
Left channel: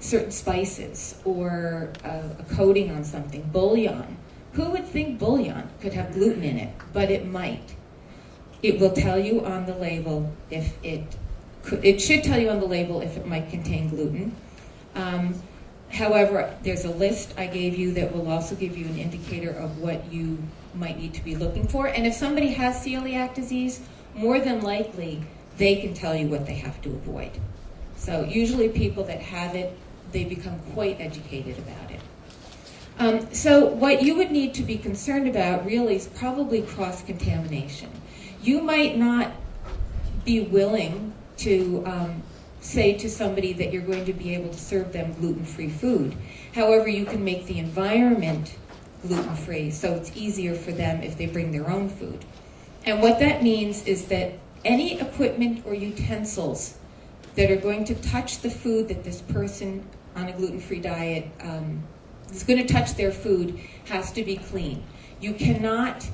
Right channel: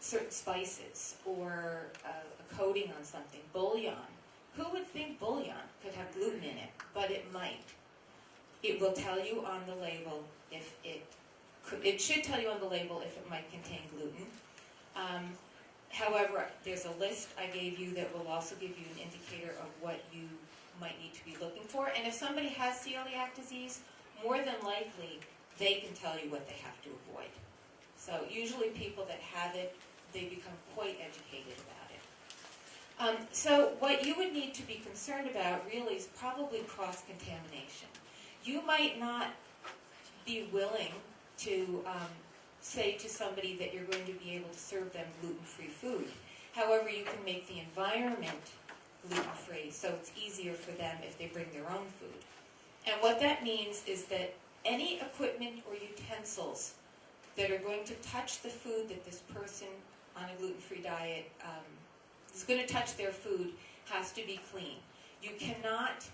certain spices or a coating on something, bouillon. Who would think bouillon could have gluten in it? But it might. It will tell you on the label if it should tell you on the label if it might contain gluten. However, there's a list I gave you that will also give you an indicator of what you might need to be looking for. And if somebody has celiac disease, more than likely, they can tell you what they have to avoid. So usually people that have it, they become quite educated about it. So what you would need to be concerned about really is probably cross-contamination. You might not be willing to say to somebody that you're going to be able to serve them gluten-free food. However, you can make the environment gluten-free, so it's easier for them if they bring their own food. And what that means is that any equipment or utensils that are going to touch the food that this person on a gluten-free diet is going to touch their food has to be clean. You cannot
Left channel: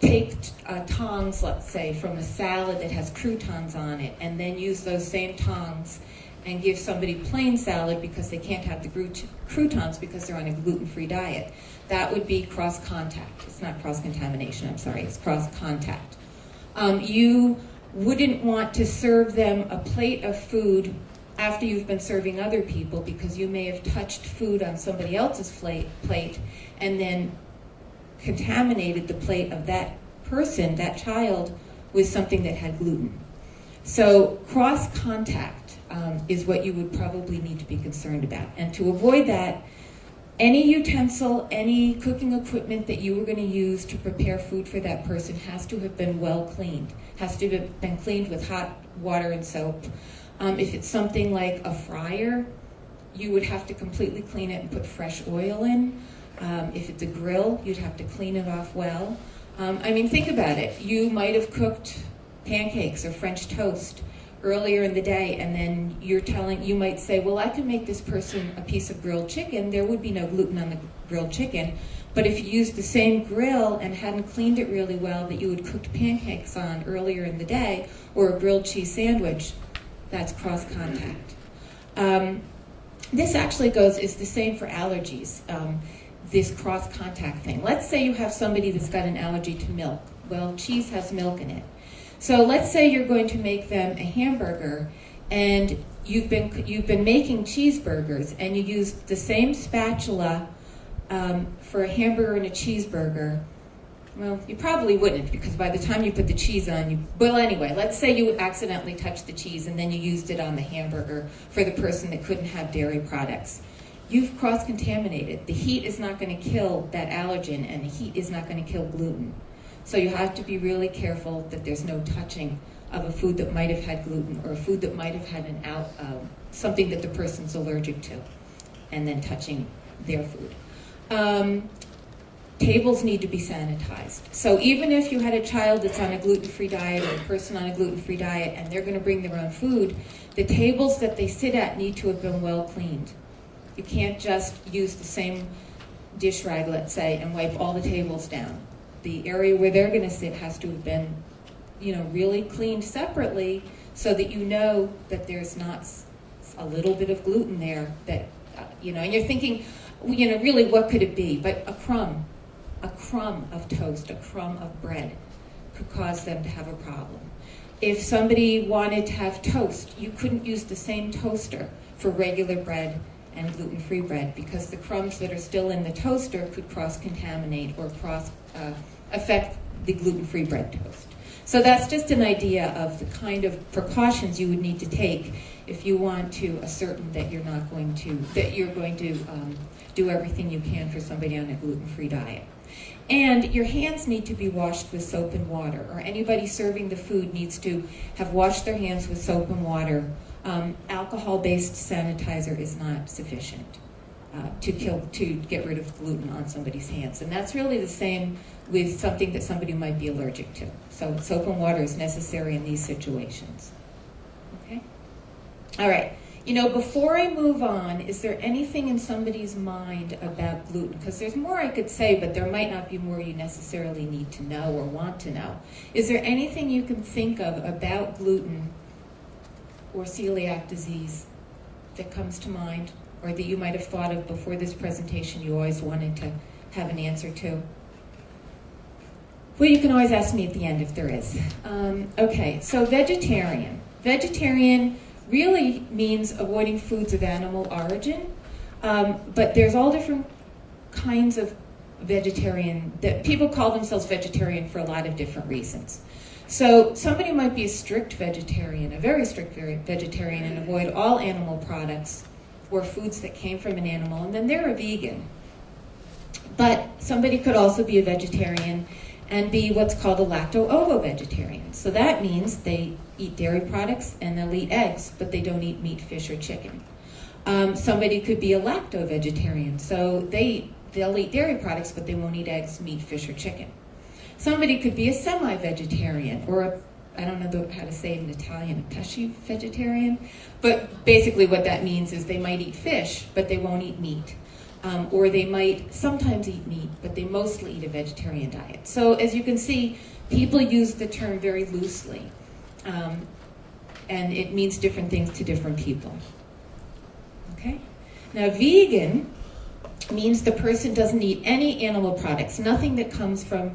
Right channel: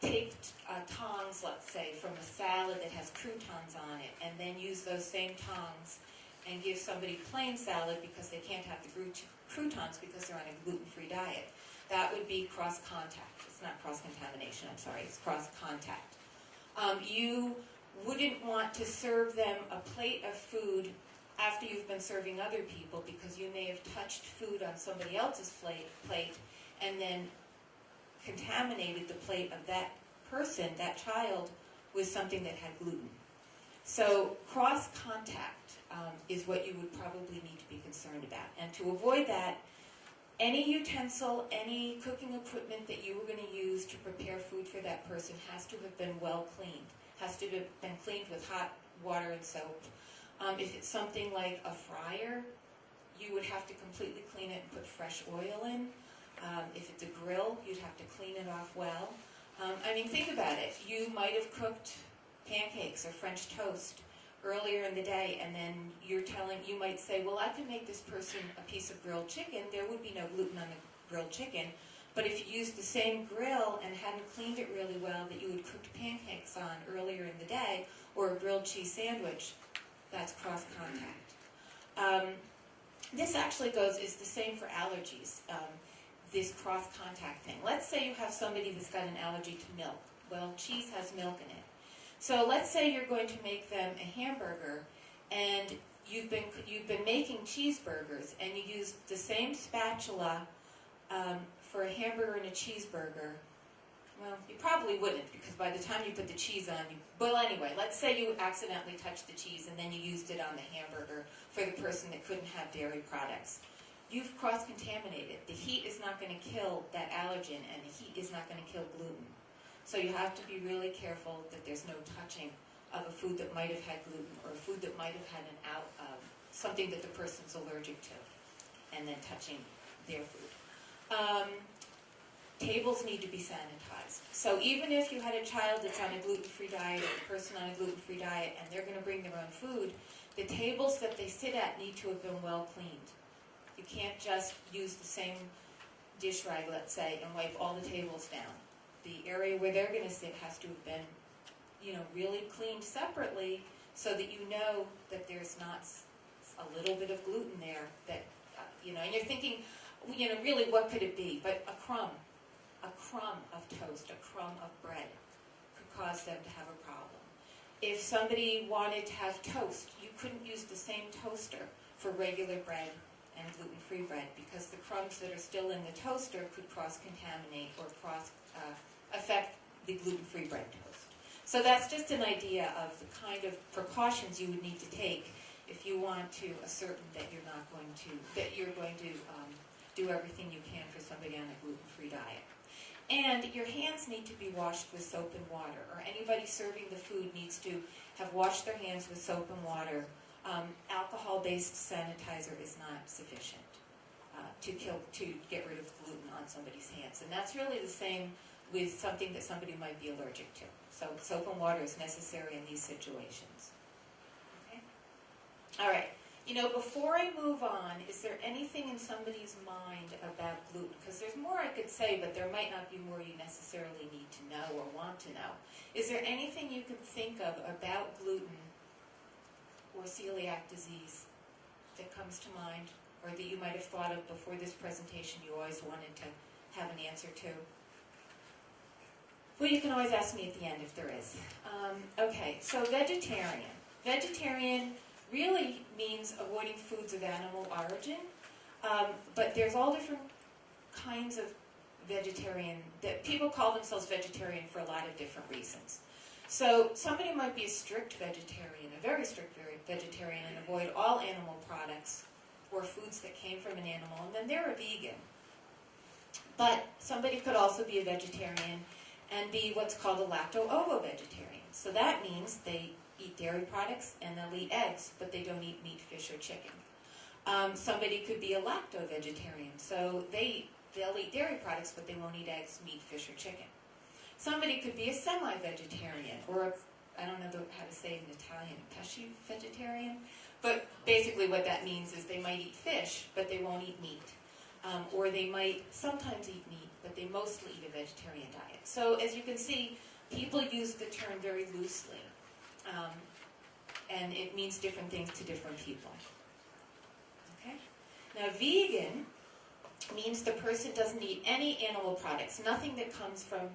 take tongs, let's say, from a salad that has croutons on it and then use those same tongs and give somebody plain salad because they can't have the croutons because they're on a gluten-free diet. That would be cross-contact. It's not cross-contamination, I'm sorry, it's cross-contact. You wouldn't want to serve them a plate of food after you've been serving other people because you may have touched food on somebody else's plate and then contaminated the plate of that person, that child, with something that had gluten. So cross-contact is what you would probably need to be concerned about. And to avoid that, any utensil, any cooking equipment that you were going to use to prepare food for that person has to have been well cleaned, has to have been cleaned with hot water and soap. If it's something like a fryer, you would have to completely clean it and put fresh oil in. If it's a grill, you'd have to clean it off well. I mean, think about it. You might have cooked pancakes or French toast earlier in the day, and then you might say, well, I could make this person a piece of grilled chicken. There would be no gluten on the grilled chicken. But if you used the same grill and hadn't cleaned it really well that you had cooked pancakes on earlier in the day, or a grilled cheese sandwich, that's cross-contact. This actually is the same for allergies. This cross-contact thing. Let's say you have somebody that's got an allergy to milk. Well, cheese has milk in it. So let's say you're going to make them a hamburger, and you've been making cheeseburgers, and you used the same spatula for a hamburger and a cheeseburger. Well, you probably wouldn't, because by the time you put the cheese on, well, anyway, let's say you accidentally touched the cheese and then you used it on the hamburger for the person that couldn't have dairy products. You've cross-contaminated. The heat is not going to kill that allergen, and the heat is not going to kill gluten. So you have to be really careful that there's no touching of a food that might have had gluten, or a food that might have had something that the person's allergic to, and then touching their food. Tables need to be sanitized. So even if you had a child that's on a gluten-free diet, or a person on a gluten-free diet, and they're going to bring their own food, the tables that they sit at need to have been well cleaned. You can't just use the same dish rag, let's say, and wipe all the tables down. The area where they're going to sit has to have been, really cleaned separately so that you know that there's not a little bit of gluten there that, and you're thinking, really what could it be? But a crumb of toast, a crumb of bread could cause them to have a problem. If somebody wanted to have toast, you couldn't use the same toaster for regular bread and gluten-free bread, because the crumbs that are still in the toaster could cross-contaminate or affect the gluten-free bread toast. So that's just an idea of the kind of precautions you would need to take if you want to ascertain that you're going to do everything you can for somebody on a gluten-free diet. And your hands need to be washed with soap and water, or anybody serving the food needs to have washed their hands with soap and water. Alcohol-based sanitizer is not sufficient to get rid of gluten on somebody's hands. And that's really the same with something that somebody might be allergic to. So soap and water is necessary in these situations. Okay? All right. You know, before I move on, is there anything in somebody's mind about gluten? Because there's more I could say, but there might not be more you necessarily need to know or want to know. Is there anything you can think of about gluten or celiac disease that comes to mind, or that you might have thought of before this presentation you always wanted to have an answer to? Well, you can always ask me at the end if there is. Okay, so vegetarian. Vegetarian really means avoiding foods of animal origin, but there's all different kinds of vegetarian, that people call themselves vegetarian for a lot of different reasons. So somebody might be a strict vegetarian, a very strict vegetarian, and avoid all animal products or foods that came from an animal, and then they're a vegan. But somebody could also be a vegetarian and be what's called a lacto-ovo-vegetarian. So that means they eat dairy products and they'll eat eggs, but they don't eat meat, fish, or chicken. Somebody could be a lacto-vegetarian, so they'll eat dairy products, but they won't eat eggs, meat, fish, or chicken. Somebody could be a semi-vegetarian, or I don't know how to say it in Italian, a pesci-vegetarian, but basically what that means is they might eat fish, but they won't eat meat. Or they might sometimes eat meat, but they mostly eat a vegetarian diet. So as you can see, people use the term very loosely, and it means different things to different people. Okay? Now, vegan means the person doesn't eat any animal products, nothing that comes from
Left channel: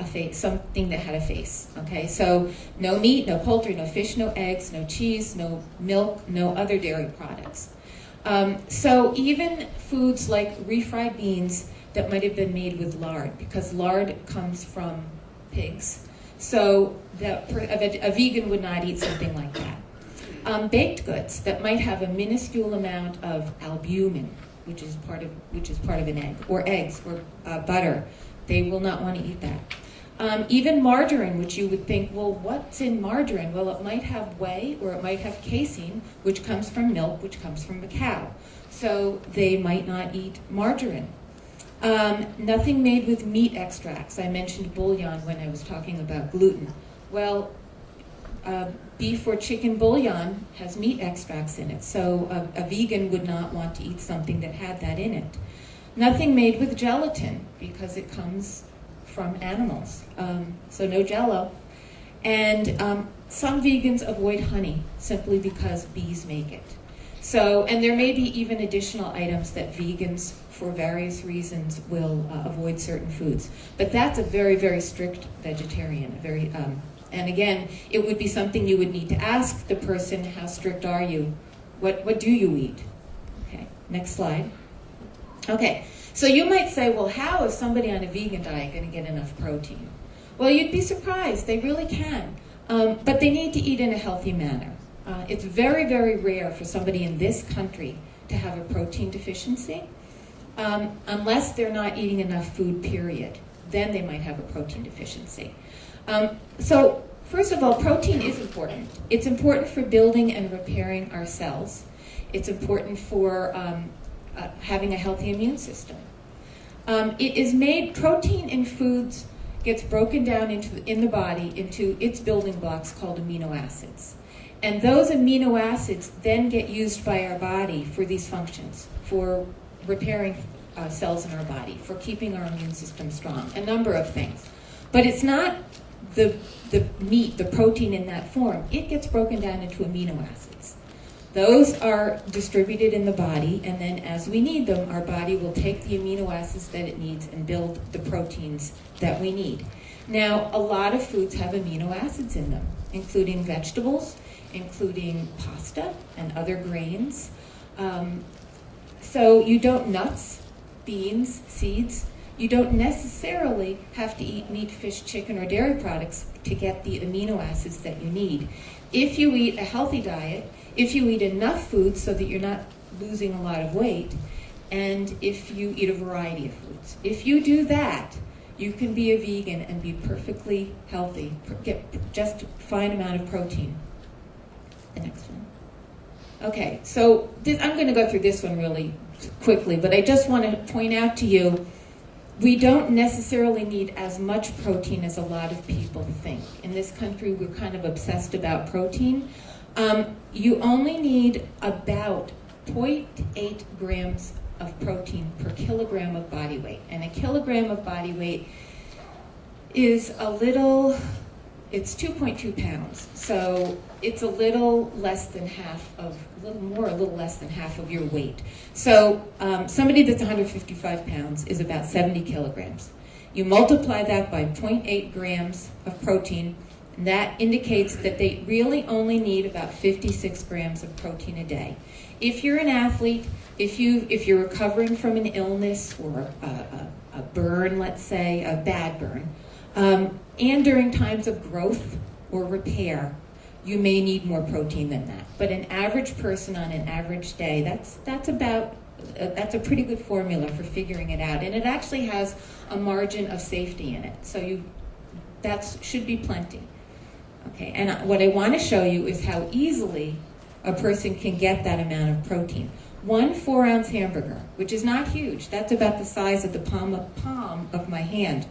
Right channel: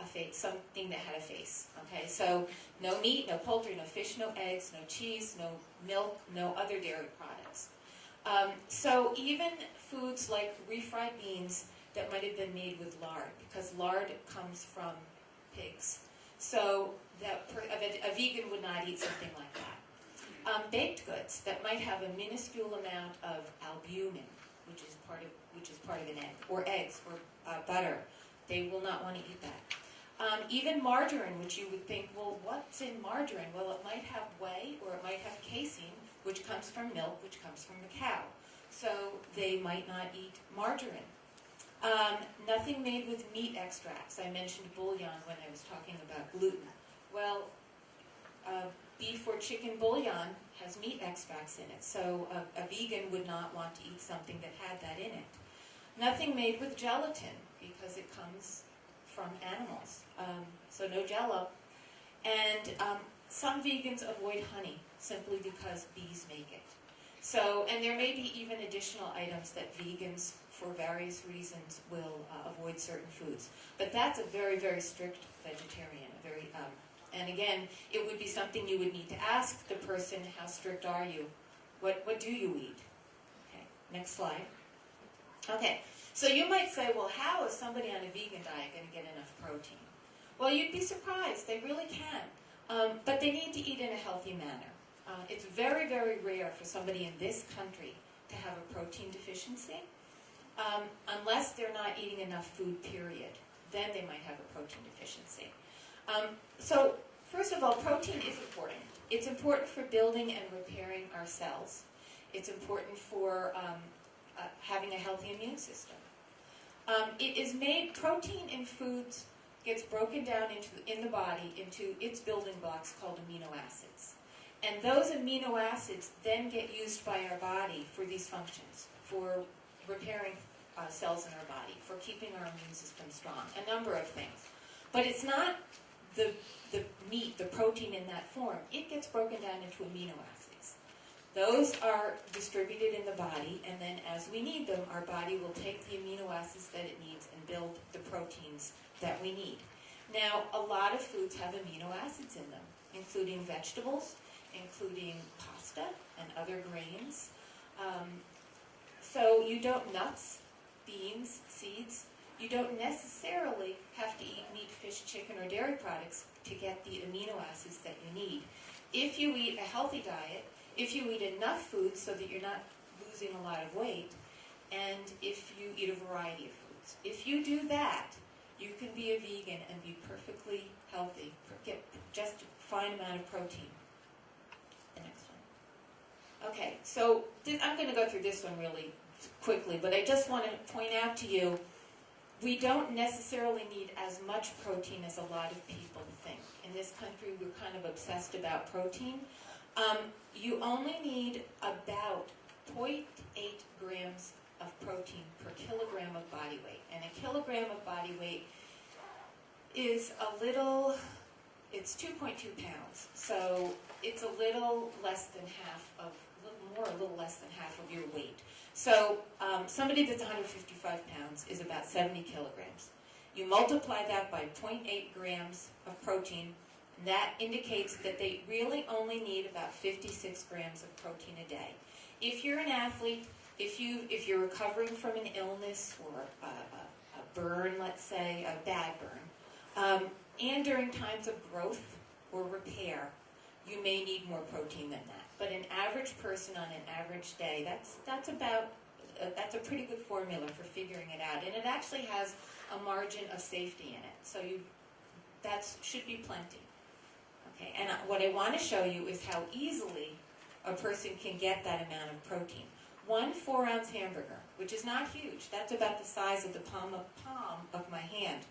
a face, something that had a face. Okay? So no meat, no poultry, no fish, no eggs, no cheese, no milk, no other dairy products. So even foods like refried beans that might have been made with lard, because lard comes from pigs. So a vegan would not eat something like that. Baked goods that might have a minuscule amount of albumin, which is part of an egg, or eggs, or butter, they will not want to eat that. Even margarine, which you would think, well, what's in margarine? Well, it might have whey, or it might have casein, which comes from milk, which comes from a cow. So they might not eat margarine. Nothing made with meat extracts. I mentioned bouillon when I was talking about gluten. Well, beef or chicken bouillon has meat extracts in it, so a vegan would not want to eat something that had that in it. Nothing made with gelatin, because it comes from animals, so no Jell-O. And some vegans avoid honey simply because bees make it. So, and there may be even additional items that vegans, for various reasons, will avoid certain foods. But that's a very, very strict vegetarian. And again, it would be something you would need to ask the person, how strict are you? What do you eat? Okay, next slide. Okay, so you might say, well, how is somebody on a vegan diet going to get enough protein? Well, you'd be surprised. They really can. But they need to eat in a healthy manner. It's very, very rare for somebody in this country to have a protein deficiency, unless they're not eating enough food, period. Then they might have a protein deficiency. So, first of all, protein is important. It's important for building and repairing our cells. It's important for having a healthy immune system. It is made, protein in foods gets broken down in the body into its building blocks called amino acids. And those amino acids then get used by our body for these functions, for repairing cells in our body, for keeping our immune system strong, a number of things. But it's not the meat, the protein in that form. It gets broken down into amino acids. Those are distributed in the body, and then as we need them, our body will take the amino acids that it needs and build the proteins that we need. Now, a lot of foods have amino acids in them, including vegetables, including pasta and other grains. So you don't, nuts, beans, seeds, you don't necessarily have to eat meat, fish, chicken, or dairy products to get the amino acids that you need. If you eat a healthy diet, if you eat enough food so that you're not losing a lot of weight, and if you eat a variety of foods. If you do that, you can be a vegan and be perfectly healthy, get just fine amount of protein. The next one. Okay, so I'm going to go through this one really quickly, but I just want to point out to you, we don't necessarily need as much protein as a lot of people think. In this country, we're kind of obsessed about protein. You only need about 0.8 grams of protein per kilogram of body weight. And a kilogram of body weight is it's 2.2 pounds. So it's a little less than half of your weight. So somebody that's 155 pounds is about 70 kilograms. You multiply that by 0.8 grams of protein, and that indicates that they really only need about 56 grams of protein a day. If you're an athlete, if you're recovering from an illness or a burn, let's say, a bad burn, and during times of growth or repair, you may need more protein than that. But an average person on an average day, that's a pretty good formula for figuring it out. And it actually has a margin of safety in it. So that should be plenty. Okay, and what I want to show you is how easily a person can get that amount of protein. 1 4-ounce hamburger, which is not huge, that's about the size of the palm of my hand,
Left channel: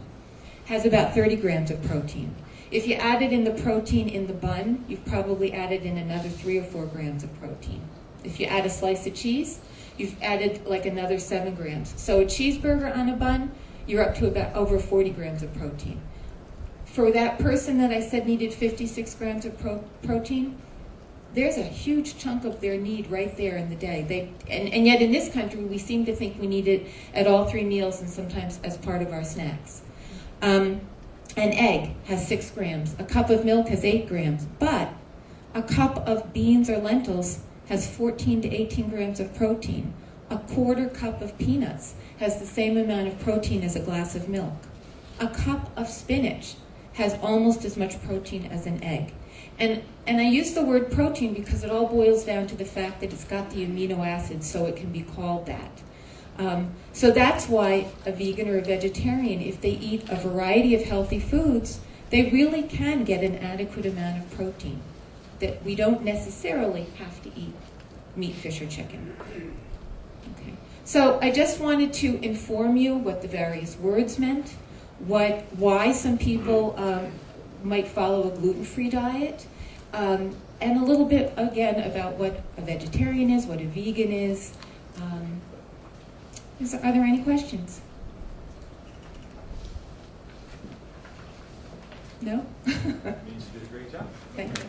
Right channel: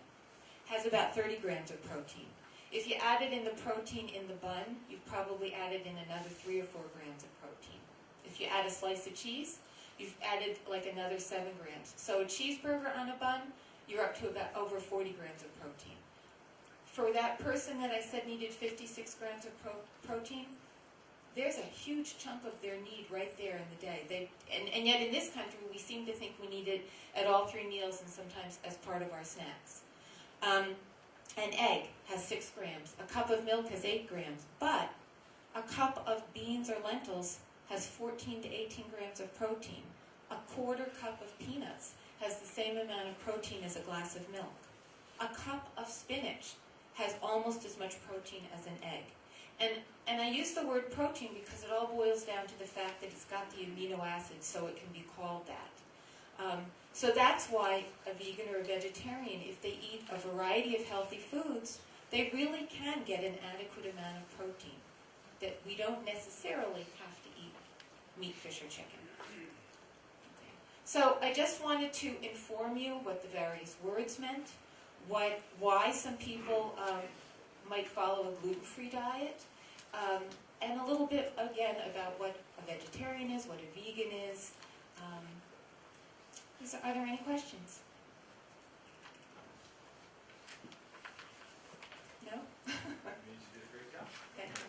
has about 30 grams of protein. If you added in the protein in the bun, you've probably added in another 3 or 4 grams of protein. If you add a slice of cheese, you've added like another 7 grams. So a cheeseburger on a bun, you're up to about over 40 grams of protein. For that person that I said needed 56 grams of protein, there's a huge chunk of their need right there in the day. And yet in this country, we seem to think we need it at all 3 meals and sometimes as part of our snacks. An egg has 6 grams. A cup of milk has 8 grams. But a cup of beans or lentils has 14 to 18 grams of protein. A quarter cup of peanuts has the same amount of protein as a glass of milk. A cup of spinach has almost as much protein as an egg. And I use the word protein because it all boils down to the fact that it's got the amino acids, so it can be called that. So that's why a vegan or a vegetarian, if they eat a variety of healthy foods, they really can get an adequate amount of protein, that we don't necessarily have to eat meat, fish, or chicken. Okay. So I just wanted to inform you what the various words meant, why some people might follow a gluten-free diet, and a little bit, again, about what a vegetarian is, what a vegan is. Are there any questions? No? You did a great job. Thank you.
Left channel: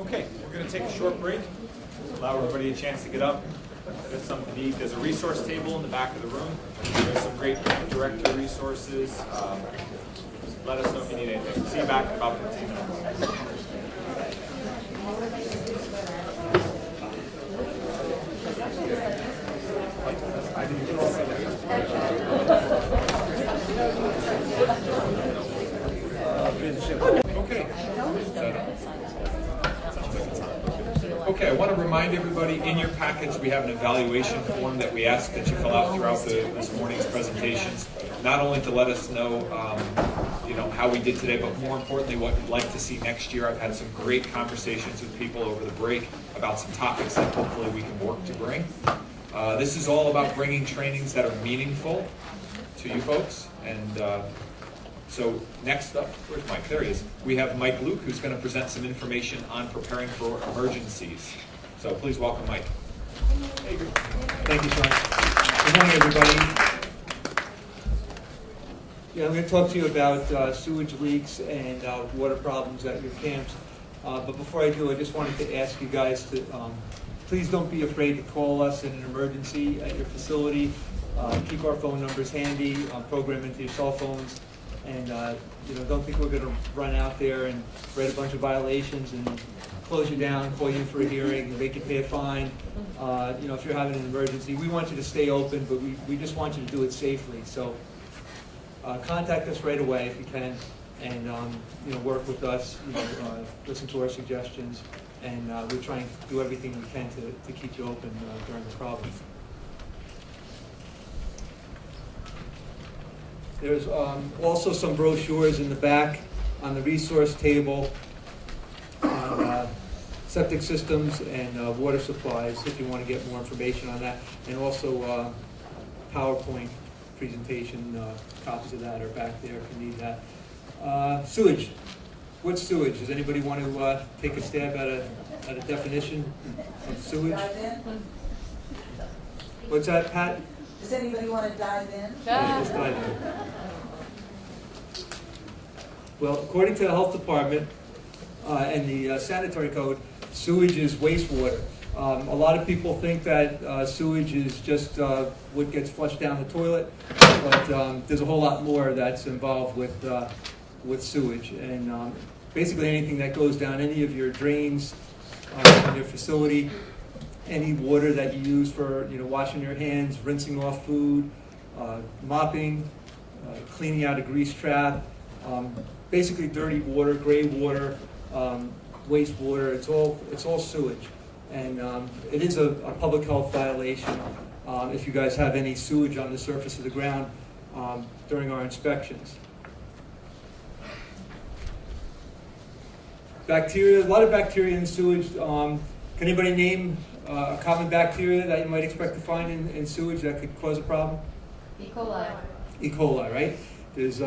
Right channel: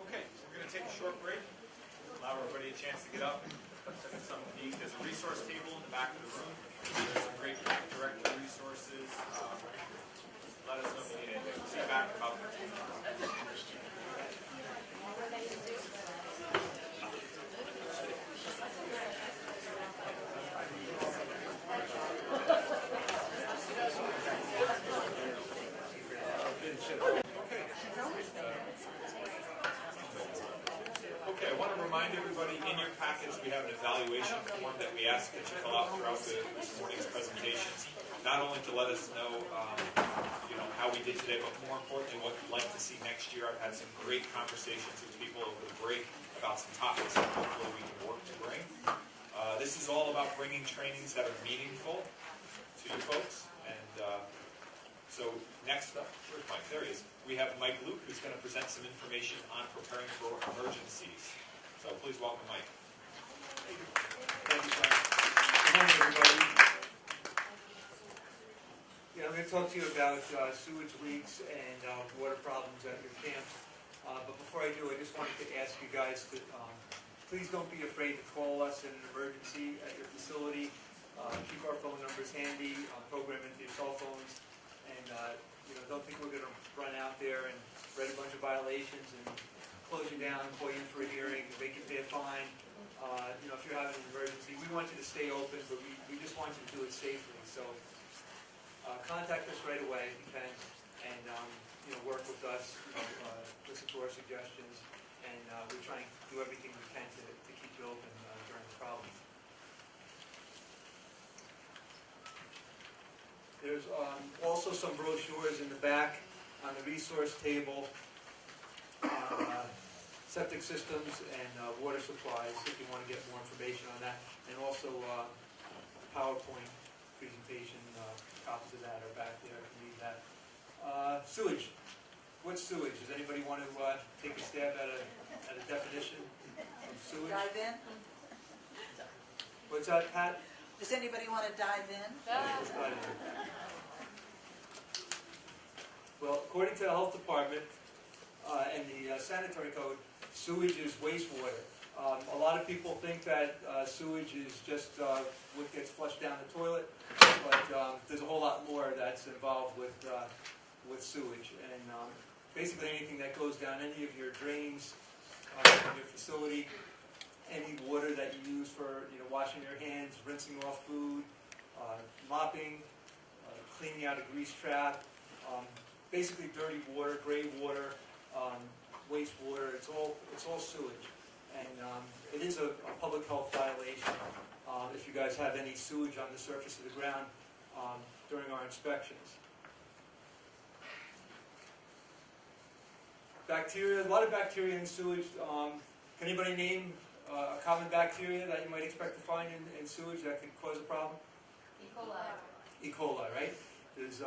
Okay, we're going to take a short break. Allow everybody a chance to get up, get something to eat. There's a resource table in the back of the room. There's some great camp director resources. Let us know if you need anything. See you back in about 15 minutes. Okay, I want to remind everybody, in your packets we have an evaluation form that we ask that you fill out throughout this morning's presentations, not only to let us know, how we did today, but more importantly, what you'd like to see next year. I've had some great conversations with people over the break about some topics that hopefully we can work to bring. This is all about bringing trainings that are meaningful to you folks, and so next up, where's Mike? There he is. We have Mike Luke, who's going to present some information on preparing for emergencies. So please welcome Mike. Thank you, Sean. Good morning, everybody. Yeah, I'm going to talk to you about sewage leaks and water problems at your camps. But before I do, I just wanted to ask you guys to please don't be afraid to call us in an emergency at your facility. Keep our phone numbers handy, program into your cell phones, and don't think we're going to run out there and write a bunch of violations and close you down, call you for a hearing, make you pay a fine. If you're having an emergency, we want you to stay open, but we just want you to do it safely. So contact us right away if you can, and work with us. Listen to our suggestions. and we're trying to do everything we can to keep you open during the problem. There's also some brochures in the back on the resource table on septic systems and water supplies, if you want to get more information on that, and also PowerPoint presentation copies of that are back there if you need that. Sewage. What's sewage? Does anybody want to take a stab at a definition of sewage? Dive in? What's that, Pat? Does anybody want to dive in? Yeah, just dive in. Well, according to the health department and the sanitary code, sewage is wastewater. A lot of people think that sewage is just what gets flushed down the toilet, but there's a whole lot more that's involved with sewage. And basically anything that goes down any of your drains in your facility, any water that you use for washing your hands, rinsing off food, mopping, cleaning out a grease trap, basically dirty water, gray water, wastewater. It's all sewage, and it is a public health violation if you guys have any sewage on the surface of the ground during our inspections. Bacteria, a lot of bacteria in sewage. Can anybody name a common bacteria that you might expect to find in sewage that could cause a problem? E. coli. E. coli, right? There's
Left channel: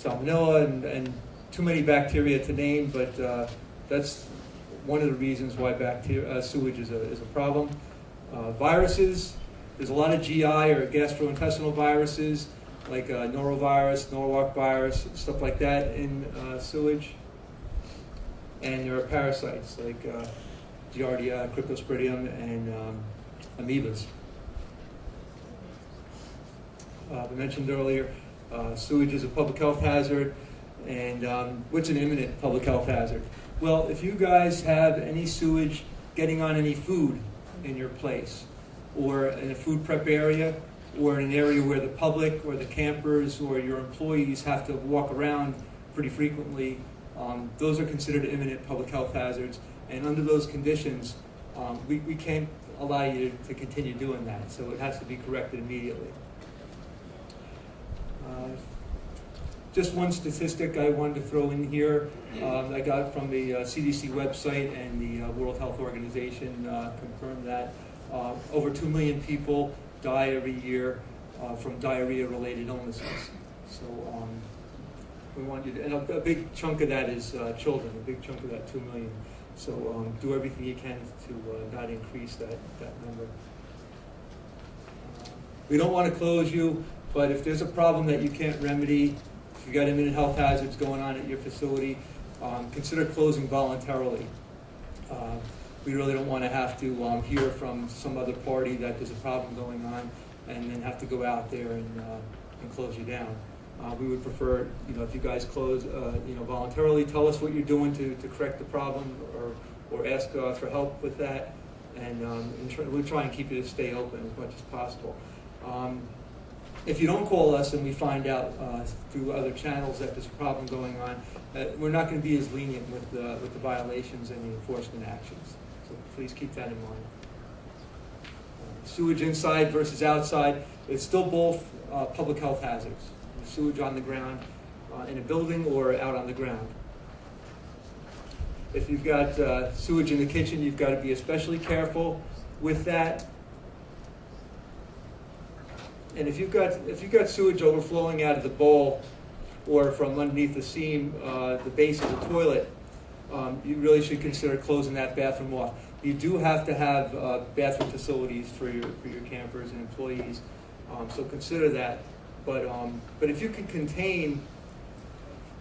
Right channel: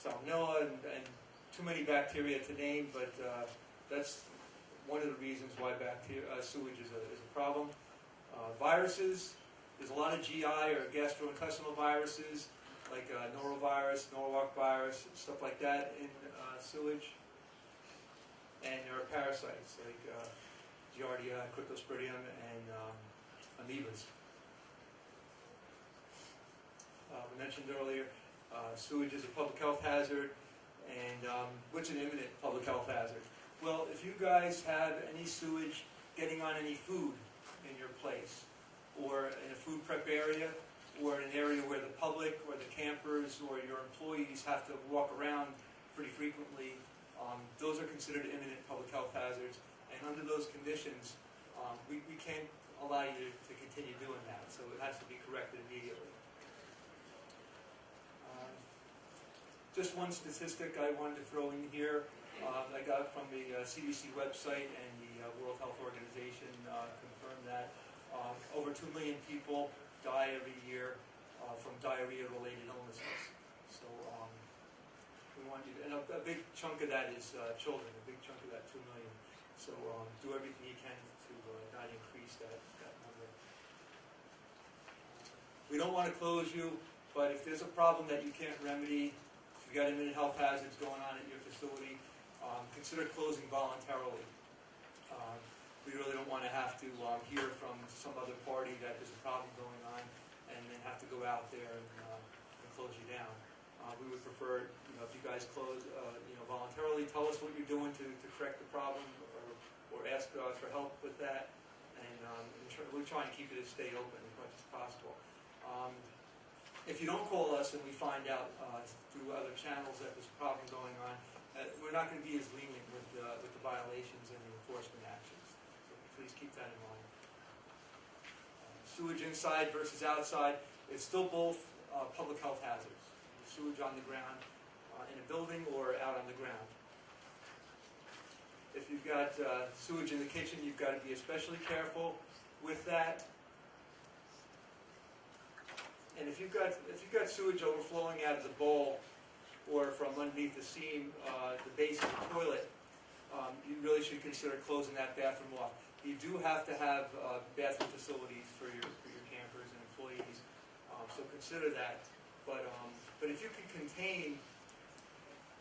salmonella and too many bacteria to name, but that's one of the reasons why sewage is a problem. Viruses, there's a lot of GI or gastrointestinal viruses like norovirus, Norwalk virus, stuff like that in sewage. And there are parasites like Giardia, Cryptosporidium, and amoebas. We mentioned earlier, sewage is a public health hazard, and what's an imminent public health hazard? Well, if you guys have any sewage getting on any food in your place, or in a food prep area, or in an area where the public or the campers or your employees have to walk around pretty frequently, those are considered imminent public health hazards, and under those conditions, we can't allow you to continue doing that, so it has to be corrected immediately. Just one statistic I wanted to throw in here, I got from the CDC website, and the World Health Organization confirmed that over 2 million people die every year from diarrhea-related illnesses. So we want you to, and a big chunk of that is children, a big chunk of that 2 million. So do everything you can to not increase that number. We don't want to close you, but if there's a problem that you can't remedy, if you've got imminent health hazards going on at your facility, consider closing voluntarily. We really don't want to have to hear from some other party that there's a problem going on and then have to go out there and close you down. We would prefer, if you guys close, voluntarily, tell us what you're doing to correct the problem, or ask for help with that, and we'll try and keep you to stay open as much as possible. If you don't call us and we find out through other channels that there's a problem going on, we're not going to be as lenient with the violations and the enforcement actions. So please keep that in mind. Sewage inside versus outside, it's still both public health hazards. Sewage on the ground in a building or out on the ground. If you've got sewage in the kitchen, you've got to be especially careful with that. And if you've got sewage overflowing out of the bowl or from underneath the seam, the base of the toilet, you really should consider closing that bathroom off. You do have to have bathroom facilities for your campers and employees, so consider that. But if you can contain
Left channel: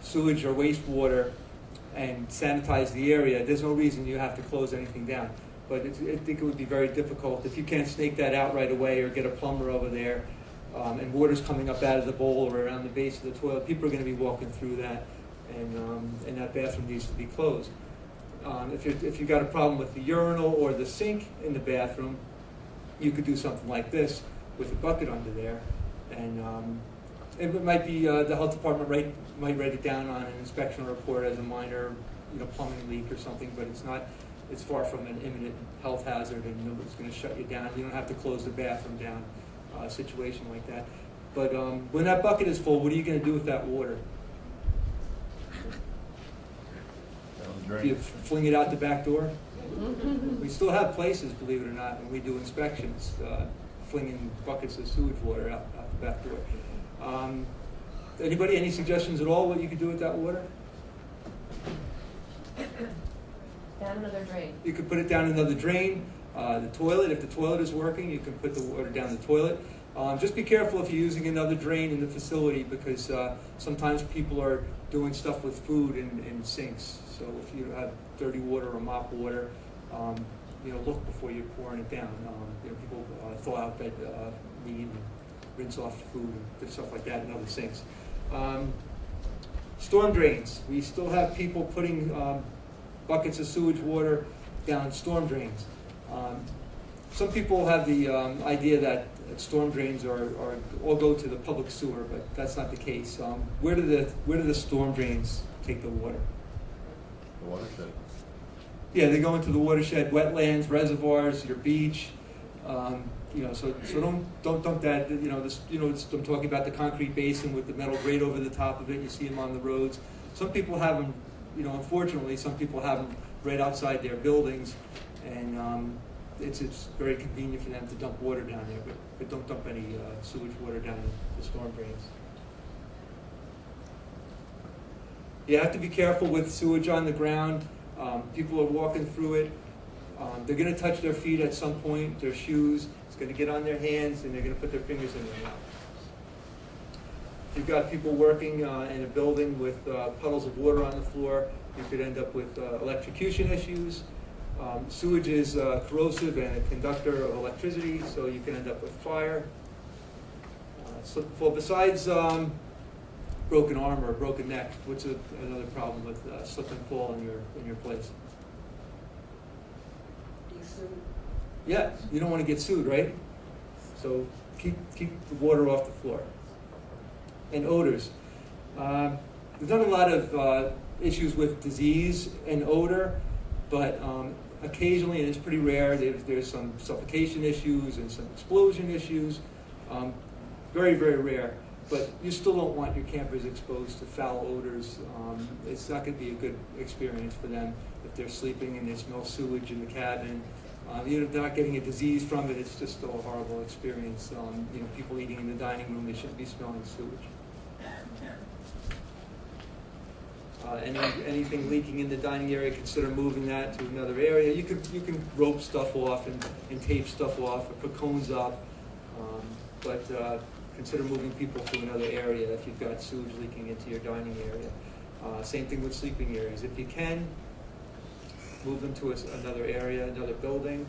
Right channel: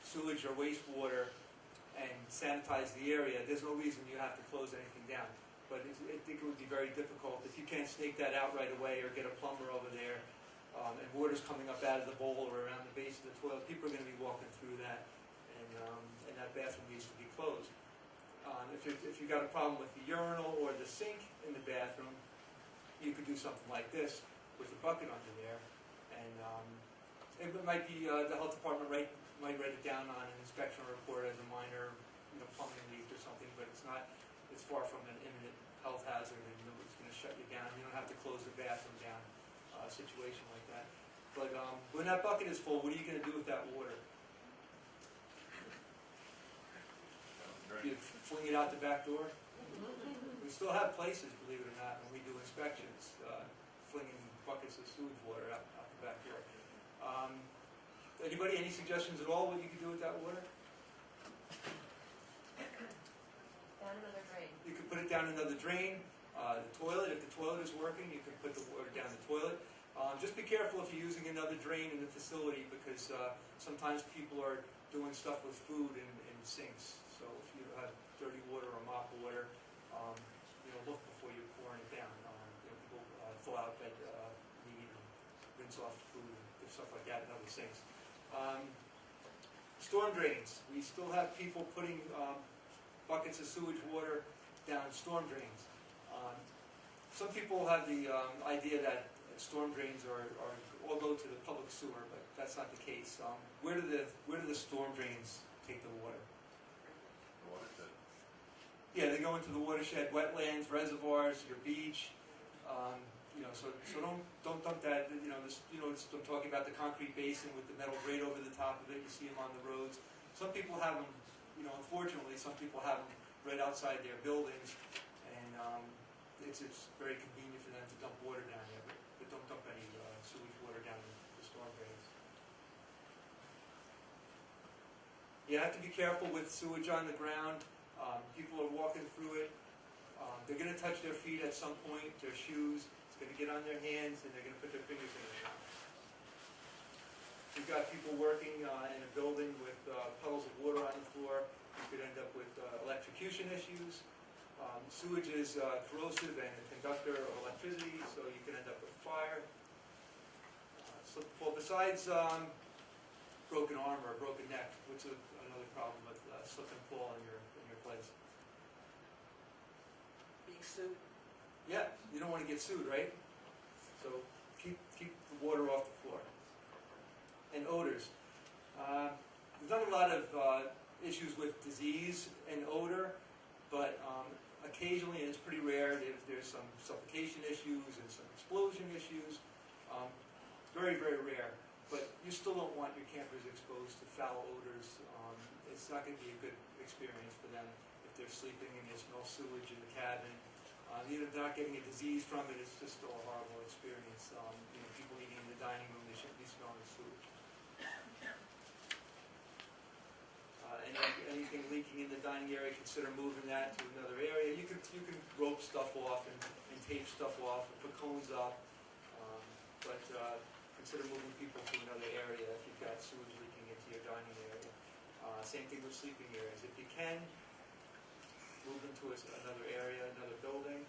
sewage or wastewater and sanitize the area, there's no reason you have to close anything down. But I think it would be very difficult if you can't snake that out right away or get a plumber over there, and water's coming up out of the bowl or around the base of the toilet. People are going to be walking through that, and that bathroom needs to be closed. If you've got a problem with the urinal or the sink in the bathroom, you could do something like this with a bucket under there, and it might be the health department might write it down on an inspection report as a minor, plumbing leak or something, but it's not it's far from an imminent health hazard, and nobody's going to shut you down. You don't have to close the bathroom down, a situation like that. But when that bucket is full, what are you going to do with that water? Do you fling it out the back door? We still have places, believe it or not, when we do inspections, flinging buckets of sewage water out the back door. Anybody, any suggestions at all what you could do with that water? Down another drain. You could put it down another drain. The toilet, if the toilet is working, you can put the water down the toilet. Just be careful if you're using another drain in the facility, because sometimes people are doing stuff with food in sinks. So if you have dirty water or mop water, look before you're pouring it down. People thaw out bed meat and rinse off the food and stuff like that in other sinks. Storm drains. We still have people putting buckets of sewage water down storm drains. Some people have the idea that storm drains are all go to the public sewer, but that's not the case. Where do the storm drains take the water? The watershed. Yeah, they go into the watershed, wetlands, reservoirs, your beach. So don't dump that. I'm talking about the concrete basin with the metal grate over the top of it. You see them on the roads. Some people have them. Unfortunately, some people have them right outside their buildings, and it's very convenient for them to dump water down there. But don't dump any sewage water down the storm drains. You have to be careful with sewage on the ground. People are walking through it. They're going to touch their feet at some point, their shoes. It's going to get on their hands, and they're going to put their fingers in their mouth. You've got people working in a building with puddles of water on the floor. You could end up with electrocution issues. Sewage is corrosive and a conductor of electricity, so you can end up with fire. Besides broken arm or a broken neck, what's another problem with slip and fall in your place? Be sued. Yeah, you don't want to get sued, right? So keep the water off the floor. And odors. There's not a lot of issues with disease and odor, but occasionally, and it's pretty rare, there's some suffocation issues and some explosion issues. Very, very rare. But you still don't want your campers exposed to foul odors. It's not going to be a good experience for them if they're sleeping and they smell sewage in the cabin. They're not getting a disease from it. It's just still a horrible experience. People eating in the dining room, they shouldn't be smelling sewage. Anything leaking in the dining area, consider moving that to another area. You can rope stuff off and tape stuff off or put cones up, but consider moving people to another area if you've got sewage leaking into your dining area. Same thing with sleeping areas. If you can, move them to another area, another building.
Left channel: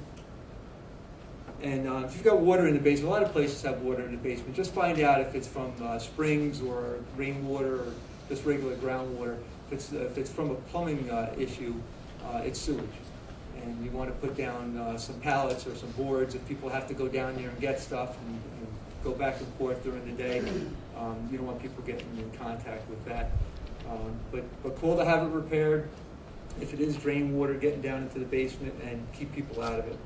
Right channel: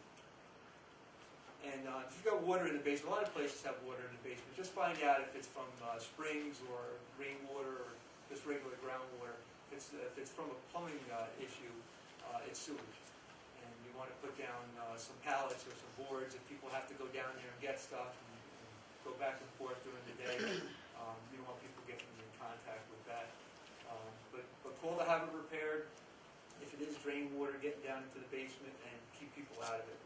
And if you've got water in the basement, a lot of places have water in the basement. Just find out if it's from springs or rainwater or just regular groundwater. If it's from a plumbing issue, it's sewage. And you want to put down some pallets or some boards if people have to go down there and get stuff and go back and forth during the day. You don't want people getting in contact with that. But call to have it repaired. If it is drain water, getting down into the basement, and keep people out of it.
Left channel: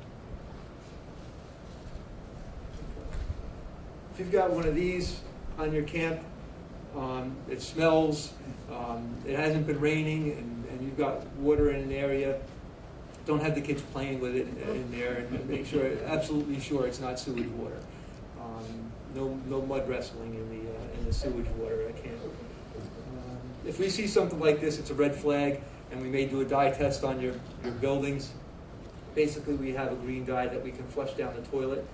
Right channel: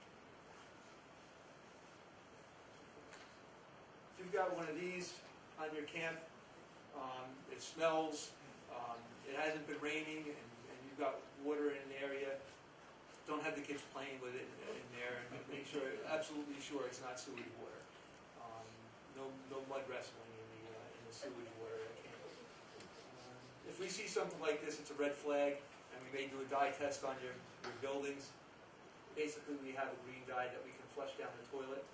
If you've got one of these on your camp, it smells, it hasn't been raining, and you've got water in an area, don't have the kids playing with it in there, and make sure, absolutely sure it's not sewage water. No mud wrestling in the sewage water at camp. If we see something like this, it's a red flag, and we may do a dye test on your buildings. Basically, we have a green dye that we can flush down the toilet.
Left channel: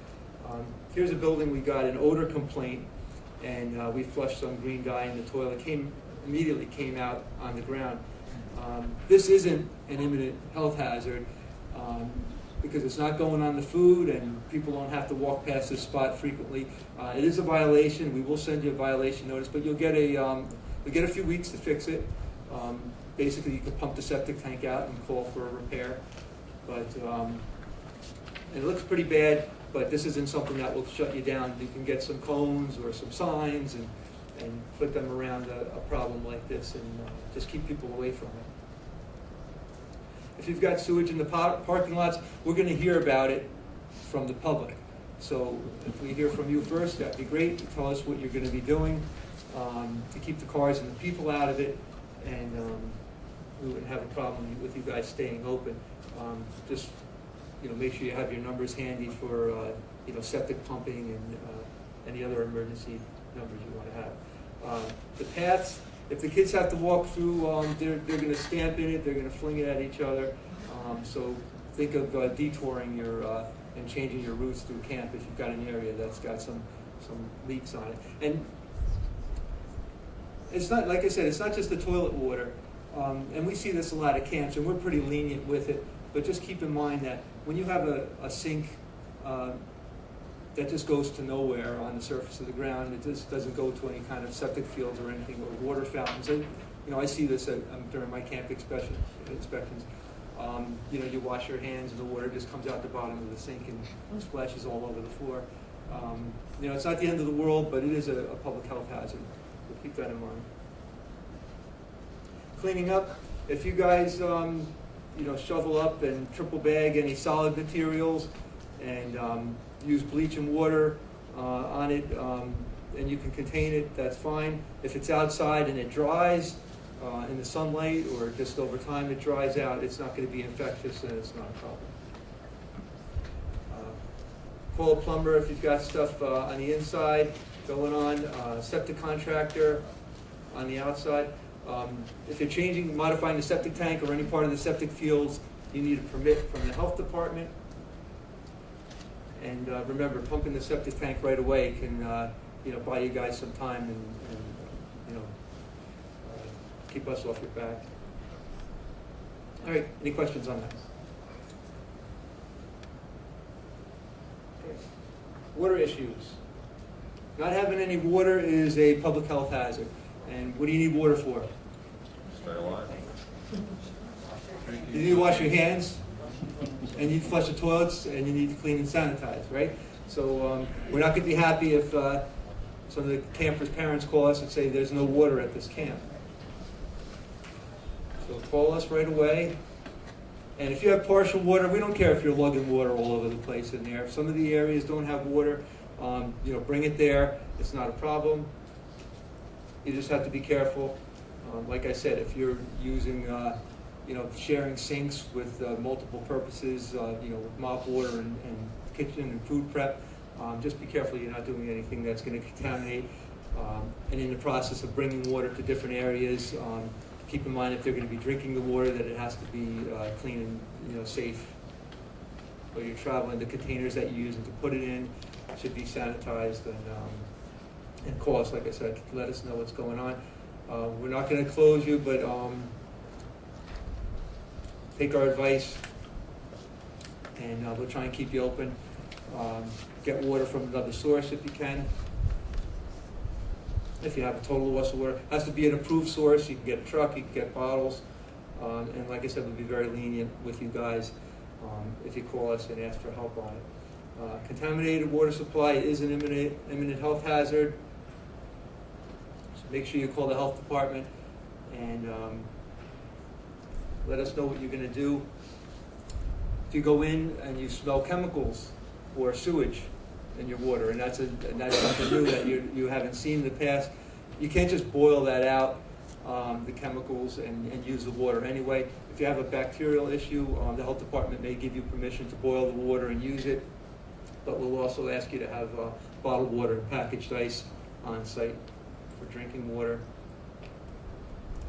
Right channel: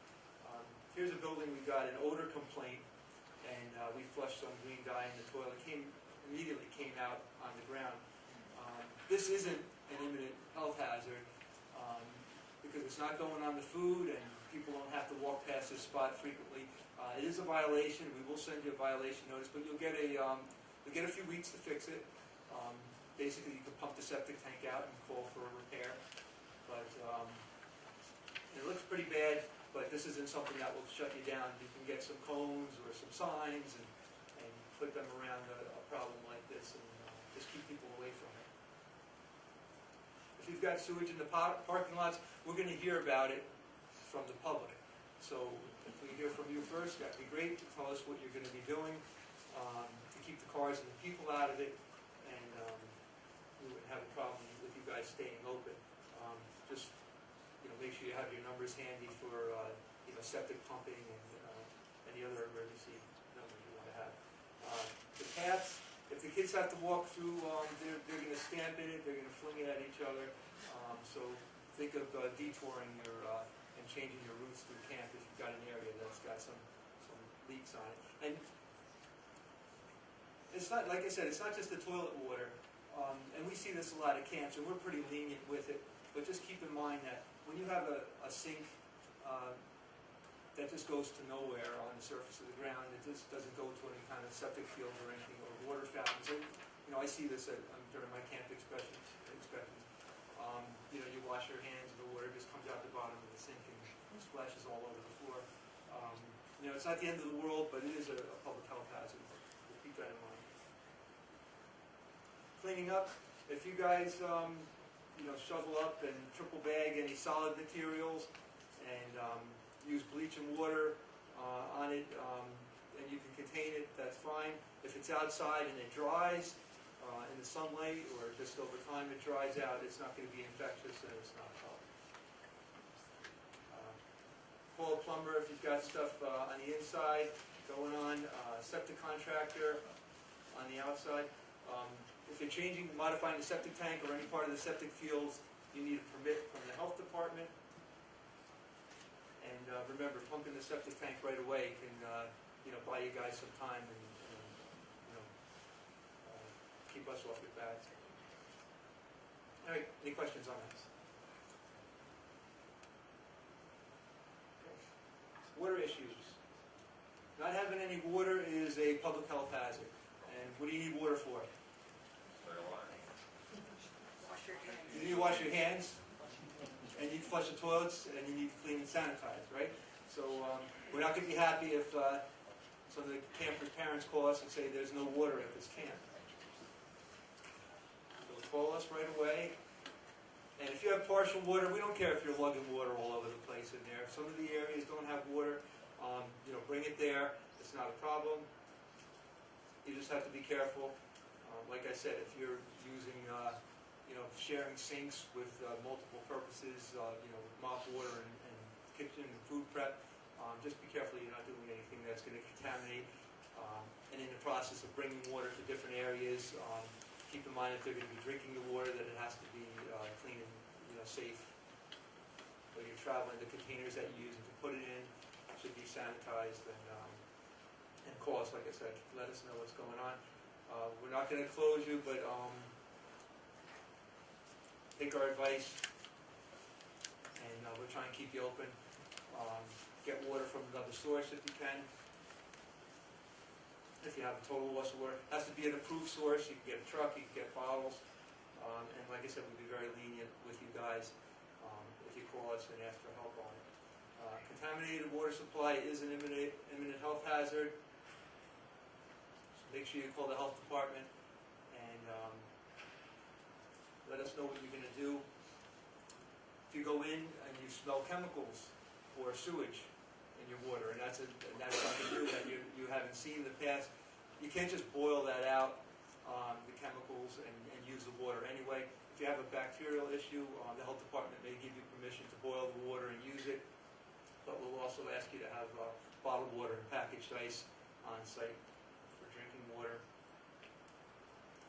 Here's a building we got an odor complaint, and we flushed some green dye in the toilet. Immediately came out on the ground. This isn't an imminent health hazard because it's not going on the food, and people don't have to walk past this spot frequently. It is a violation. We will send you a violation notice, but you'll get a few weeks to fix it. Basically, you can pump the septic tank out and call for a repair. But it looks pretty bad, but this isn't something that will shut you down. You can get some cones or some signs and put them around a problem like this and just keep people away from it. if you've got sewage in the parking lots, we're gonna hear about it from the public. So if we hear from you first, that'd be great. Tell us what you're gonna be doing to keep the cars and the people out of it, and we wouldn't have a problem with you guys staying open. Just, make sure you have your numbers handy for, septic pumping and any other emergency numbers you want to have. The paths, if the kids have to walk through, they're going to stamp in it, they're going to fling it at each other. So think of detouring and changing your routes through camp if you've got an area that's got some leaks on it. And it's not, like I said, it's not just the toilet water. And we see this a lot at camps, and we're pretty lenient with it. But just keep in mind that when you have a sink that just goes to nowhere on the surface of the ground, it just doesn't go to any kind of septic fields or anything, or water fountains. I see this during my camp inspections. You wash your hands and the water just comes out the bottom of the sink and splashes all over the floor. It's not the end of the world, but it is a public health hazard. We'll keep that in mind. Cleaning up, if you guys shovel up and triple bag any solid materials and use bleach and water on it, and you can contain it, that's fine. If it's outside and it dries in the sunlight, or just over time it dries out, it's not going to be infectious and it's not a problem. Call a plumber if you've got stuff on the inside going on, septic contractor on the outside. If you're modifying the septic tank or any part of the septic fields, you need a permit from the health department. And remember, pumping the septic tank right away can buy you guys some time and keep us off your back. All right, any questions on that? Okay. Water issues. Not having any water is a public health hazard. And what do you need water for? Stay alive. You need to wash your hands, and you need to flush the toilets, and you need to clean and sanitize, right? So we're not going to be happy if some of the campers' parents call us and say there's no water at this camp. So call us right away. And if you have partial water, we don't care if you're lugging water all over the place in there. If some of the areas don't have water, bring it there. It's not a problem. You just have to be careful. Like I said, if you're using, sharing sinks with multiple purposes, with mop water and kitchen and food prep, just be careful you're not doing anything that's going to contaminate. And in the process of bringing water to different areas, keep in mind if they're going to be drinking the water that it has to be clean and safe. When you're traveling, the containers that you're using to put it in should be sanitized and call us, like I said, let us know what's going on. We're not going to close you, but take our advice, and we'll try and keep you open. Get water from another source if you can. If you have a total loss of water, it has to be an approved source. You can get a truck, you can get bottles, and like I said, we'll be very lenient with you guys if you call us and ask for help on it. Contaminated water supply is an imminent health hazard. So make sure you call the health department and let us know what you're going to do. If you go in and you smell chemicals or sewage in your water, and that's something new that you haven't seen in the past, you can't just boil that out, the chemicals, and use the water anyway. If you have a bacterial issue, the health department may give you permission to boil the water and use it, but we'll also ask you to have bottled water and packaged ice on site for drinking water.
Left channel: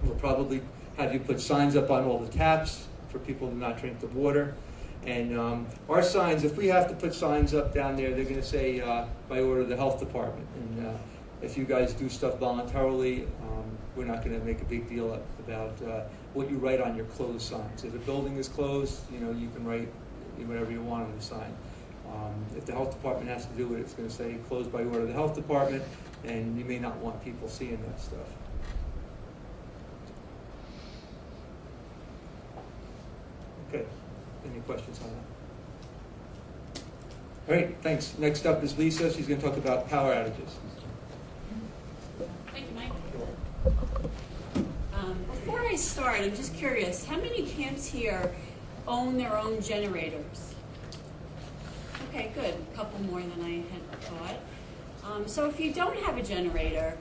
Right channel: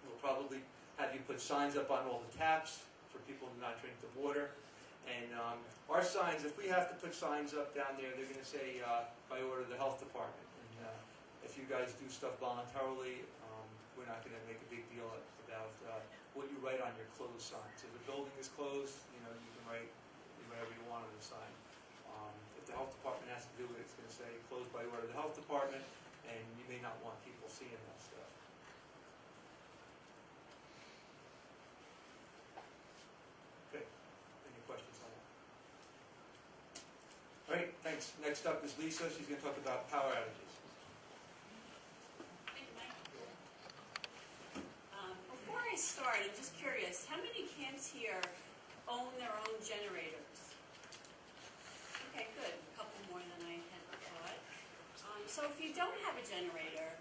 We'll probably have you put signs up on all the taps for people to not drink the water. And our signs, if we have to put signs up down there, they're going to say by order of the health department. And if you guys do stuff voluntarily, we're not going to make a big deal about what you write on your closed signs. If the building is closed, you can write whatever you want on the sign. If the health department has to do it, it's going to say closed by order of the health department, and you may not want people seeing that stuff. Okay. Any questions on that? All right, thanks. Next up is Lisa. She's going to talk about power outages. Thank you, Mike. Before I start, I'm just curious, how many camps here own their own generators? Okay, good. A couple more than I had thought. So if you don't have a generator,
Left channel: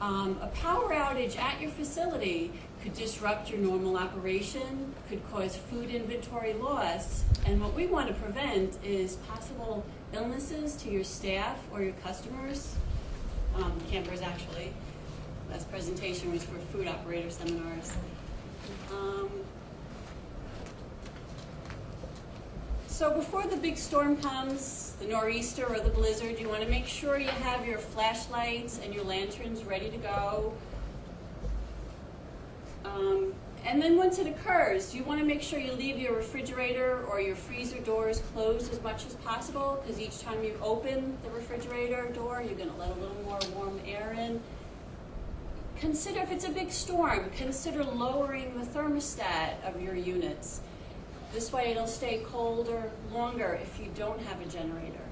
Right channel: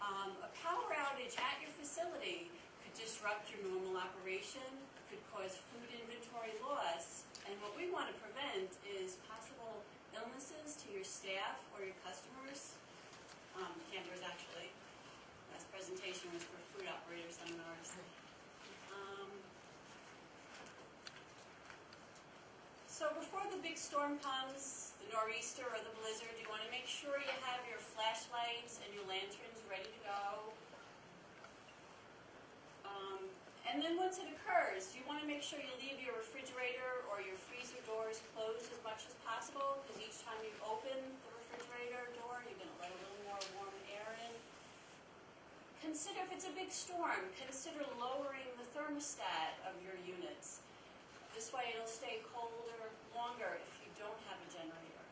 a power outage at your facility could disrupt your normal operation, could cause food inventory loss, and what we want to prevent is possible illnesses to your staff or your customers, campers actually. Last presentation was for food operator seminars. So before the big storm comes, the nor'easter or the blizzard, you want to make sure you have your flashlights and your lanterns ready to go. And then once it occurs, you want to make sure you leave your refrigerator or your freezer doors closed as much as possible, because each time you open the refrigerator door, you're going to let a little more warm air in. Consider, if it's a big storm, consider lowering the thermostat of your units. This way it'll stay colder longer if you don't have a generator.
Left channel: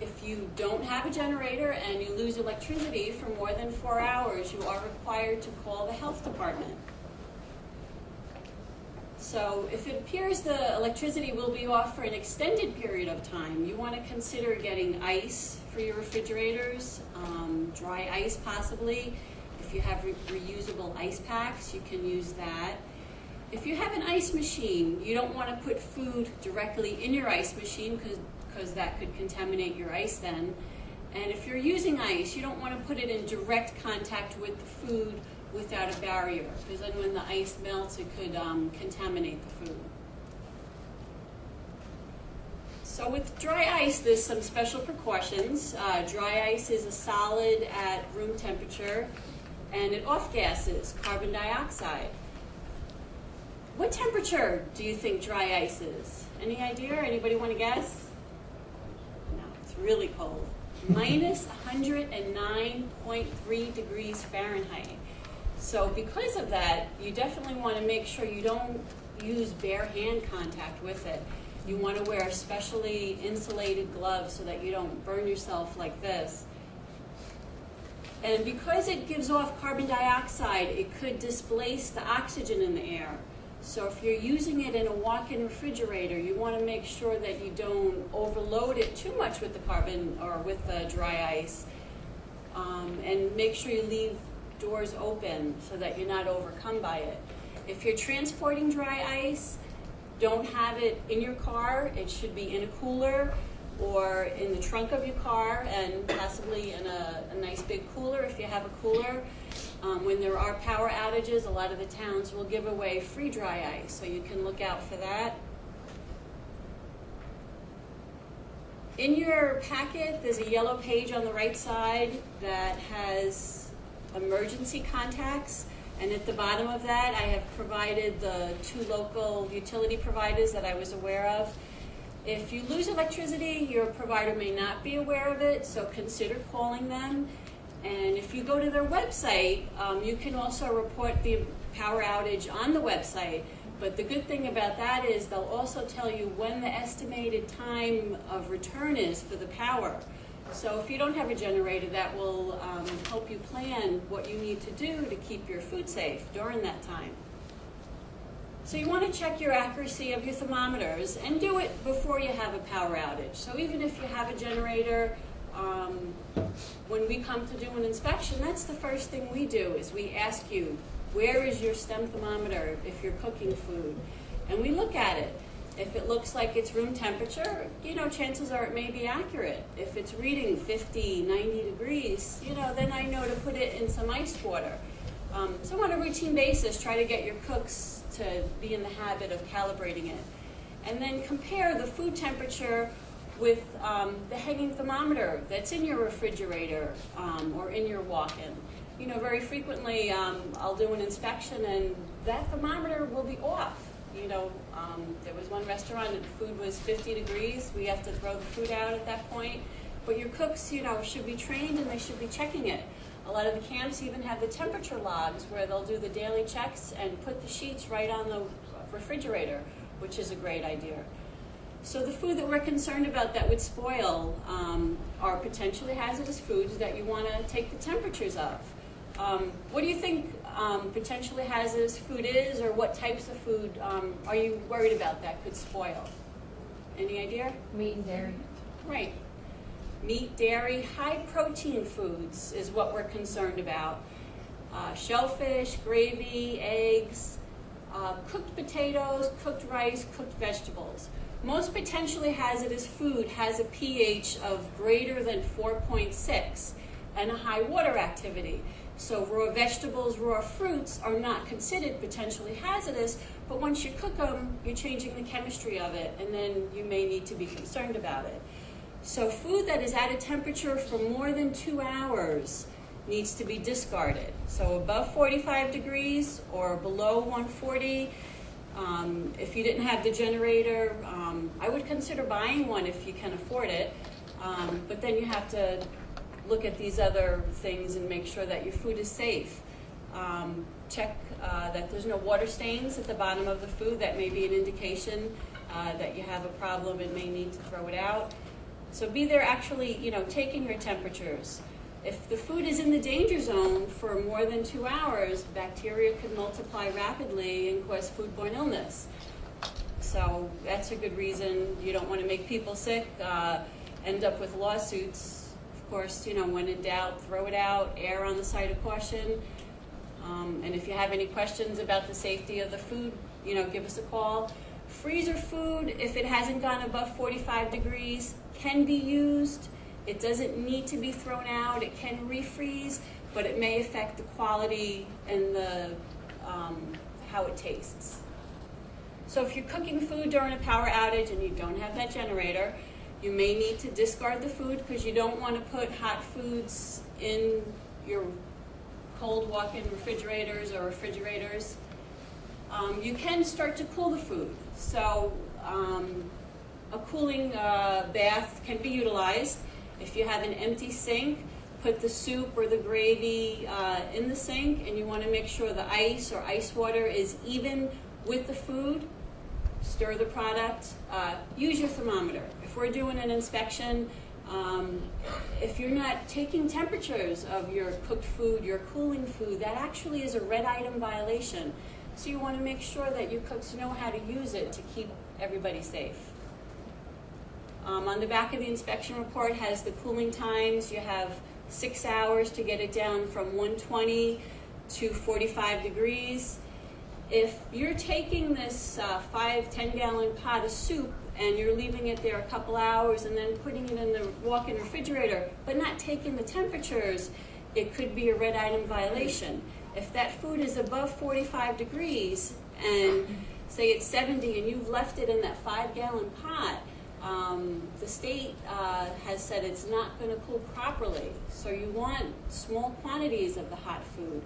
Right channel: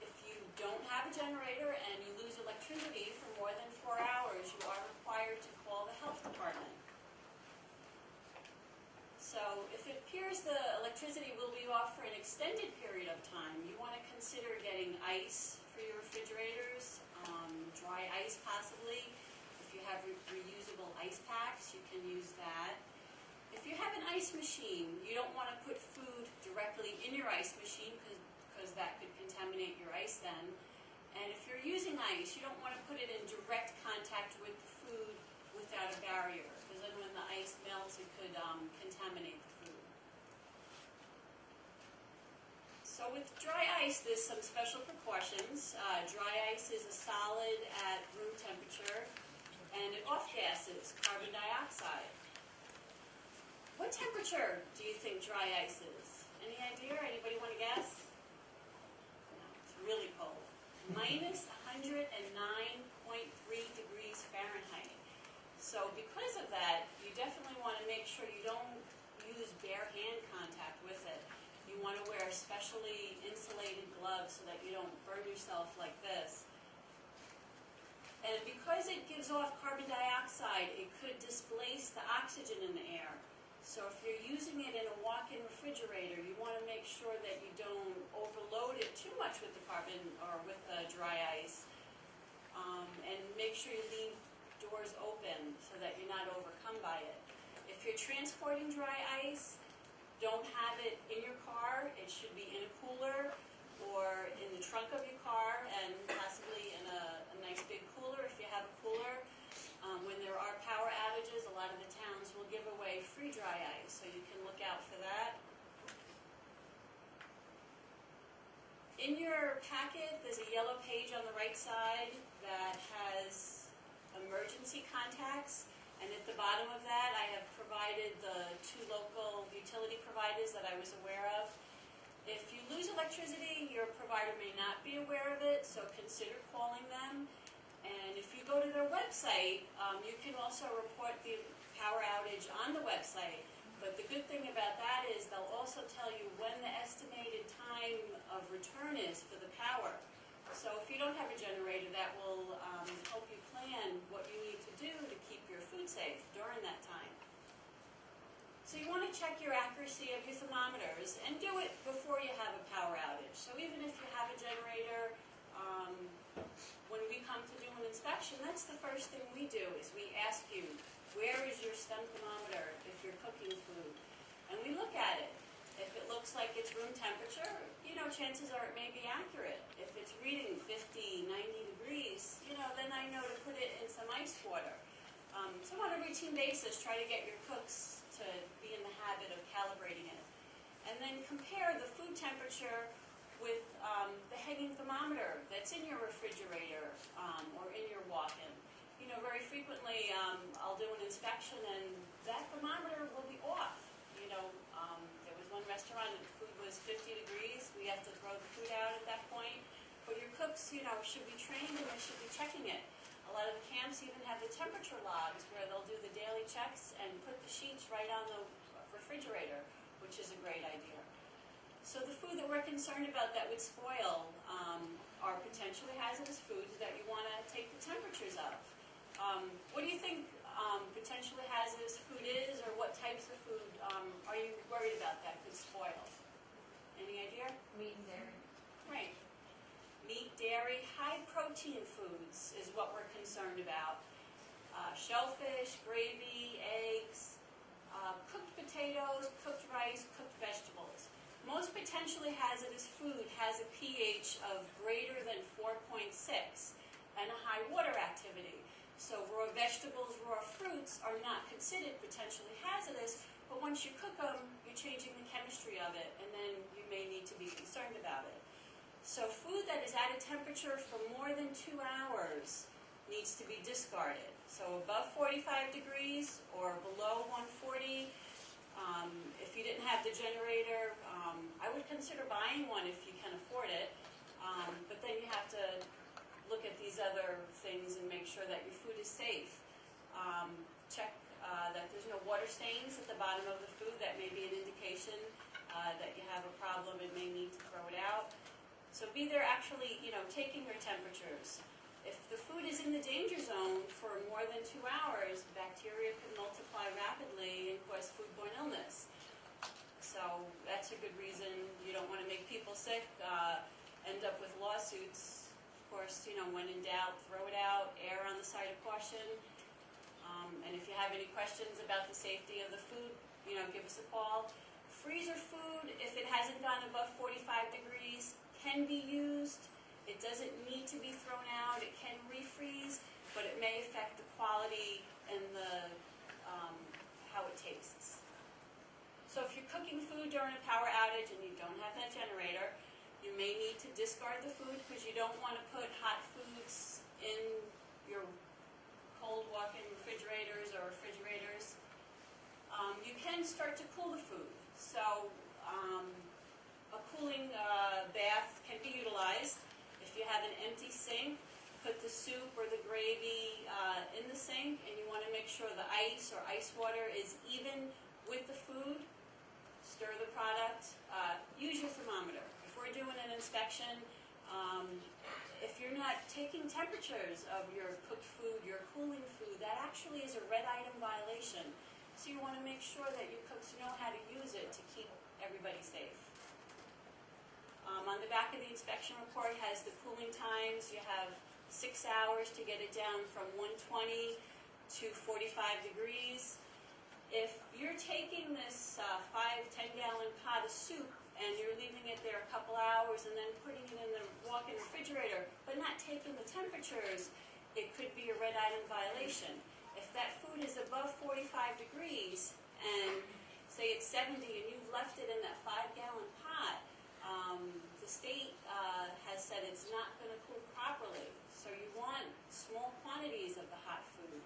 If you don't have a generator and you lose electricity for more than 4 hours, you are required to call the health department. So if it appears the electricity will be off for an extended period of time, you want to consider getting ice for your refrigerators, dry ice possibly. If you have reusable ice packs, you can use that. If you have an ice machine, you don't want to put food directly in your ice machine because that could contaminate your ice then. And if you're using ice, you don't want to put it in direct contact with the food without a barrier, because then when the ice melts, it could contaminate the food. So with dry ice, there's some special precautions. Dry ice is a solid at room temperature, and it off-gases carbon dioxide. What temperature do you think dry ice is? Any idea? Anybody want to guess? No, it's really cold. Minus 109.3 degrees Fahrenheit. So because of that, you definitely want to make sure you don't use bare hand contact with it. You want to wear specially insulated gloves so that you don't burn yourself like this. And because it gives off carbon dioxide, it could displace the oxygen in the air. So if you're using it in a walk-in refrigerator, you want to make sure that you don't overload it too much with the carbon or with the dry ice. And make sure you leave doors open so that you're not overcome by it. If you're transporting dry ice, don't have it in your car. It should be in a cooler or in the trunk of your car, and possibly in a nice big cooler if you have a cooler. When there are power outages, a lot of the towns will give away free dry ice, so you can look out for that. In your packet, there's a yellow page on the right side that has emergency contacts, and at the bottom of that, I have provided the 2 local utility providers that I was aware of. If you lose electricity, your provider may not be aware of it, so consider calling them. And if you go to their website, you can also report the power outage on the website. But the good thing about that is they'll also tell you when the estimated time of return is for the power. So if you don't have a generator, that will help you plan what you need to do to keep your food safe during that time. So you want to check your accuracy of your thermometers and do it before you have a power outage. So even if you have a generator, when we come to do an inspection, that's the first thing we do is we ask you, where is your STEM thermometer if you're cooking food? And we look at it. If it looks like it's room temperature, chances are it may be accurate. If it's reading 50, 90 degrees, then I know to put it in some ice water. So on a routine basis, try to get your cooks to be in the habit of calibrating it. And then compare the food temperature with the hanging thermometer that's in your refrigerator or in your walk-in. Very frequently I'll do an inspection and that thermometer will be off. There was one restaurant and the food was 50 degrees. We have to throw the food out at that point. But your cooks, should be trained and they should be checking it. A lot of the camps even have the temperature logs where they'll do the daily checks and put the sheets right on the refrigerator, which is a great idea. So the food that we're concerned about that would spoil are potentially hazardous foods that you want to take the temperatures of. What do you think potentially hazardous food is, or what types of food are you worried about that could spoil? Any idea? Meat and dairy. Right. Meat, dairy, high protein foods is what we're concerned about. Shellfish, gravy, eggs, cooked potatoes, cooked rice, cooked vegetables. Most potentially hazardous food has a pH of greater than 4.6 and a high water activity. So raw vegetables, raw fruits are not considered potentially hazardous, but once you cook them, you're changing the chemistry of it, and then you may need to be concerned about it. So food that is at a temperature for more than 2 hours needs to be discarded. So above 45 degrees or below 140, if you didn't have the generator, I would consider buying one if you can afford it, but then you have to look at these other things and make sure that your food is safe. Check that there's no water stains at the bottom of the food. That may be an indication that you have a problem and may need to throw it out. So be there actually, taking your temperatures. If the food is in the danger zone for more than 2 hours, bacteria could multiply rapidly and cause foodborne illness. So that's a good reason. You don't want to make people sick, end up with lawsuits. Of course, when in doubt, throw it out, err on the side of caution. And if you have any questions about the safety of the food, give us a call. Freezer food, if it hasn't gone above 45 degrees, can be used. It doesn't need to be thrown out. It can refreeze, but it may affect the quality and the how it tastes. So if you're cooking food during a power outage and you don't have that generator, you may need to discard the food because you don't want to put hot foods in your cold walk-in refrigerators or refrigerators. You can start to cool the food. So a cooling bath can be utilized. If you have an empty sink, put the soup or the gravy in the sink, and you want to make sure the ice or ice water is even with the food. Stir the product. Use your thermometer. If we're doing an inspection, if you're not taking temperatures of your cooked food, your cooling food, that actually is a red item violation. So you want to make sure that your cooks know how to use it to keep everybody safe. On the back of the inspection report has the cooling times. You have 6 hours to get it down from 120 to 45 degrees. If you're taking this 5-10 gallon pot of soup and you're leaving it there a couple hours and then putting it in the walk-in refrigerator, but not taking the temperatures, it could be a red item violation. If that food is above 45 degrees and say it's 70 and you've left it in that 5-gallon pot, the state has said it's not going to cool properly. So you want small quantities of the hot food.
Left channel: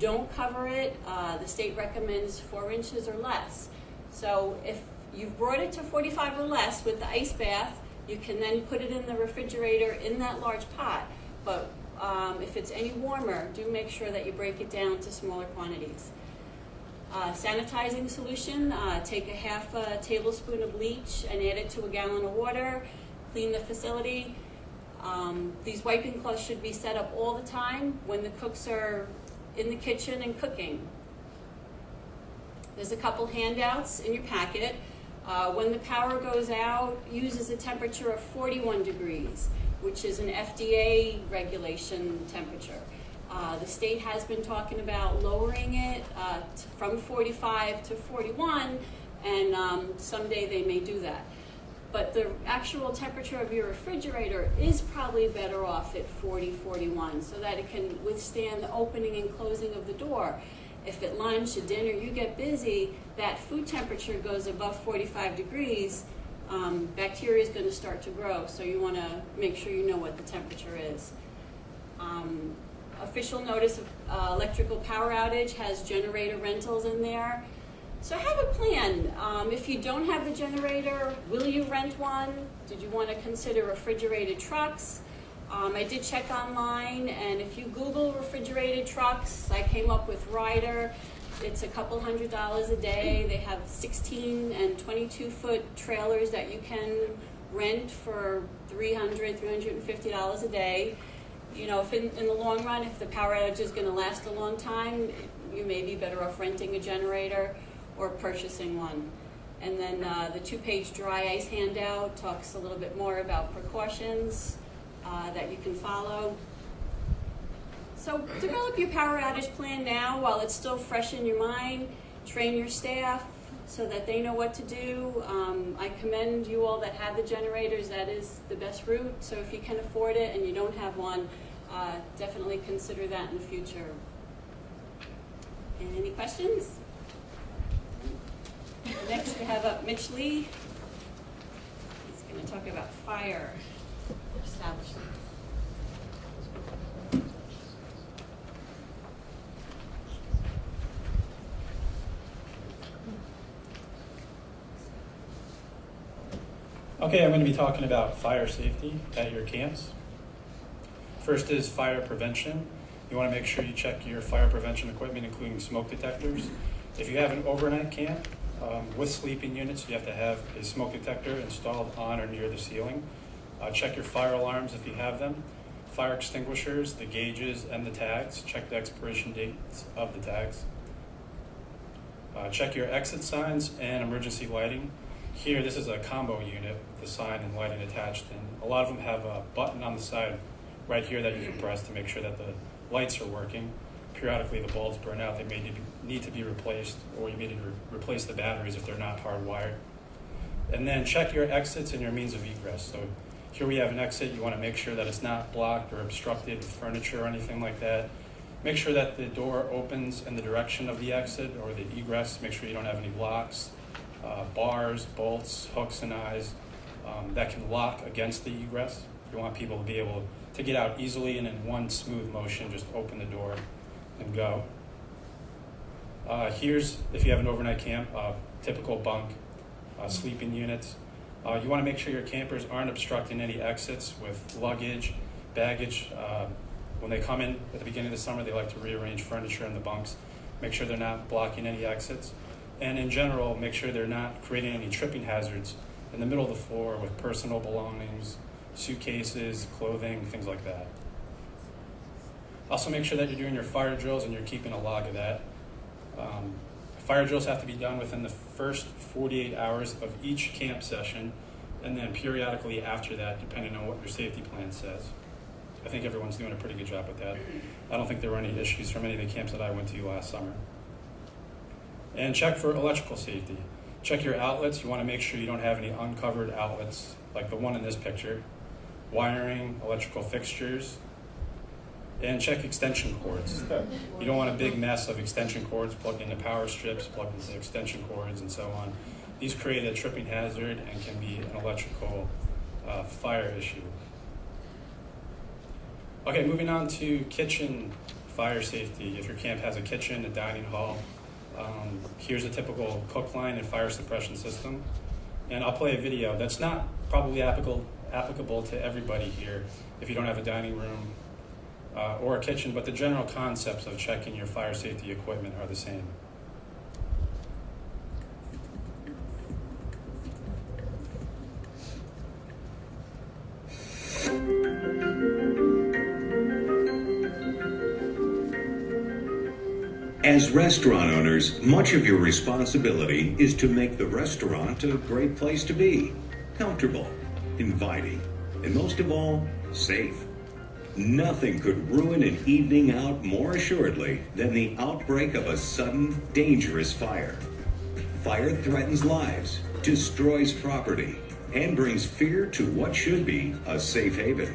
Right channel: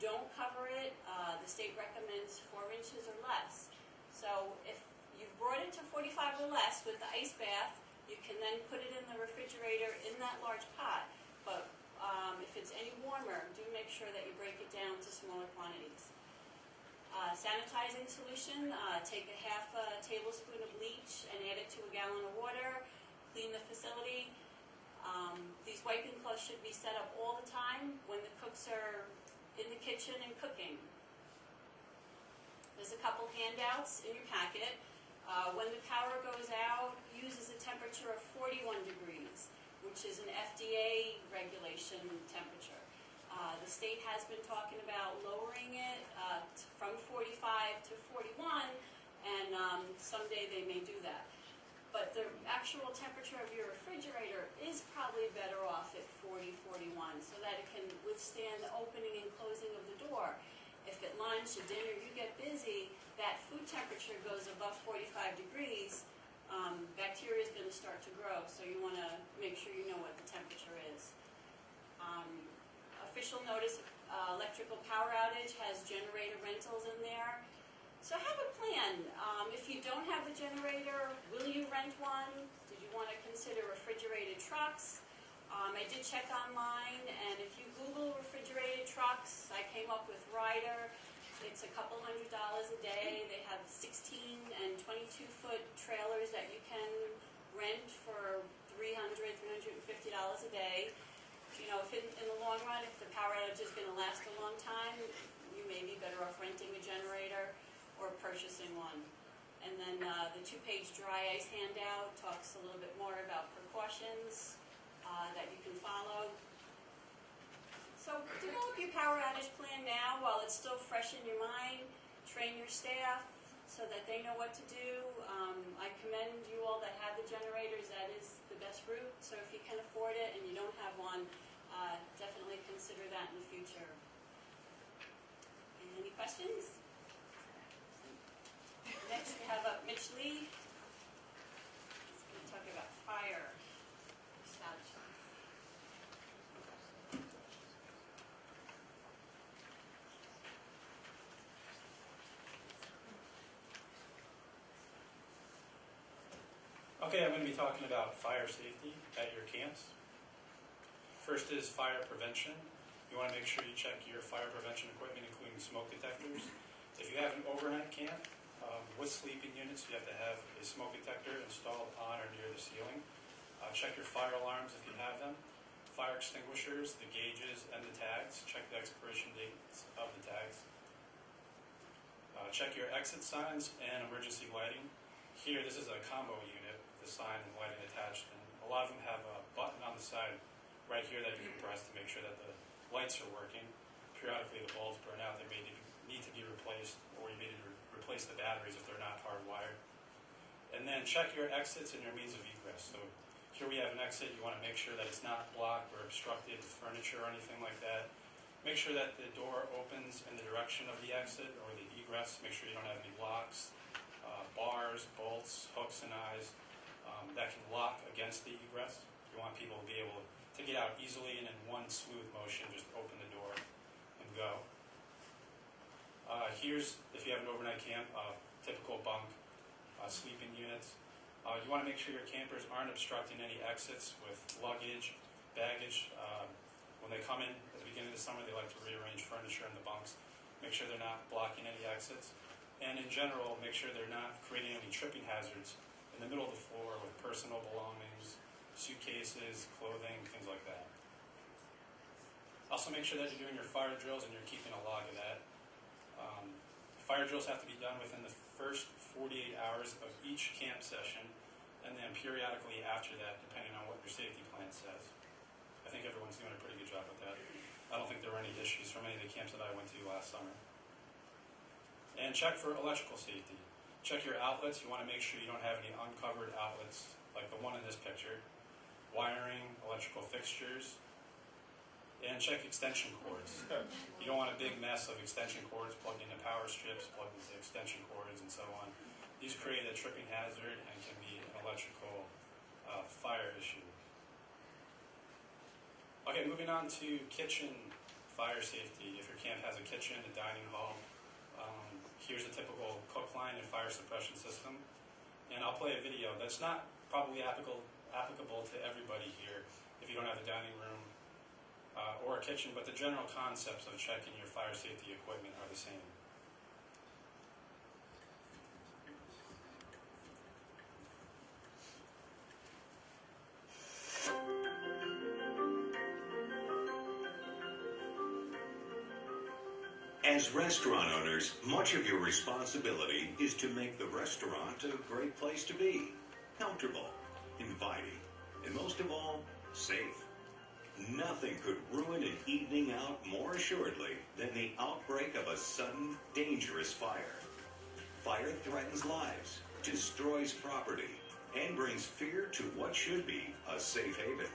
Don't cover it. The state recommends 4 inches or less. So if you've brought it to 45 or less with the ice bath, you can then put it in the refrigerator in that large pot. But if it's any warmer, do make sure that you break it down to smaller quantities. Sanitizing solution, take a half a tablespoon of bleach and add it to a gallon of water. Clean the facility. These wiping cloths should be set up all the time when the cooks are in the kitchen and cooking. There's a couple handouts in your packet. When the power goes out, uses a temperature of 41 degrees, which is an FDA regulation temperature. The state has been talking about lowering it from 45 to 41, and someday they may do that. But the actual temperature of your refrigerator is probably better off at 40, 41, so that it can withstand the opening and closing of the door. If at lunch, at dinner, you get busy, that food temperature goes above 45 degrees, bacteria is going to start to grow, so you want to make sure you know what the temperature is. Official notice of electrical power outage has generator rentals in there. So have a plan. If you don't have the generator, will you rent one? Did you want to consider refrigerated trucks? I did check online, and if you Google refrigerated trucks, I came up with Ryder. It's a couple $100s a day. They have 16 and 22-foot trailers that you can rent for $300, $350 a day. You know, if in the long run, if the power outage is going to last a long time, you may be better off renting a generator or purchasing one. And then the 2-page dry ice handout talks a little bit more about precautions that you can follow. So develop your power outage plan now while it's still fresh in your mind. Train your staff so that they know what to do. I commend you all that have the generators. That is the best route. So if you can afford it and you don't have one, definitely consider that in the future. And any questions? Next we have up Mitch Lee. He's going to talk about fire establishments. Okay, I'm going to be talking about fire safety at your camps. First is fire prevention. You want to make sure you check your fire prevention equipment, including smoke detectors. If you have an overnight camp with sleeping units, you have to have a smoke detector installed on or near the ceiling. Check your fire alarms if you have them. Fire extinguishers, the gauges, and the tags. Check the expiration dates of the tags. Check your exit signs and emergency lighting. Here, this is a combo unit with the sign and lighting attached, and a lot of them have a button on the side right here that you can press to make sure that the lights are working. Periodically, the bulbs burn out. They may need to be replaced, or you may need to replace the batteries if they're not hardwired. And then check your exits and your means of egress. So here we have an exit. You want to make sure that it's not blocked or obstructed with furniture or anything like that. Make sure that the door opens in the direction of the exit or the egress. Make sure you don't have any locks, bars, bolts, hooks, and eyes that can lock against the egress. You want people to be able to get out easily and in one smooth motion, just open the door and go. Here's, if you have an overnight camp, typical bunk, sleeping units. You want to make sure your campers aren't obstructing any exits with luggage, baggage. When they come in at the beginning of the summer, they like to rearrange furniture in the bunks. Make sure they're not blocking any exits. And in general, make sure they're not creating any tripping hazards in the middle of the floor with personal belongings, suitcases, clothing, things like that. Also make sure that you're doing your fire drills and you're keeping a log of that. Fire drills have to be done within the first 48 hours of each camp session, and then periodically after that, depending on what your safety plan says. I think everyone's doing a pretty good job with that. I don't think there were any issues from any of the camps that I went to last summer. And check for electrical safety. Check your outlets. You want to make sure you don't have any uncovered outlets like the one in this picture. Wiring, electrical fixtures, and check extension cords. You don't want a big mess of extension cords plugged into power strips, plugged into extension cords, and so on. These create a tripping hazard and can be an electrical fire issue. Okay, moving on to kitchen fire safety. If your camp has a kitchen, a dining hall, here's a typical cook line and fire suppression system. And I'll play a video that's not probably applicable to everybody here if you don't have a dining room or a kitchen, but the general concepts of checking your fire safety equipment are the same. As restaurant owners, much of your responsibility is to make the restaurant a great place to be, comfortable, inviting, and most of all, safe. Nothing could ruin an evening out more assuredly than the outbreak of a sudden, dangerous fire. Fire threatens lives, destroys property, and brings fear to what should be a safe haven.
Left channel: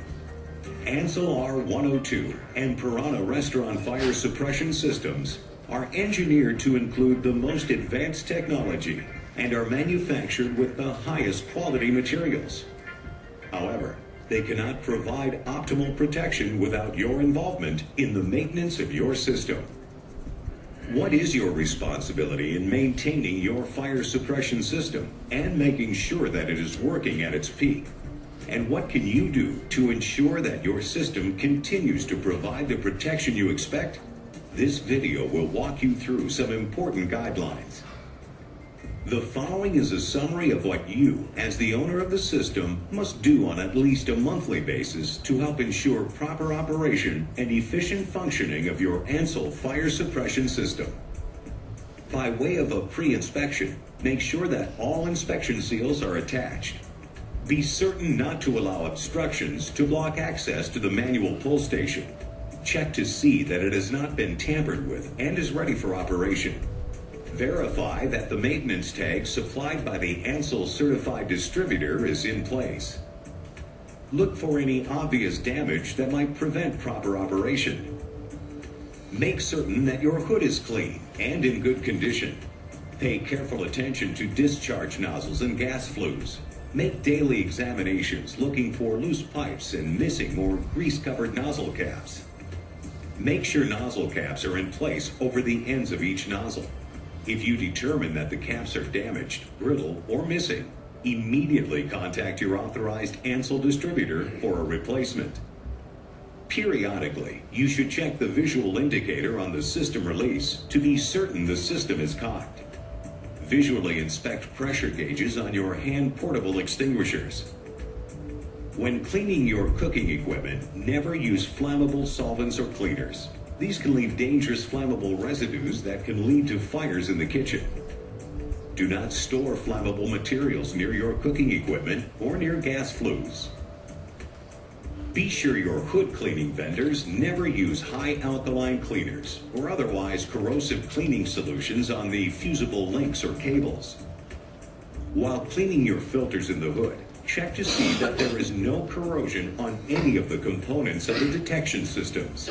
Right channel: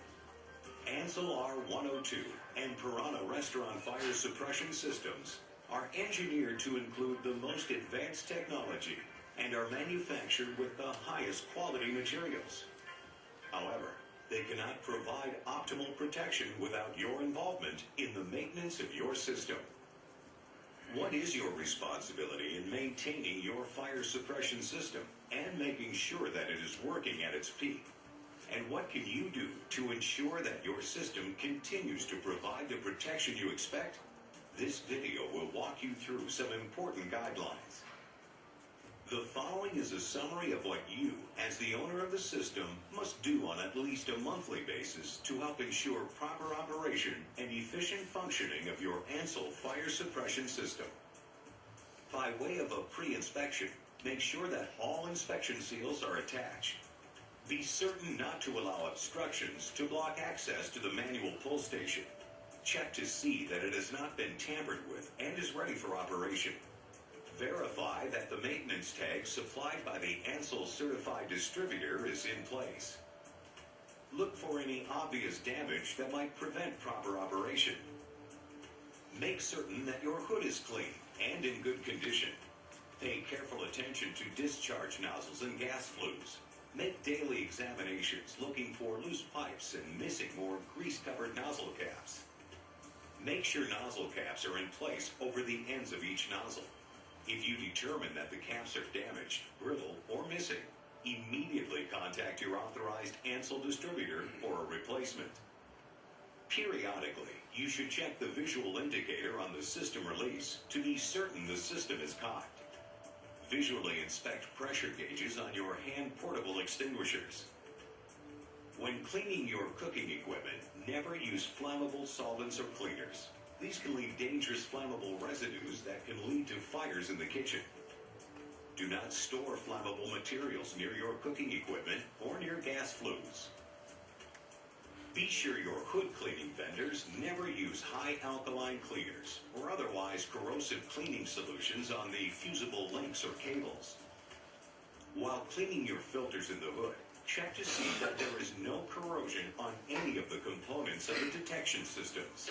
Ansel R102 and Piranha Restaurant Fire Suppression Systems are engineered to include the most advanced technology and are manufactured with the highest quality materials. However, they cannot provide optimal protection without your involvement in the maintenance of your system. What is your responsibility in maintaining your fire suppression system and making sure that it is working at its peak? And what can you do to ensure that your system continues to provide the protection you expect? This video will walk you through some important guidelines. The following is a summary of what you, as the owner of the system, must do on at least a monthly basis to help ensure proper operation and efficient functioning of your Ansel fire suppression system. By way of a pre-inspection, make sure that all inspection seals are attached. Be certain not to allow obstructions to block access to the manual pull station. Check to see that it has not been tampered with and is ready for operation. Verify that the maintenance tag supplied by the Ansel certified distributor is in place. Look for any obvious damage that might prevent proper operation. Make certain that your hood is clean and in good condition. Pay careful attention to discharge nozzles and gas flues. Make daily examinations looking for loose pipes and missing or grease-covered nozzle caps. Make sure nozzle caps are in place over the ends of each nozzle. If you determine that the caps are damaged, brittle, or missing, immediately contact your authorized Ansel distributor for a replacement. Periodically, you should check the visual indicator on the system release to be certain the system is cocked. Visually inspect pressure gauges on your hand portable extinguishers. When cleaning your cooking equipment, never use flammable solvents or cleaners. These can leave dangerous flammable residues that can lead to fires in the kitchen. Do not store flammable materials near your cooking equipment or near gas flues. Be sure your hood cleaning vendors never use high alkaline cleaners or otherwise corrosive cleaning solutions on the fusible links or cables. While cleaning your filters in the hood, check to see that there is no corrosion on any of the components of the detection systems.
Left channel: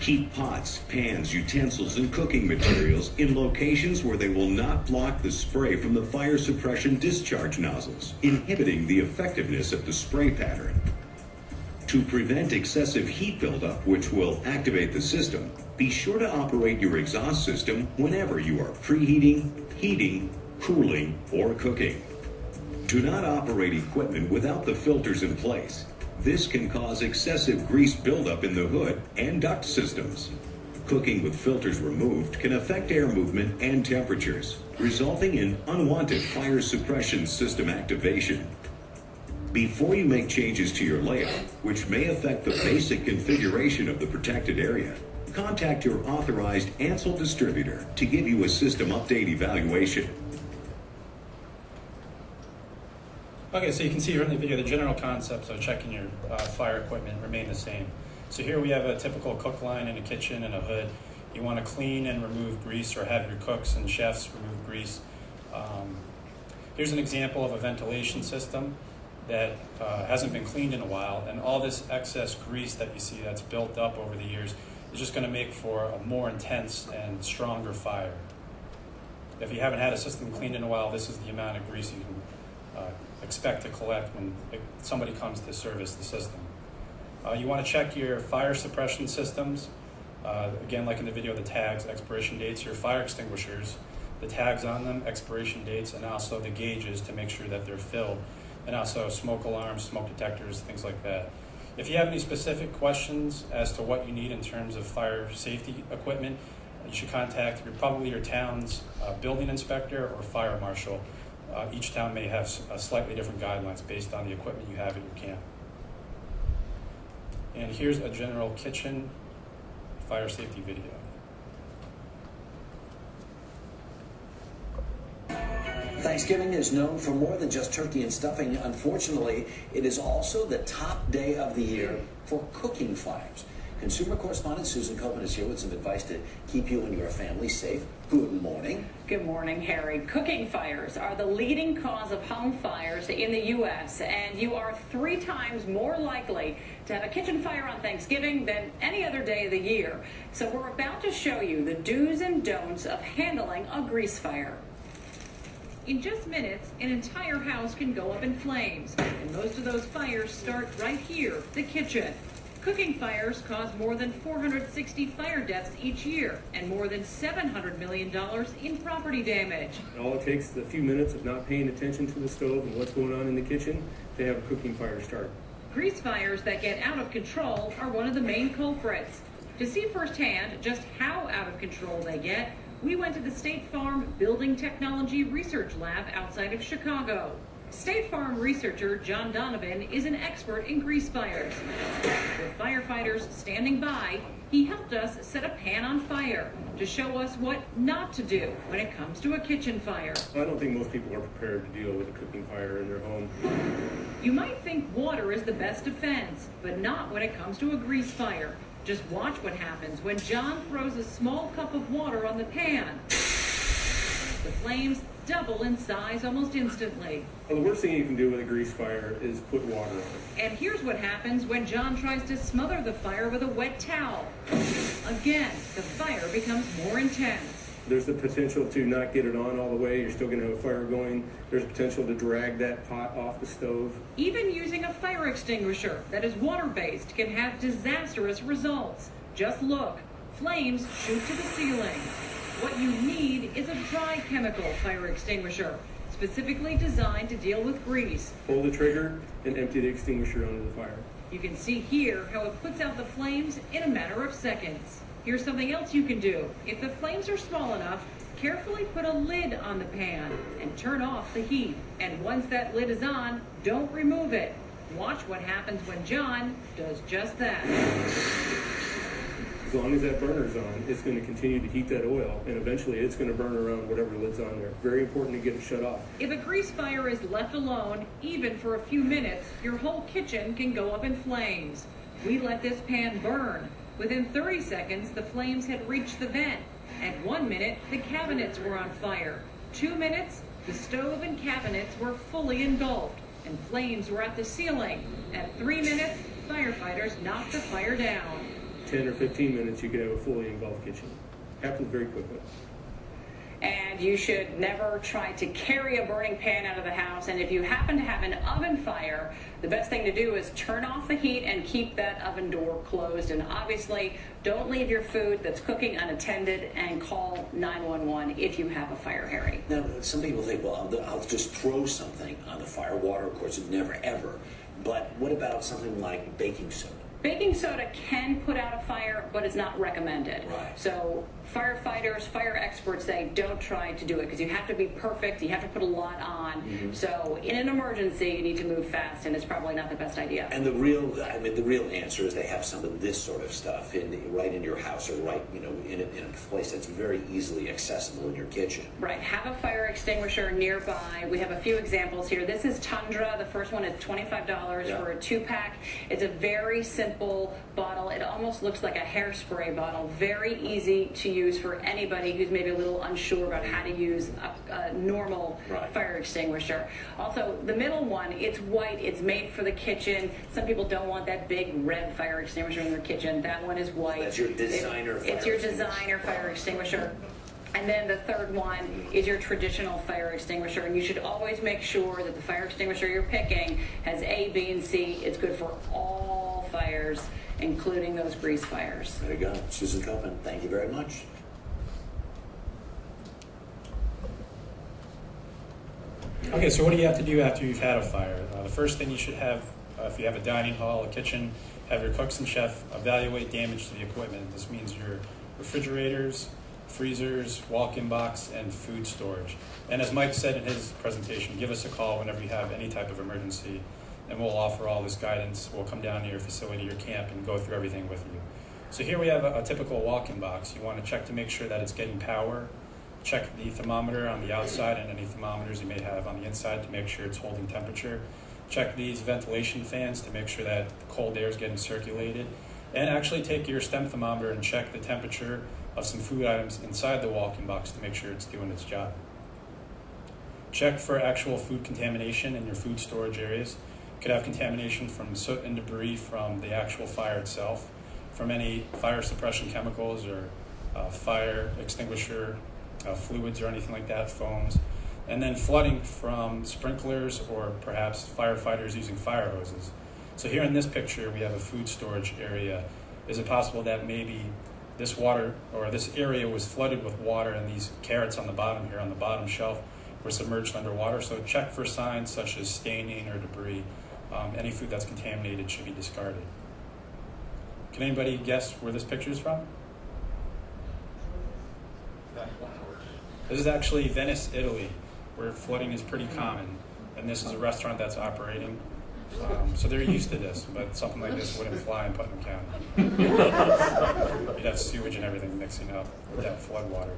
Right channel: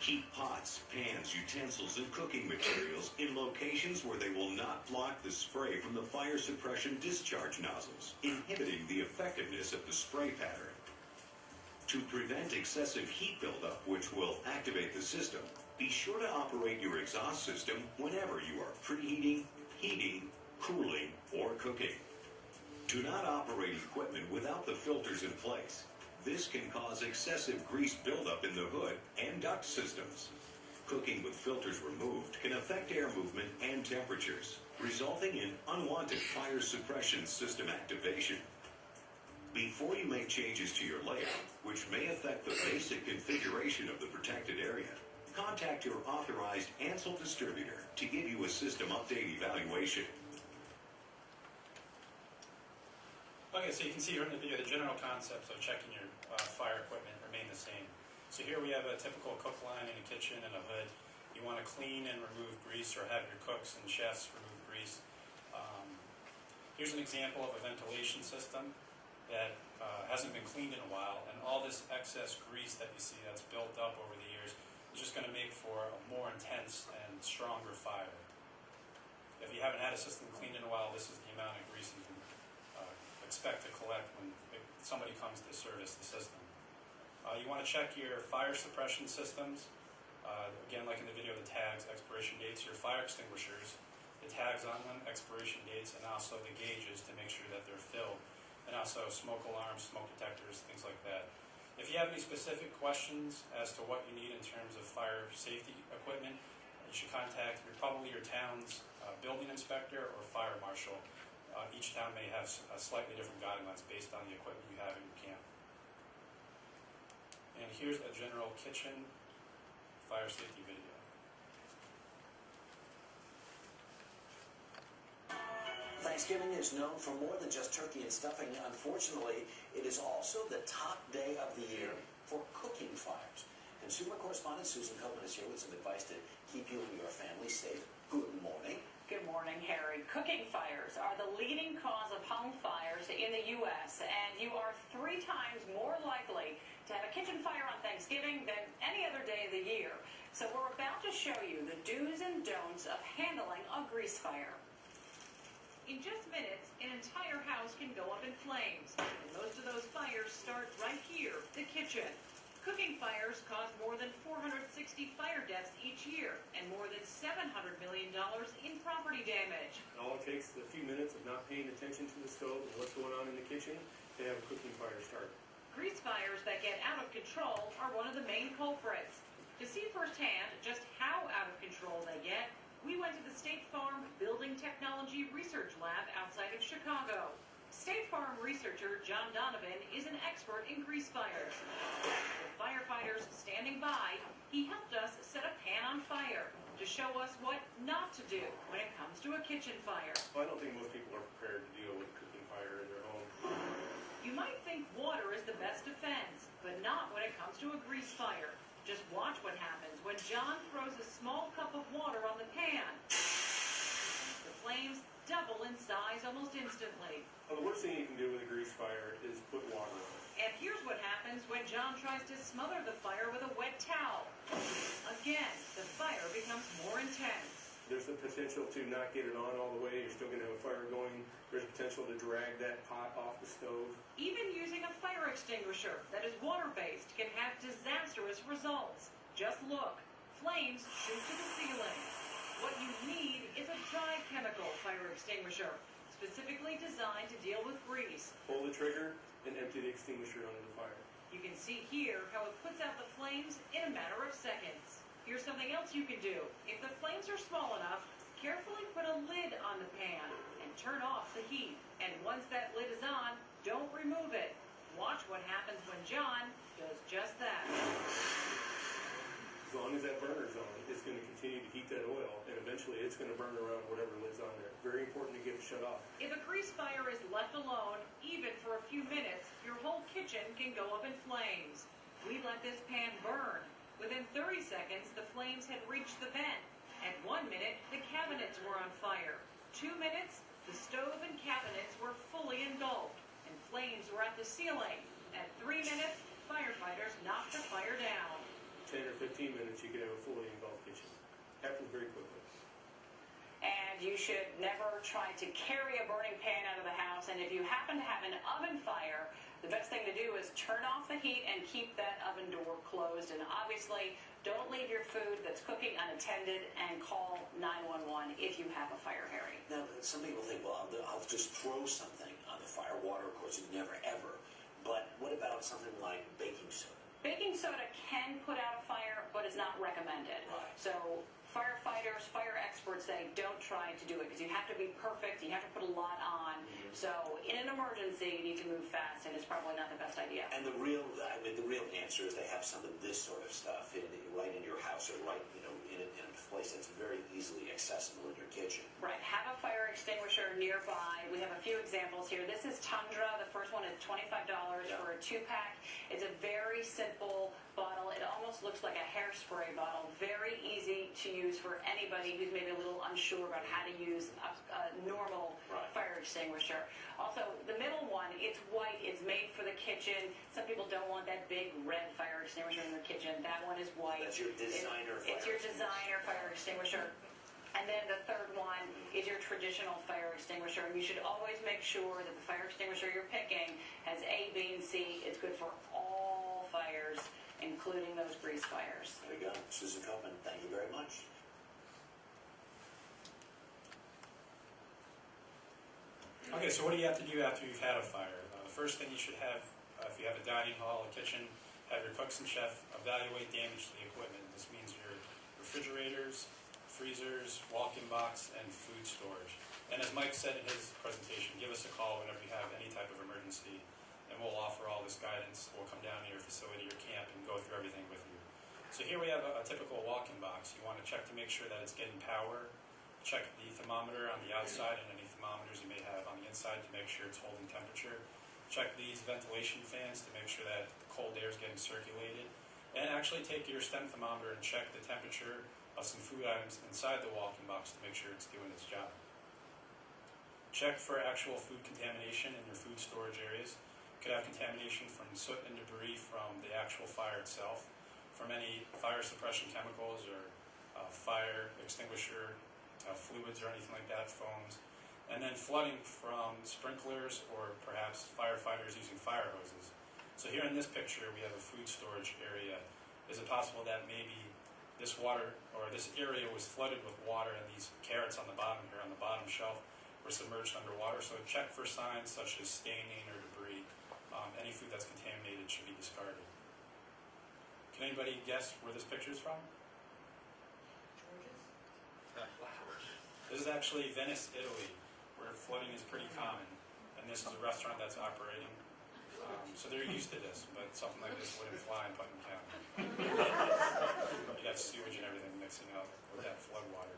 Keep pots, pans, utensils, and cooking materials in locations where they will not block the spray from the fire suppression discharge nozzles, inhibiting the effectiveness of the spray pattern. To prevent excessive heat buildup, which will activate the system, be sure to operate your exhaust system whenever you are preheating, heating, cooling, or cooking. Do not operate equipment without the filters in place. This can cause excessive grease buildup in the hood and duct systems. Cooking with filters removed can affect air movement and temperatures, resulting in unwanted fire suppression system activation. Before you make changes to your layout, which may affect the basic configuration of the protected area, contact your authorized Ansel distributor to give you a system update evaluation. Okay, so you can see from the video the general concepts of checking your fire equipment remain the same. So here we have a typical cook line in a kitchen and a hood. You want to clean and remove grease, or have your cooks and chefs remove grease. Here's an example of a ventilation system that hasn't been cleaned in a while, and all this excess grease that you see that's built up over the years is just going to make for a more intense and stronger fire. If you haven't had a system cleaned in a while, this is the amount of grease you can expect to collect when somebody comes to service the system. You want to check your fire suppression systems. Again, like in the video, the tags, expiration dates, your fire extinguishers, the tags on them, expiration dates, and also the gauges to make sure that they're filled, and also smoke alarms, smoke detectors, things like that. If you have any specific questions as to what you need in terms of fire safety equipment, you should contact probably your town's building inspector or fire marshal. Each town may have slightly different guidelines based on the equipment you have at your camp. And here's a general kitchen fire safety video. Thanksgiving is known for more than just turkey and stuffing. Unfortunately, it is also the top day of the year for cooking fires. Consumer correspondent Susan Copeland is here with some advice to keep you and your family safe. Good morning. Good morning, Harry. Cooking fires are the leading cause of home fires in the U.S., and you are 3 times more likely to have a kitchen fire on Thanksgiving than any other day of the year. So we're about to show you the do's and don'ts of handling a grease fire. In just minutes, an entire house can go up in flames, and most of those fires start right here, the kitchen. Cooking fires cause more than 460 fire deaths each year and more than $700 million in property damage. All it takes is a few minutes of not paying attention to the stove and what's going on in the kitchen to have a cooking fire start. Grease fires that get out of control are one of the main culprits. To see firsthand just how out of control they get, we went to the State Farm Building Technology Research Lab outside of Chicago. State Farm researcher John Donovan is an expert in grease fires. With firefighters standing by, he helped us set a pan on fire to show us what not to do when it comes to a kitchen fire. I don't think most people are prepared to deal with a cooking fire in their home. You might think water is the best defense, but not when it comes to a grease fire. Just watch what happens when John throws a small cup of water on the pan. The flames double in size almost instantly. Well, the worst thing you can do with a grease fire is put water on it. And here's what happens when John tries to smother the fire with a wet towel. Again, the fire becomes more intense. There's the potential to not get it on all the way. You're still going to have a fire going. There's potential to drag that pot off the stove. Even using a fire extinguisher that is water-based can have disastrous results. Just look. Flames shoot to the ceiling. What you need is a dry chemical fire extinguisher, specifically designed to deal with grease. Pull the trigger and empty the extinguisher onto the fire. You can see here how it puts out the flames in a matter of seconds. Here's something else you can do. If the flames are small enough, carefully put a lid on the pan and turn off the heat. And once that lid is on, don't remove it. Watch what happens when John does just that. As long as that burner's on, it's going to continue to heat that oil, and eventually it's going to burn around whatever lid's on there. Very important to get it shut off. If a grease fire is left alone, even for a few minutes, your whole kitchen can go up in flames. We let this pan burn. Within 30 seconds, the flames had reached the vent. At 1 minute, the cabinets were on fire. 2 minutes, the stove and cabinets were fully engulfed, and flames were at the ceiling. At 3 minutes, firefighters knocked the fire down. 10 or 15 minutes, you could have a fully engulfed kitchen. Happens very quickly. And you should never try to carry a burning pan out of the house. And if you happen to have an oven fire, the best thing to do is turn off the heat and keep that oven door closed. And obviously, don't leave your food that's cooking unattended, and call 911 if you have a fire, Harry. Now, some people think, well, I'll just throw something on the fire. Water, of course, never ever. But what about something like baking soda? Baking soda can put out a fire, but it's not recommended. Right. So firefighters, fire experts say don't try to do it because you have to be perfect. You have to put a lot on. Mm-hmm. So in an emergency, you need to move fast, and it's probably not the best idea. And the real answer is they have some of this sort of stuff right in your house, or right, in a place that's very easily accessible in your kitchen. Right. Have a fire extinguisher nearby. We have a few examples here. This is Tundra. The first one is $25 for a 2-pack. It's a very simple bottle. It almost looks like a hairspray bottle. Very easy to use for anybody who's maybe a little unsure about how to use a normal fire extinguisher. Also, the middle one, it's white. It's made for the kitchen. Some people don't want that big red fire extinguisher in their kitchen. That one is white. That's your designer fire It's your designer fire extinguisher. And then the third one is your traditional fire extinguisher. And you should always make sure that the fire extinguisher you're picking has A, B, and C. It's good for all fires, including those grease fires. There you go. Susan Copeland, thank you very much. Okay, so what do you have to do after you've had a fire? The first thing you should have, if you have a dining hall, a kitchen, have your cooks and chef evaluate damage to the equipment. This means your refrigerators, freezers, walk-in box, and food storage. And as Mike said in his presentation, give us a call whenever you have any type of emergency, and we'll offer all this guidance. We'll come down to your facility, your camp, and go through everything with you. So here we have a typical walk-in box. You want to check to make sure that it's getting power. Check the thermometer on the outside and any thermometers you may have on the inside to make sure it's holding temperature. Check these ventilation fans to make sure that the cold air is getting circulated. And actually take your stem thermometer and check the temperature of some food items inside the walk-in box to make sure it's doing its job. Check for actual food contamination in your food storage areas. You could have contamination from soot and debris from the actual fire itself, from any fire suppression chemicals or fire extinguisher fluids or anything like that, foams. And then flooding from sprinklers or perhaps firefighters using fire hoses. So here in this picture, we have a food storage area. Is it possible that maybe this water or this area was flooded with water and these carrots on the bottom here on the bottom shelf were submerged underwater? So check for signs such as staining or debris. Any food that's contaminated should be discarded. Can anybody guess where this picture is from? This is actually Venice, Italy, where flooding is pretty common, and this is a restaurant that's operating. So they're used to this, but something like this wouldn't fly in Putnam County. You'd have sewage and everything mixing up with that flood water.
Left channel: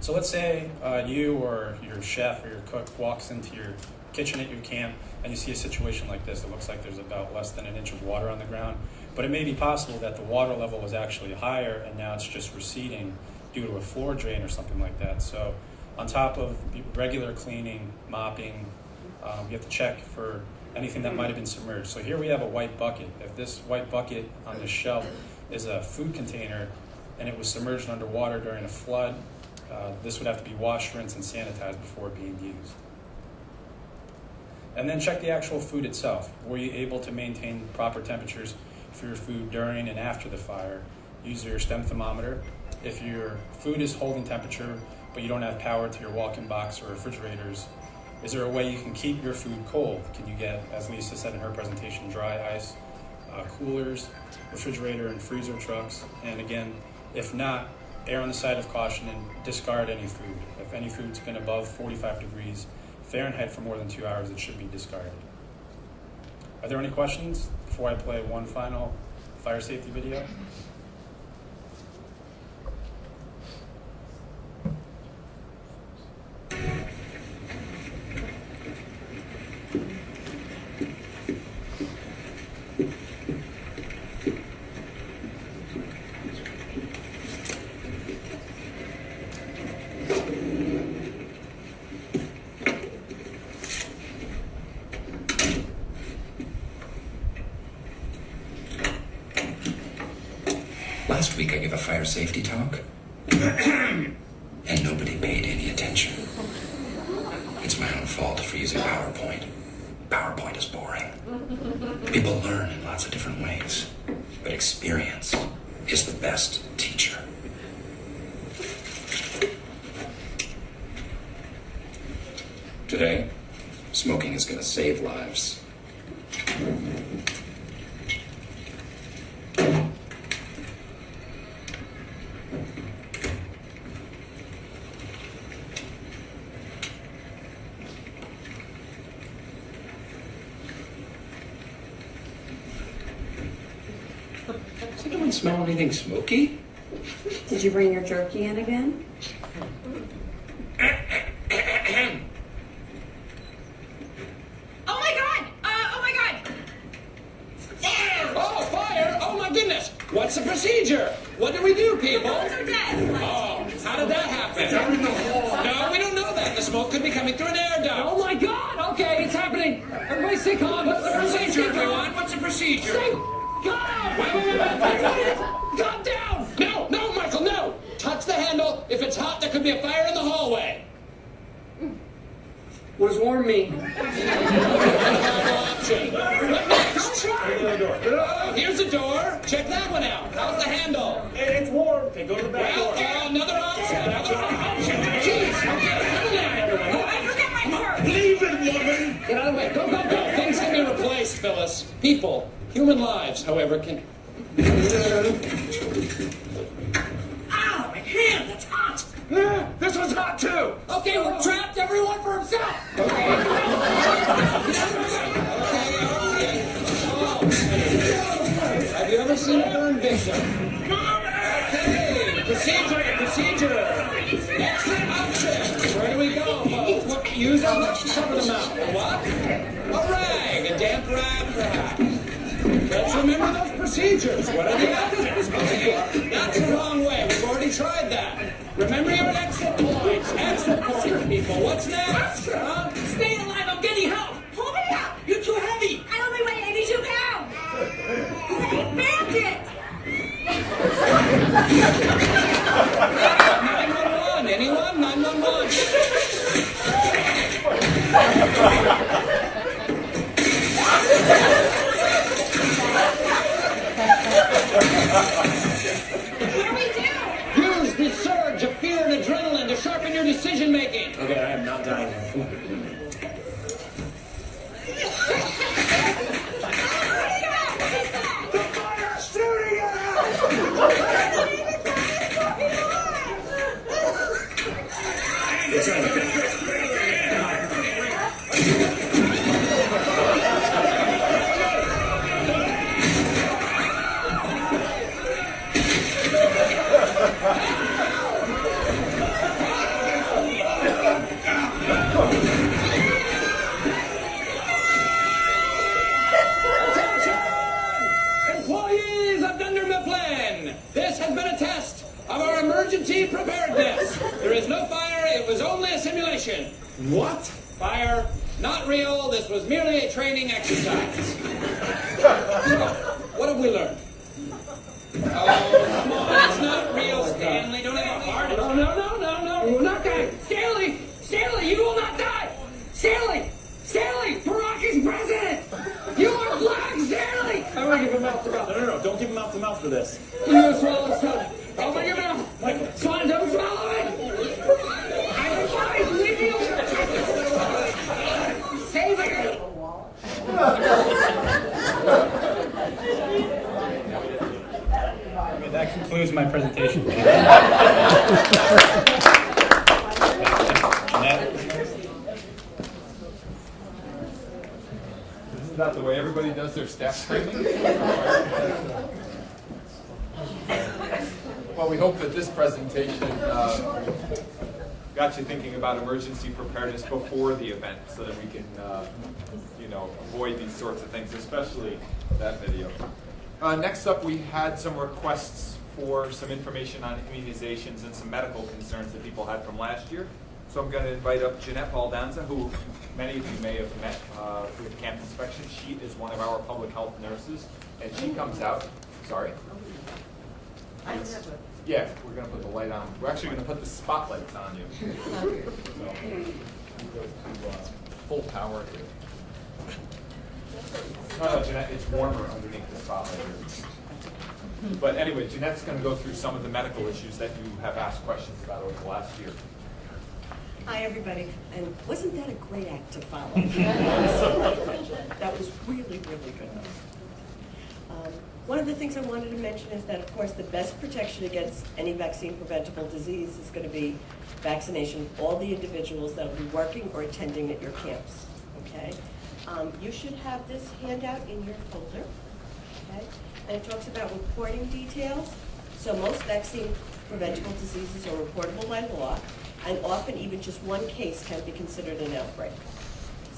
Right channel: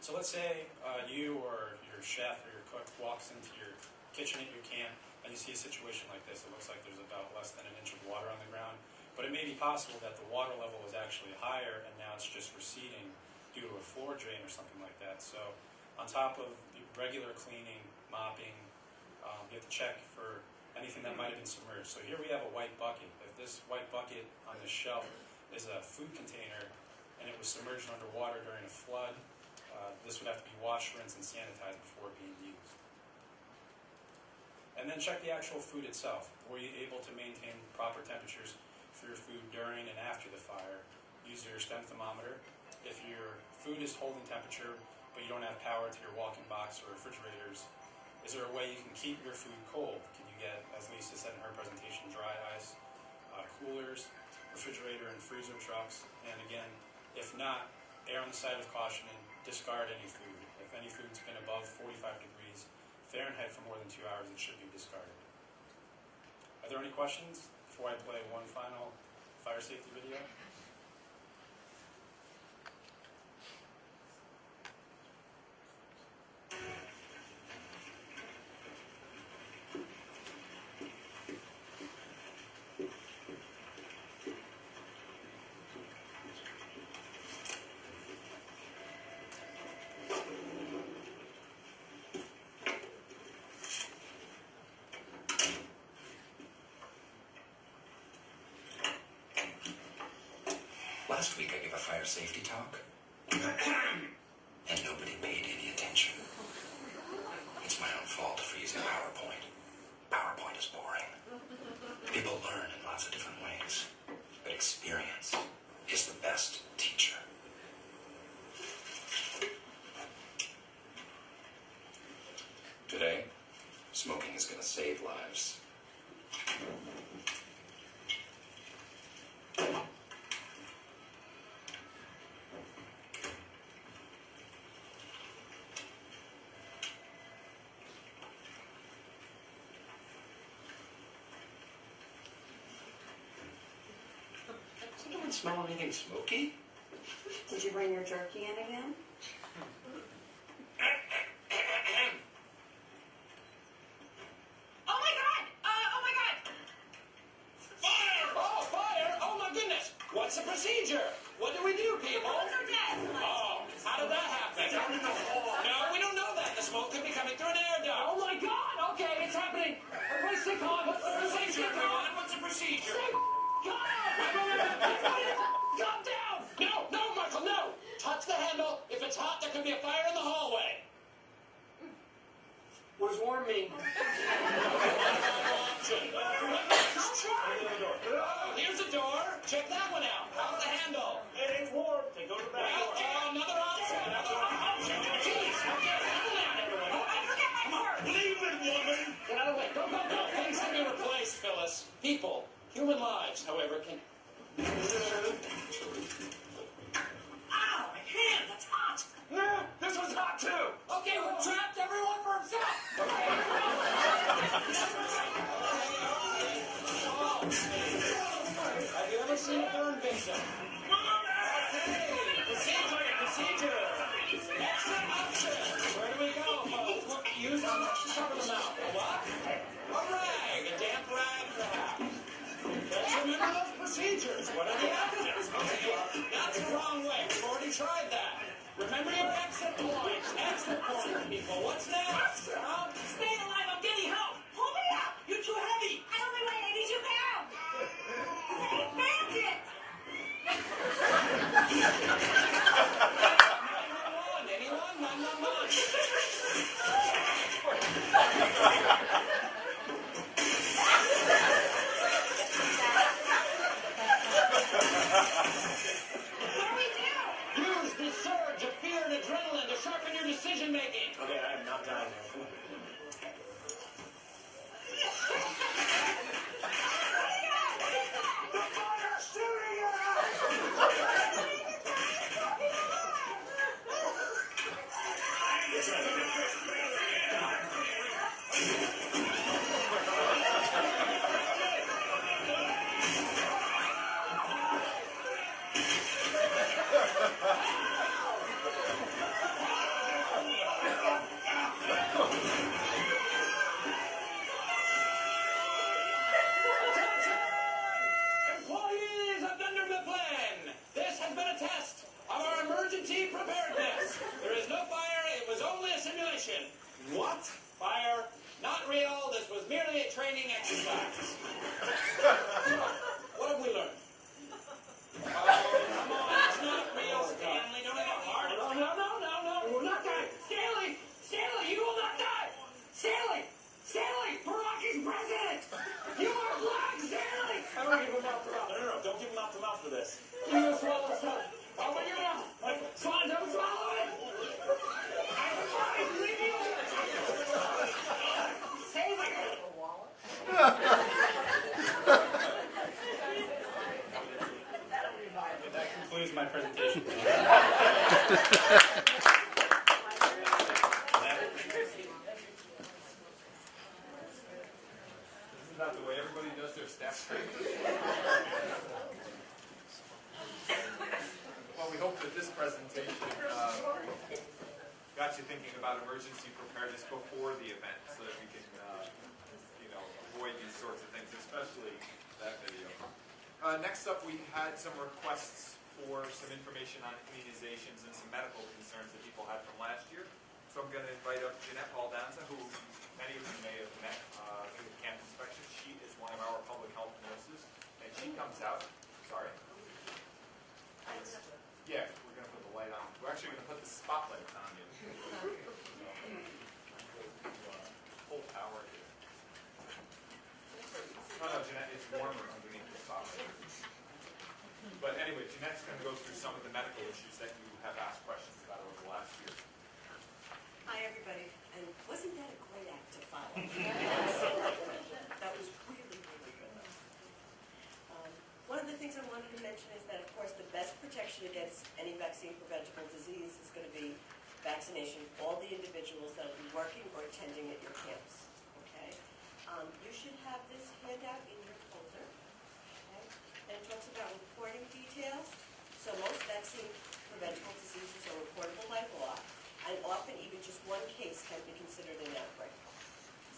So let's say you or your chef or your cook walks into your kitchen at your camp and you see a situation like this. It looks like there's about less than an inch of water on the ground, but it may be possible that the water level was actually higher and now it's just receding due to a floor drain or something like that. So on top of regular cleaning, mopping, you have to check for anything that might have been submerged. So here we have a white bucket. If this white bucket on this shelf is a food container and it was submerged underwater during a flood, this would have to be washed, rinsed, and sanitized before being used. And then check the actual food itself. Were you able to maintain proper temperatures for your food during and after the fire? Use your STEM thermometer. If your food is holding temperature, but you don't have power to your walk-in box or refrigerators, is there a way you can keep your food cold? Can you get, as Lisa said in her presentation, dry ice, coolers, refrigerator and freezer trucks? And again, if not, err on the side of caution and discard any food. If any food's been above 45 degrees Fahrenheit for more than 2 hours, it should be discarded. Are there any questions before I play one final fire safety video? Last week I gave a fire safety talk, and nobody paid any attention. It's my own fault for using PowerPoint. PowerPoint is boring. People learn in lots of different ways, but experience is the best teacher. Today, smoking is going to save lives. Does anyone smell anything smoky? Did you bring your jerky in again? Oh my God! Oh my God! Fire! Oh, fire! Oh my goodness! What's the procedure? What do we do, people? The bones are dead. Oh, how did that happen? Down in the hall. No, we don't know that. The smoke could be coming through an air duct. Oh my God! Okay, it's happening. Everybody stay calm. What's the procedure, everyone? What's the procedure? Stay calm! Wait. Calm down! No, Michael, no! Touch the handle. If it's hot, there could be a fire in the hallway. Was warm me. Oh, here's a door. Check that one out. How's the handle? It's warm. Okay, go to the back door. Another option. Jeez, okay, settle down, everyone. I forget my purse. Leave it, woman. Get out of the way. Go. Things can be replaced, Phyllis. People, human lives, however, can... Ow, my hand, that's hot. This was hot, too. Okay, we're trapped. Everyone for himself. Have you ever seen a burn victim? Okay, procedure. Exit option. Where do we go, folks? What, use how much to cover the mouth? A what? A rag, a damp rag, perhaps. Let's remember those procedures. What are the exits? Okay, that's the wrong way. We've already tried that. Remember your exit points. Exit points, people. What's next? Huh? Stay alive. I'm getting help. Pull me up. You're too heavy. I only weigh 82 pounds. Say bandit. 911. Anyone? 911. What do we do? Use the surge of fear and adrenaline to sharpen your decision making. Okay, I am not dying. The fire's shooting at us! What? Fire, not real. This was merely a training exercise. What have we learned? Oh, come on. It's not real, Stanley. Don't have a heart attack. No. We're not dying. Stanley, you will not die. Stanley, Barack is president. You are black, Stanley. I'm going to give him mouth to mouth. No. Don't give him mouth to mouth for this. You gonna swallow something? Open your mouth. Michael. Swan, don't swallow it. I'm fine. Leave me alone. Save it. Okay, that concludes my presentation. Isn't that the way everybody does their staff training? Well, we hope that this presentation got you thinking about emergency preparedness before the event, so that we can, avoid these sorts of things, especially that video. Next up, we had some requests for some information on immunizations and some medical concerns that people had from last year. So I'm going to invite up Jeanette Baldanza, who many of you may have met through the camp inspection. She is one of our public health nurses, and she comes out. Sorry? Yeah, we're going to put the light on. We're actually going to put the spotlights on you. So, go to full power here. No, Jeanette, it's warmer underneath the spotlight here. But anyway, Jeanette's going to go through some of the medical issues that you have asked questions about over the last year. Hi, everybody. And wasn't that a great act to follow? That was really, really good. One of the things I wanted to mention is that, of course, the best protection against any vaccine-preventable disease is going to be vaccination of all the individuals that will be working or attending at your camps. Okay? You should have this handout in your folder. Okay? And it talks about reporting details. So most vaccine-preventable diseases are reportable by law, and often even just one case can be considered an outbreak.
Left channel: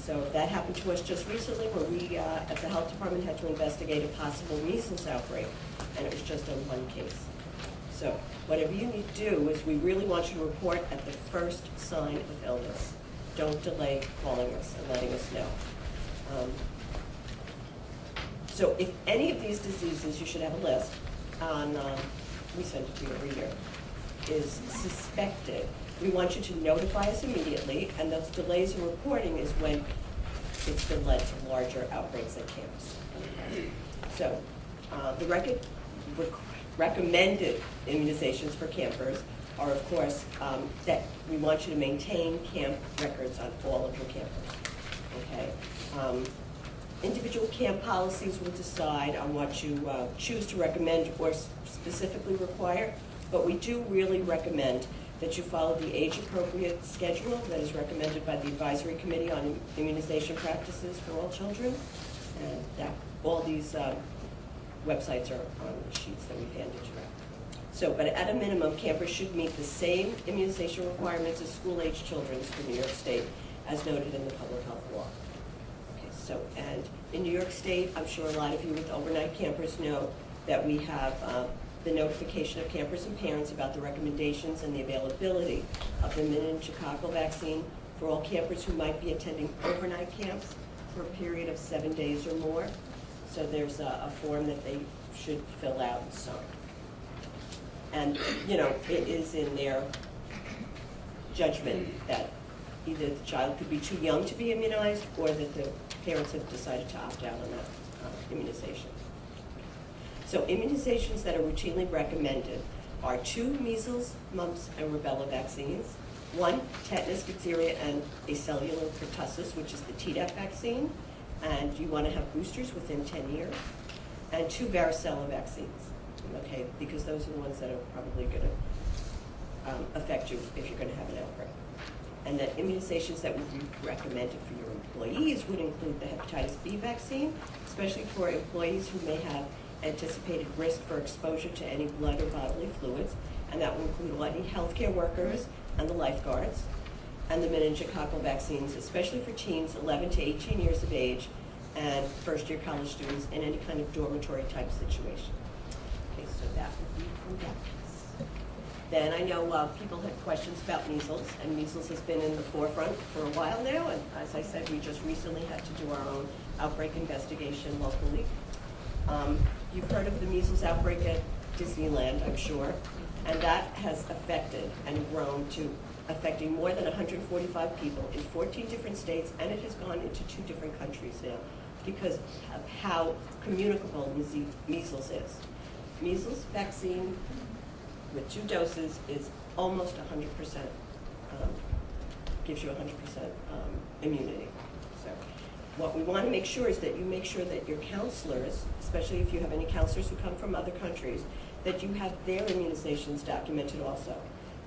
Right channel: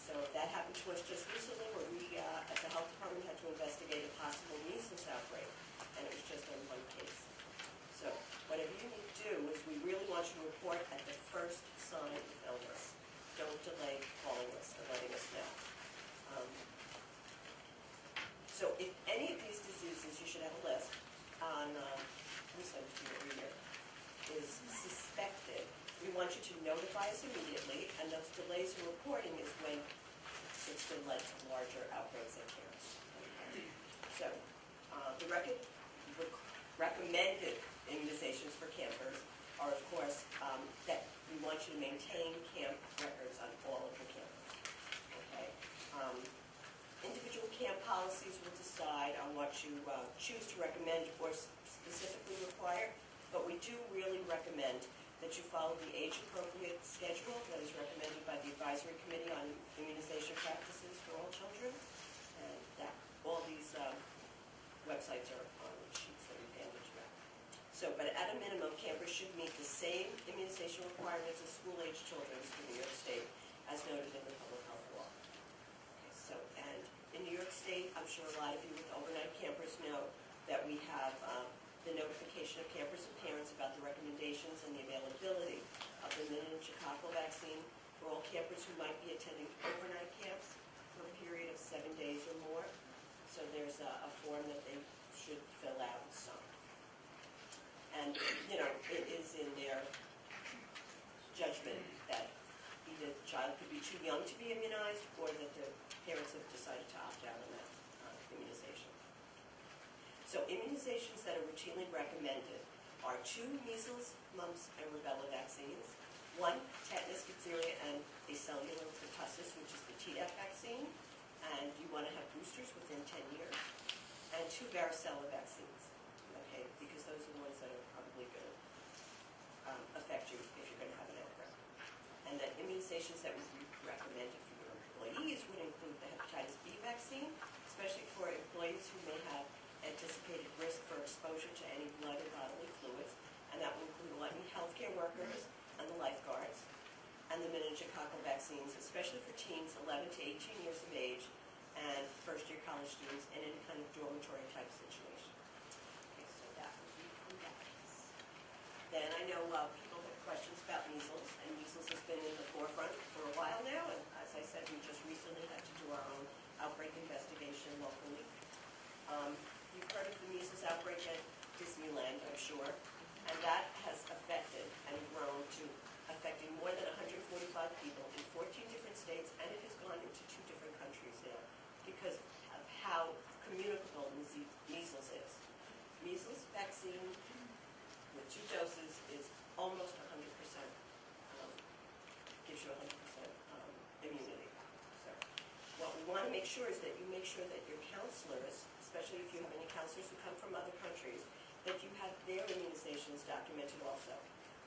So that happened to us just recently, where we at the health department had to investigate a possible measles outbreak, and it was just on one case. So whatever you need to do is we really want you to report at the first sign of illness. Don't delay calling us and letting us know. So if any of these diseases, you should have a list on, let me send it to you over here, is suspected, we want you to notify us immediately, and those delays in reporting is when it's been led to larger outbreaks at camps. Okay. So the recommended immunizations for campers are, of course, that we want you to maintain camp records on all of your campers. Okay. Individual camp policies will decide on what you choose to recommend or specifically require, but we do really recommend that you follow the age-appropriate schedule that is recommended by the Advisory Committee on Immunization Practices for All Children. And that all these websites are on the sheets that we've handed you out. So, but at a minimum, campers should meet the same immunization requirements as school-age children for New York State, as noted in the public health law. Okay, so, and in New York State, I'm sure a lot of you with overnight campers know that we have the notification of campers and parents about the recommendations and the availability of the meningococcal vaccine for all campers who might be attending overnight camps for a period of 7 days or more. So there's a form that they should fill out and sign. And, it is in their judgment that either the child could be too young to be immunized or that the parents have decided to opt out on that immunization. So immunizations that are routinely recommended are 2 measles, mumps, and rubella vaccines, 1 tetanus, diphtheria, and acellular pertussis, which is the Tdap vaccine, and you want to have boosters within 10 years, and 2 varicella vaccines, okay, because those are the ones that are probably going to affect you if you're going to have an outbreak. And that immunizations that would be recommended for your employees would include the hepatitis B vaccine, especially for employees who may have anticipated risk for exposure to any blood or bodily fluids, and that will include any healthcare workers and the lifeguards, and the meningococcal vaccines, especially for teens 11 to 18 years of age and first-year college students in any kind of dormitory type situation. Okay, so that would be from that. Then I know people had questions about measles, and measles has been in the forefront for a while now, and as I said, we just recently had to do our own outbreak investigation locally. You've heard of the measles outbreak at Disneyland, I'm sure, and that has affected and grown to affecting more than 145 people in 14 different states, and it has gone into 2 different countries now because of how communicable measles is. Measles vaccine with 2 doses is almost 100%, gives you 100% immunity. So what we want to make sure is that you make sure that your counselors, especially if you have any counselors who come from other countries, that you have their immunizations documented also.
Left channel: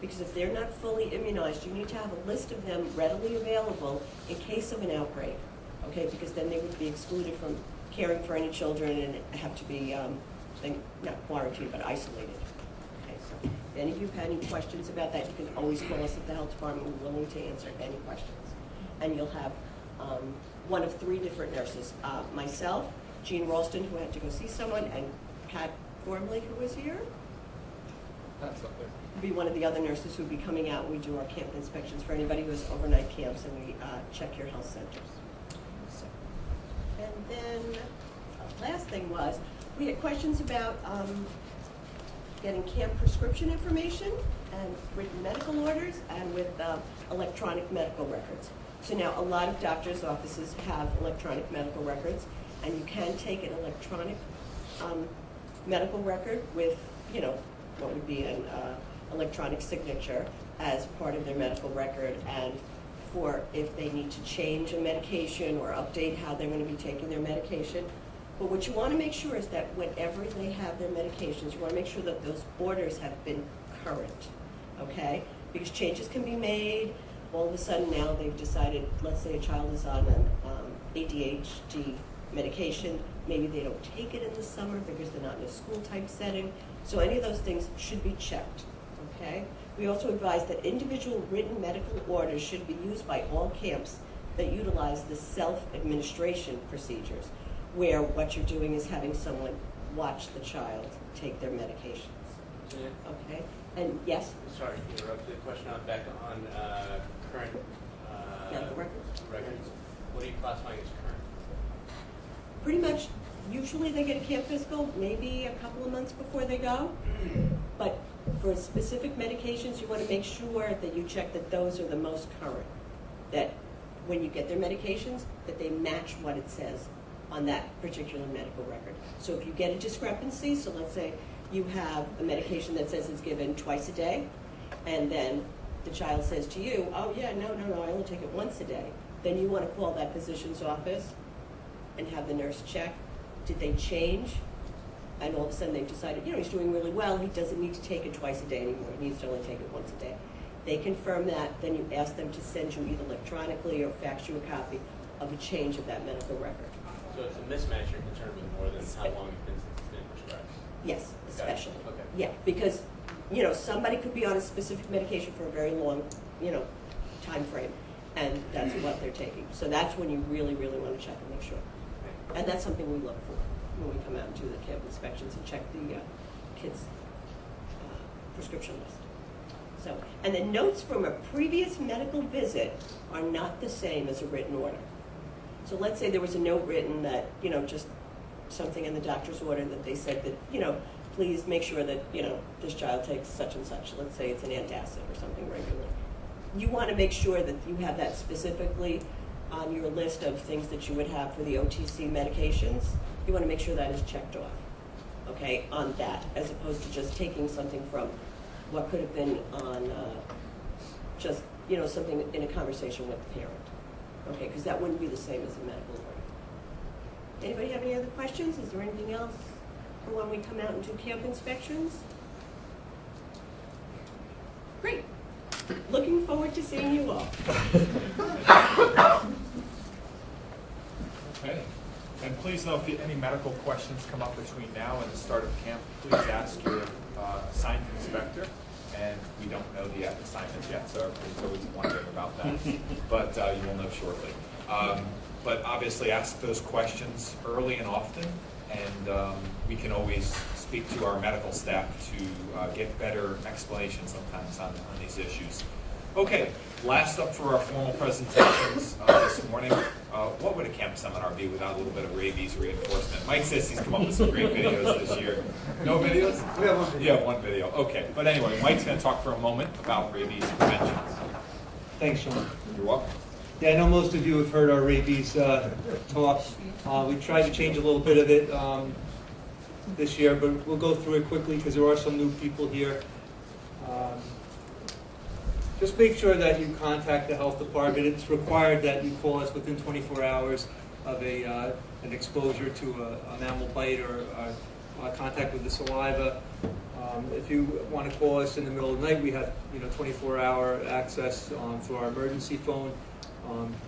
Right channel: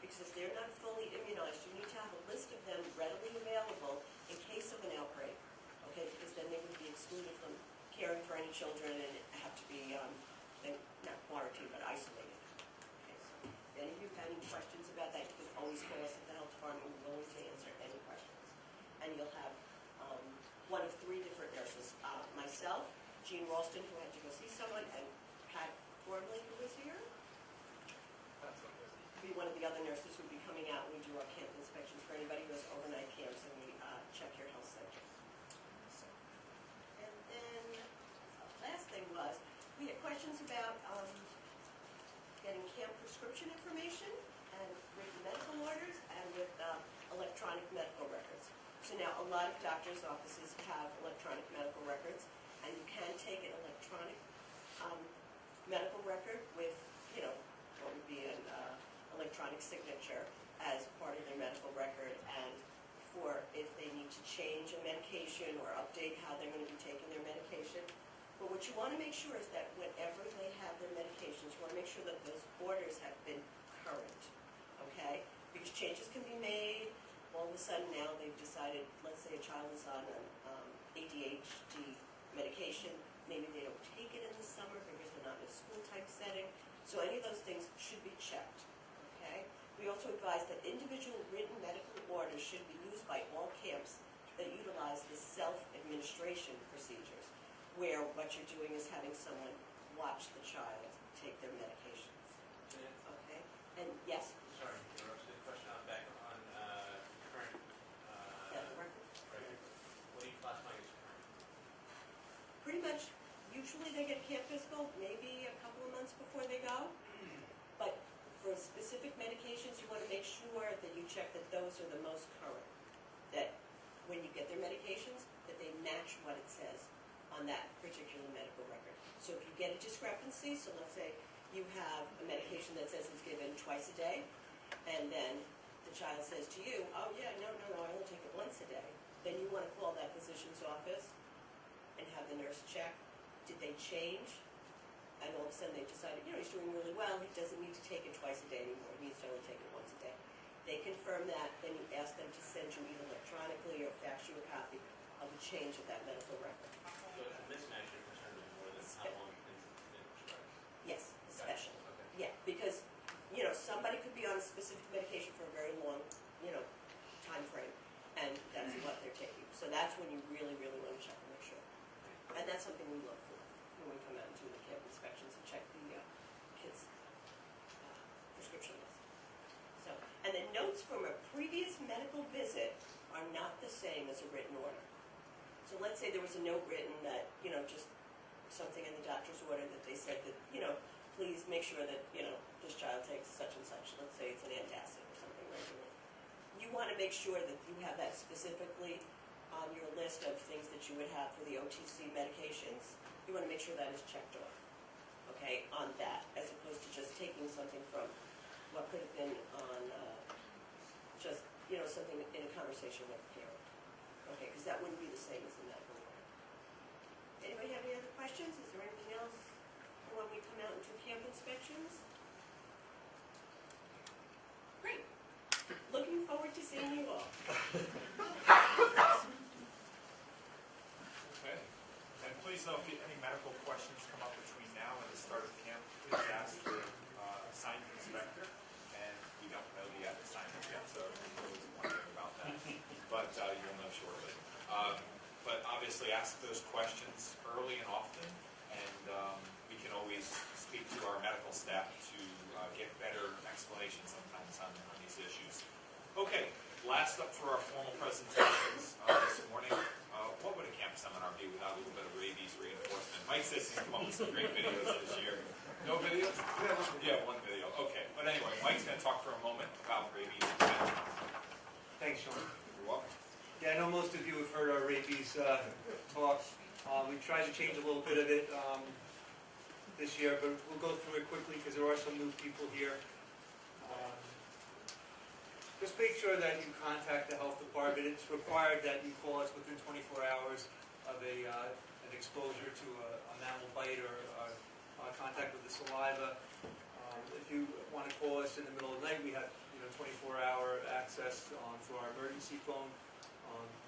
Because if they're not fully immunized, you need to have a list of them readily available in case of an outbreak, okay? Because then they would be excluded from caring for any children and have to be, not quarantined, but isolated. Okay, so if any of you have any questions about that, you can always call us at the health department. We're willing to answer any questions. And you'll have one of 3 different nurses. Myself, Jean Ralston, who had to go see someone, and Pat Gormley, who was here. That's up there. Be one of the other nurses who would be coming out. We do our camp inspections for anybody who has overnight camps, and we check your health centers. So, and then last thing was, we had questions about getting camp prescription information and written medical orders and with electronic medical records. So now a lot of doctors' offices have electronic medical records, and you can take an electronic medical record with, what would be an electronic signature as part of their medical record, and for if they need to change a medication or update how they're going to be taking their medication. But what you want to make sure is that whenever they have their medications, you want to make sure that those orders have been current, okay? Because changes can be made. All of a sudden now they've decided, let's say a child is on an ADHD medication, maybe they don't take it in the summer because they're not in a school type setting. So any of those things should be checked, okay? We also advise that individual written medical orders should be used by all camps that utilize the self-administration procedures, where what you're doing is having someone watch the child take their medications. Okay? And yes? Sorry to interrupt. The question on back on current Medical records. What are you classifying as current? Pretty much, usually they get a camp physical maybe a couple of months before they go. But for specific medications, you want to make sure that you check that those are the most current. That when you get their medications, that they match what it says on that particular medical record. So if you get a discrepancy, so let's say you have a medication that says it's given twice a day, and then the child says to you, oh yeah, no, I only take it once a day, then you want to call that physician's office and have the nurse check. Did they change? And all of a sudden they've decided, he's doing really well, he doesn't need to take it twice a day anymore, he needs to only take it once a day. They confirm that, then you ask them to send you either electronically or fax you a copy of a change of that medical record. So it's a mismatch you're concerned with more than how long it's been prescribed? Yes, especially. Okay. Yeah, because, somebody could be on a specific medication for a very long, time frame, and that's what they're taking. So that's when you really, really want to check and make sure. And that's something we look for when we come out and do the camp inspections and check the kids' prescription list. So, and the notes from a previous medical visit are not the same as a written order. So let's say there was a note written that, just something in the doctor's order that they said that, please make sure that, this child takes such and such. Let's say it's an antacid or something regularly. You want to make sure that you have that specifically on your list of things that you would have for the OTC medications. You want to make sure that is checked off, okay, on that, as opposed to just taking something from what could have been on just, something in a conversation with the parent. Okay, because that wouldn't be the same as a medical order. Anybody have any other questions? Is there anything else for when we come out and do camp inspections? Great. Looking forward to seeing you all. Okay. And please know if any medical questions come up between now and the start of camp, please ask your assigned inspector. And we don't know the assignment yet, so everybody's always wondering about that. But you will know shortly. But obviously ask those questions early and often, and we can always speak to our medical staff to get better explanation sometimes on these issues. Okay, last up for our formal presentations this morning. What would a camp seminar be without a little bit of rabies reinforcement? Mike says he's come up with some great videos this year. No videos? We have one video. You have one video, okay. But anyway, Mike's going to talk for a moment about rabies prevention. Thanks, Sean. You're welcome. Yeah, I know most of you have heard our rabies talk. We tried to change a little bit of it this year, but we'll go through it quickly because there are some new people here. Just make sure that you contact the health department. It's required that you call us within 24 hours of an exposure to a mammal bite or contact with the saliva. If you want to call us in the middle of the night, we have 24-hour access through our emergency phone.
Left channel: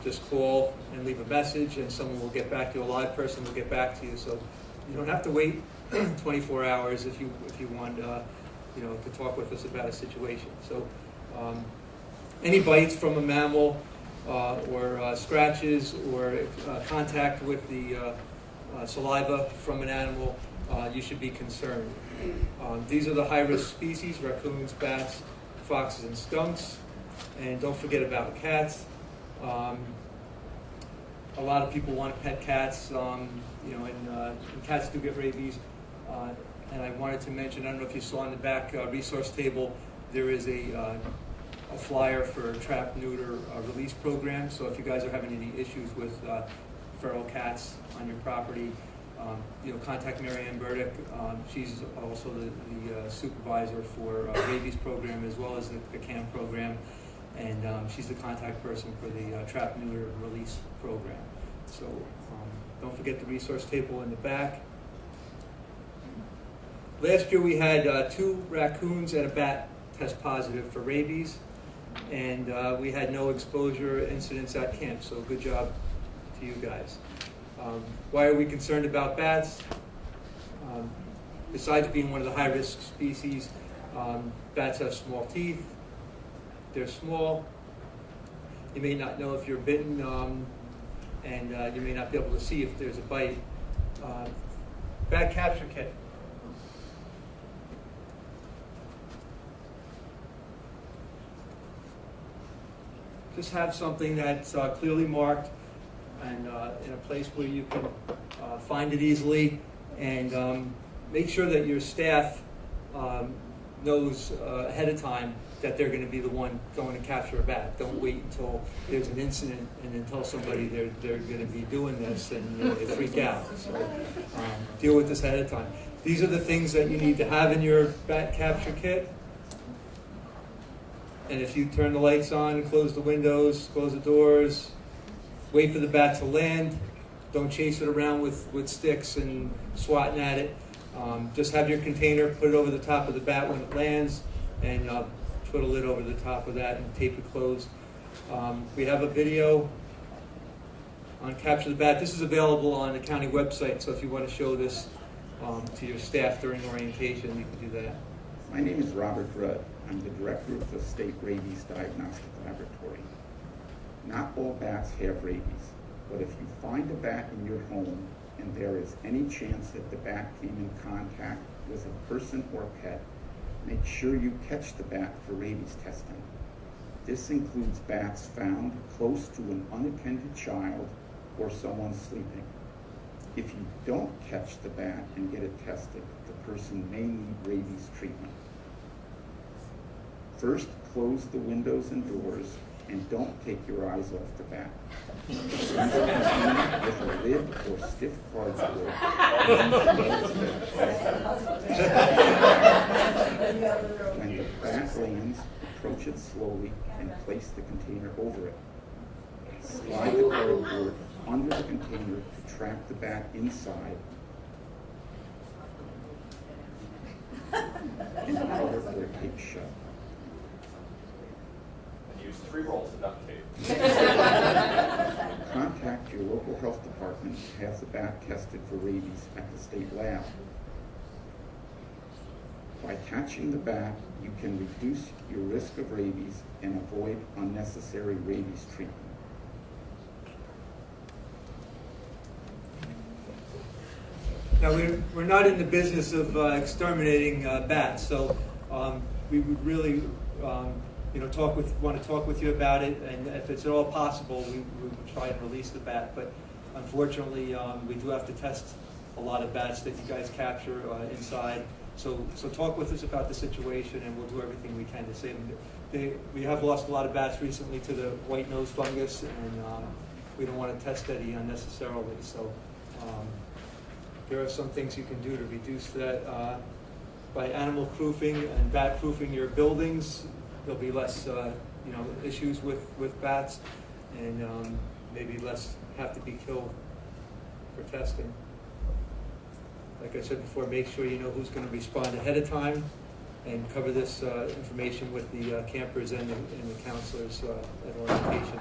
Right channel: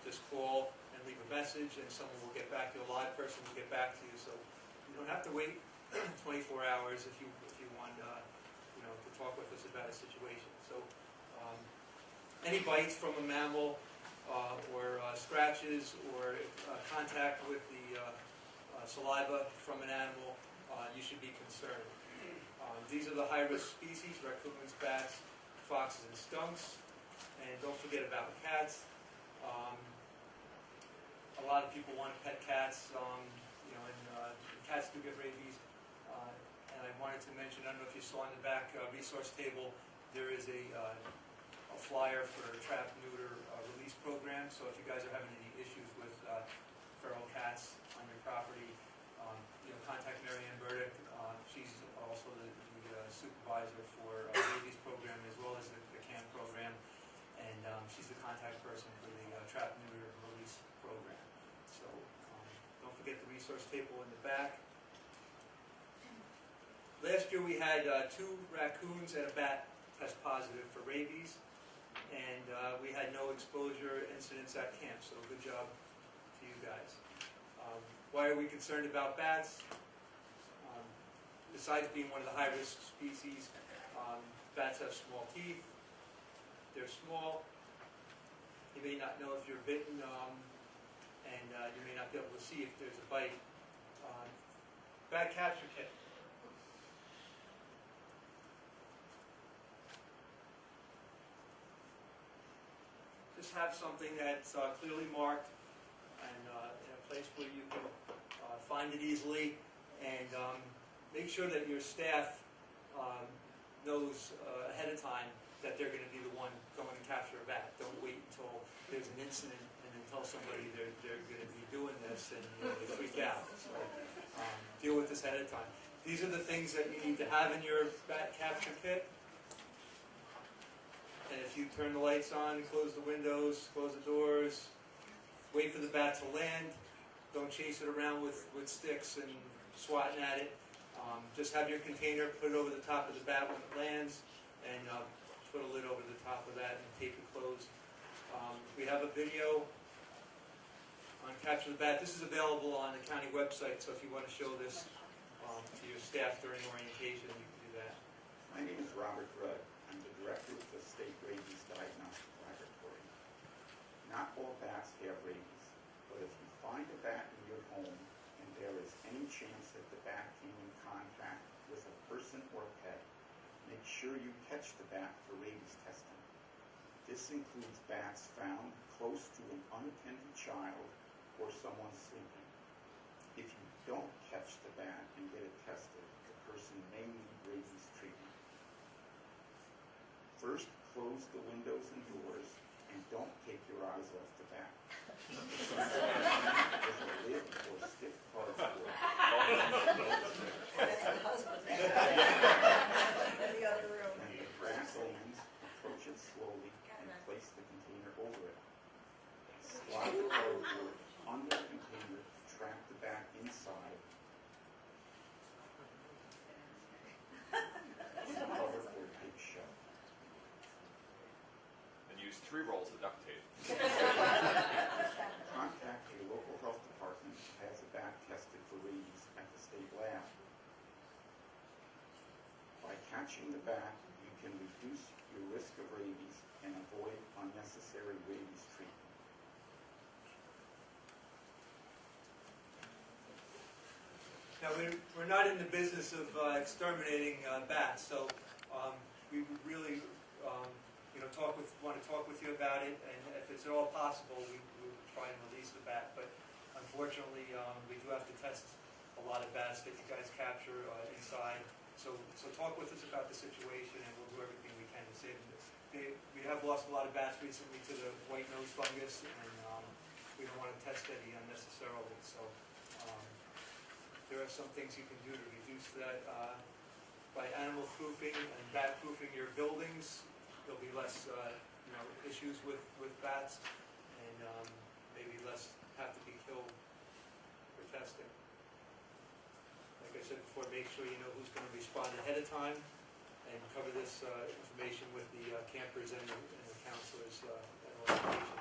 Just call and leave a message, and someone will get back to you. A live person will get back to you. So you don't have to wait 24 hours if you want to talk with us about a situation. So any bites from a mammal or scratches or contact with the saliva from an animal, you should be concerned. These are the high-risk species: raccoons, bats, foxes, and skunks. And don't forget about cats. A lot of people want to pet cats, and cats do get rabies. And I wanted to mention, I don't know if you saw on the back resource table, there is a flyer for a trap, neuter, release program. So if you guys are having any issues with feral cats on your property, contact Mary Ann Burdick. She's also the supervisor for rabies program as well as the camp program. And she's the contact person for the trap, neuter, release program. So don't forget the resource table in the back. Last year we had 2 raccoons and a bat test positive for rabies, and we had no exposure incidents at camp, so good job to you guys. Why are we concerned about bats? Besides being one of the high-risk species, bats have small teeth. They're small. You may not know if you're bitten, and you may not be able to see if there's a bite. Bat capture kit. Just have something that's clearly marked and in a place where you can find it easily, and make sure that your staff knows ahead of time that they're going to be the one going to capture a bat. Don't wait until there's an incident and then tell somebody they're going to be doing this and they freak out. So deal with this ahead of time. These are the things that you need to have in your bat capture kit. And if you turn the lights on, close the windows, close the doors, wait for the bat to land, don't chase it around with sticks and swatting at it. Just have your container, put it over the top of the bat when it lands, and put a lid over the top of that and tape it closed. We have a video on Capture the Bat. This is available on the county website, so if you want to show this to your staff during orientation, you can do that. My name is Robert Rudd. I'm the director of the State Rabies Diagnostic Laboratory. Not all bats have rabies, but if you find a bat in your home and there is any chance that the bat came in contact with a person or pet, make sure you catch the bat for rabies testing. This includes bats found close to an unattended child or someone sleeping. If you don't catch the bat and get it tested, the person may need rabies treatment. First, close the windows and doors and don't take your eyes off the bat. With a lid or stiff cardboard. When the bat lands, approach it slowly and place the container over it. Slide the cardboard under the container to trap the bat inside. And cover or tape shut. Use 3 rolls of duct tape. Contact your local health department to have the bat tested for rabies at the state lab. By catching the bat, you can reduce your risk of rabies and avoid unnecessary rabies treatment. Now, we're not in the business of exterminating bats, so we would really, want to talk with you about it, and if it's at all possible, we would try and release the bat. But unfortunately, we do have to test a lot of bats that you guys capture inside. So talk with us about the situation, and we'll do everything we can to save them. We have lost a lot of bats recently to the white nose fungus, and we don't want to test any unnecessarily. So there are some things you can do to reduce that. By animal proofing and bat proofing your buildings, there'll be less issues with bats, and maybe less have to be killed for testing. Like I said before, make sure you know who's going to respond ahead of time, and cover this information with the campers and the counselors at orientation.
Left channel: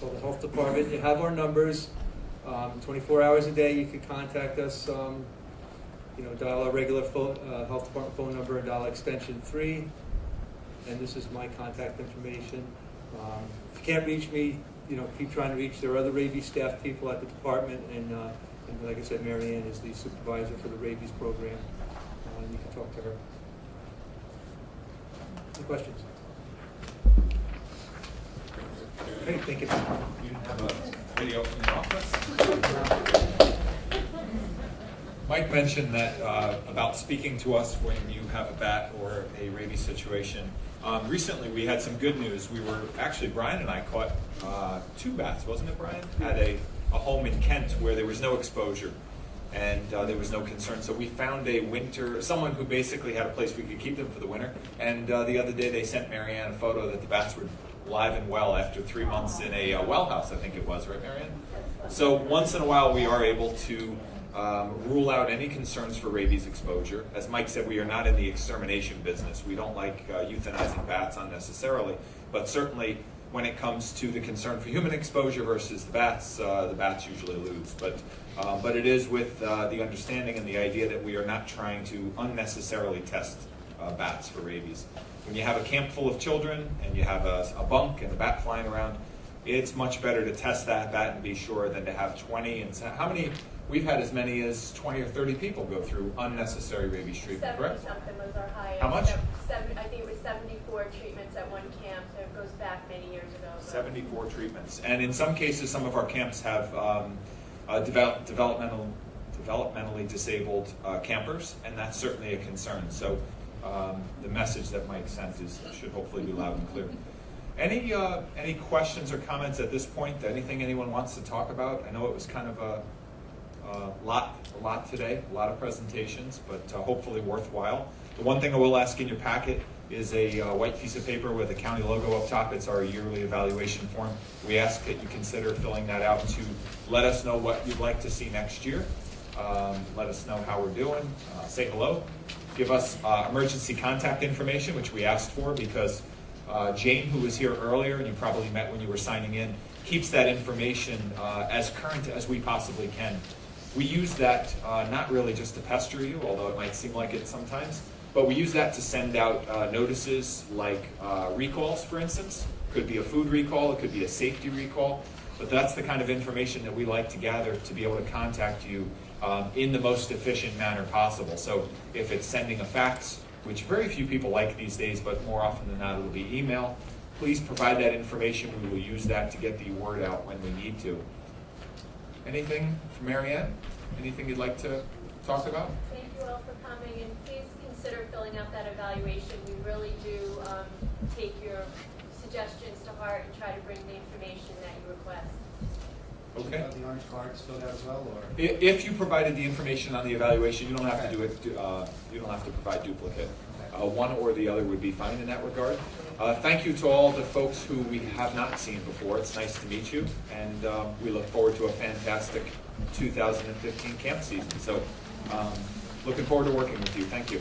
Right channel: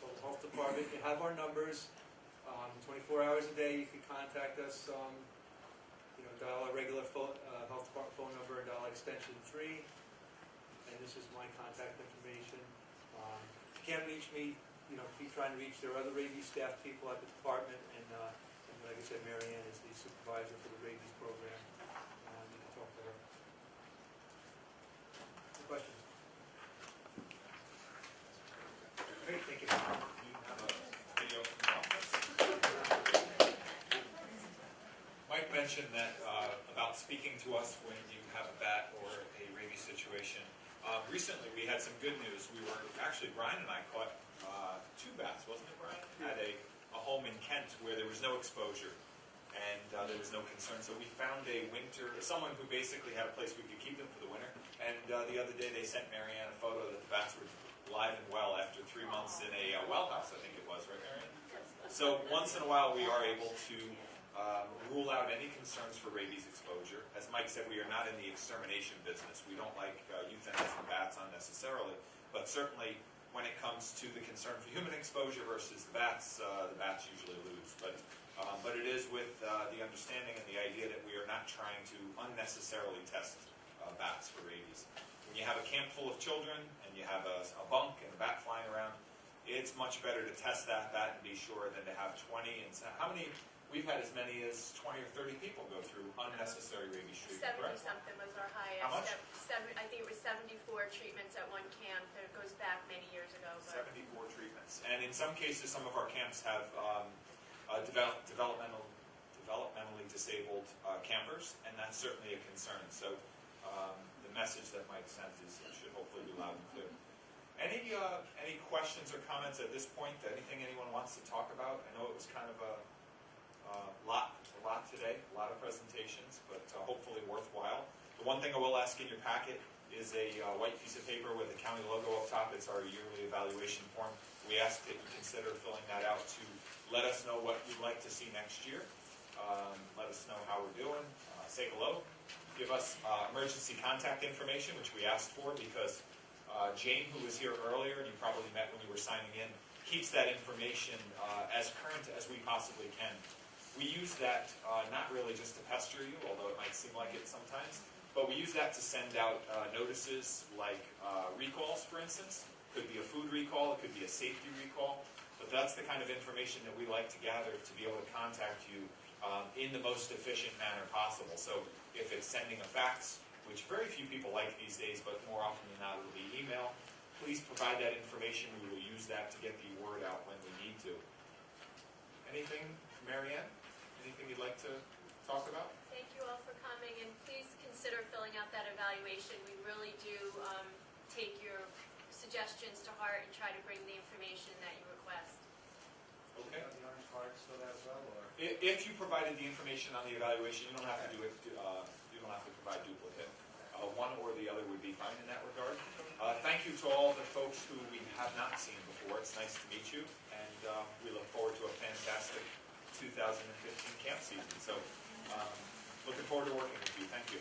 So the health department, you have our numbers. 24 hours a day, you can contact us. Dial our regular health department phone number and dial extension 3. And this is my contact information. If you can't reach me, keep trying to reach. There are other rabies staff people at the department, and like I said, Mary Ann is the supervisor for the rabies program. You can talk to her. Any questions? Great, thank you. You have a video from the office. Mike mentioned that about speaking to us when you have a bat or a rabies situation. Recently, we had some good news. Brian and I caught 2 bats, wasn't it, Brian? At a home in Kent where there was no exposure and there was no concern. So we found someone who basically had a place we could keep them for the winter. And the other day they sent Mary Ann a photo that the bats were live and well after 3 months in a well house, I think it was, right, Mary Ann? So once in a while we are able to rule out any concerns for rabies exposure. As Mike said, we are not in the extermination business. We don't like euthanizing bats unnecessarily, but certainly when it comes to the concern for human exposure versus the bats usually lose. But it is with the understanding and the idea that we are not trying to unnecessarily test bats for rabies. When you have a camp full of children and you have a bunk and a bat flying around, it's much better to test that bat and be sure than to have 20 and how many. We've had as many as 20 or 30 people go through unnecessary rabies treatment, correct? 70-something was our highest. How much? I think it was 74 treatments at one camp. It goes back many years ago. 74 treatments. And in some cases, some of our camps have developmentally disabled campers, and that's certainly a concern. So the message that Mike sent should hopefully be loud and clear. Any questions or comments at this point? Anything anyone wants to talk about? I know it was kind of a lot today, a lot of presentations, but hopefully worthwhile. The one thing I will ask in your packet is a white piece of paper with a county logo up top. It's our yearly evaluation form. We ask that you consider filling that out to let us know what you'd like to see next year. Let us know how we're doing. Say hello. Give us emergency contact information, which we asked for because Jane, who was here earlier, and you probably met when you were signing in, keeps that information as current as we possibly can. We use that not really just to pester you, although it might seem like it sometimes, but we use that to send out notices like recalls, for instance. Could be a food recall, it could be a safety recall, but that's the kind of information that we like to gather to be able to contact you in the most efficient manner possible. So if it's sending a fax, which very few people like these days, but more often than not it'll be email, please provide that information. We will use that to get the word out when we need to. Anything from Mary Ann? Anything you'd like to talk about? Thank you all for coming, and please consider filling out that evaluation. We really do take your suggestions to heart and try to bring the information that you request. Okay. The orange cards filled out as well, or? If you provided the information on the evaluation, you don't have to do it. You don't have to provide duplicate. One or the other would be fine in that regard. Thank you to all the folks who we have not seen before. It's nice to meet you, and we look forward to a fantastic 2015 camp season. So, looking forward to working with you. Thank you.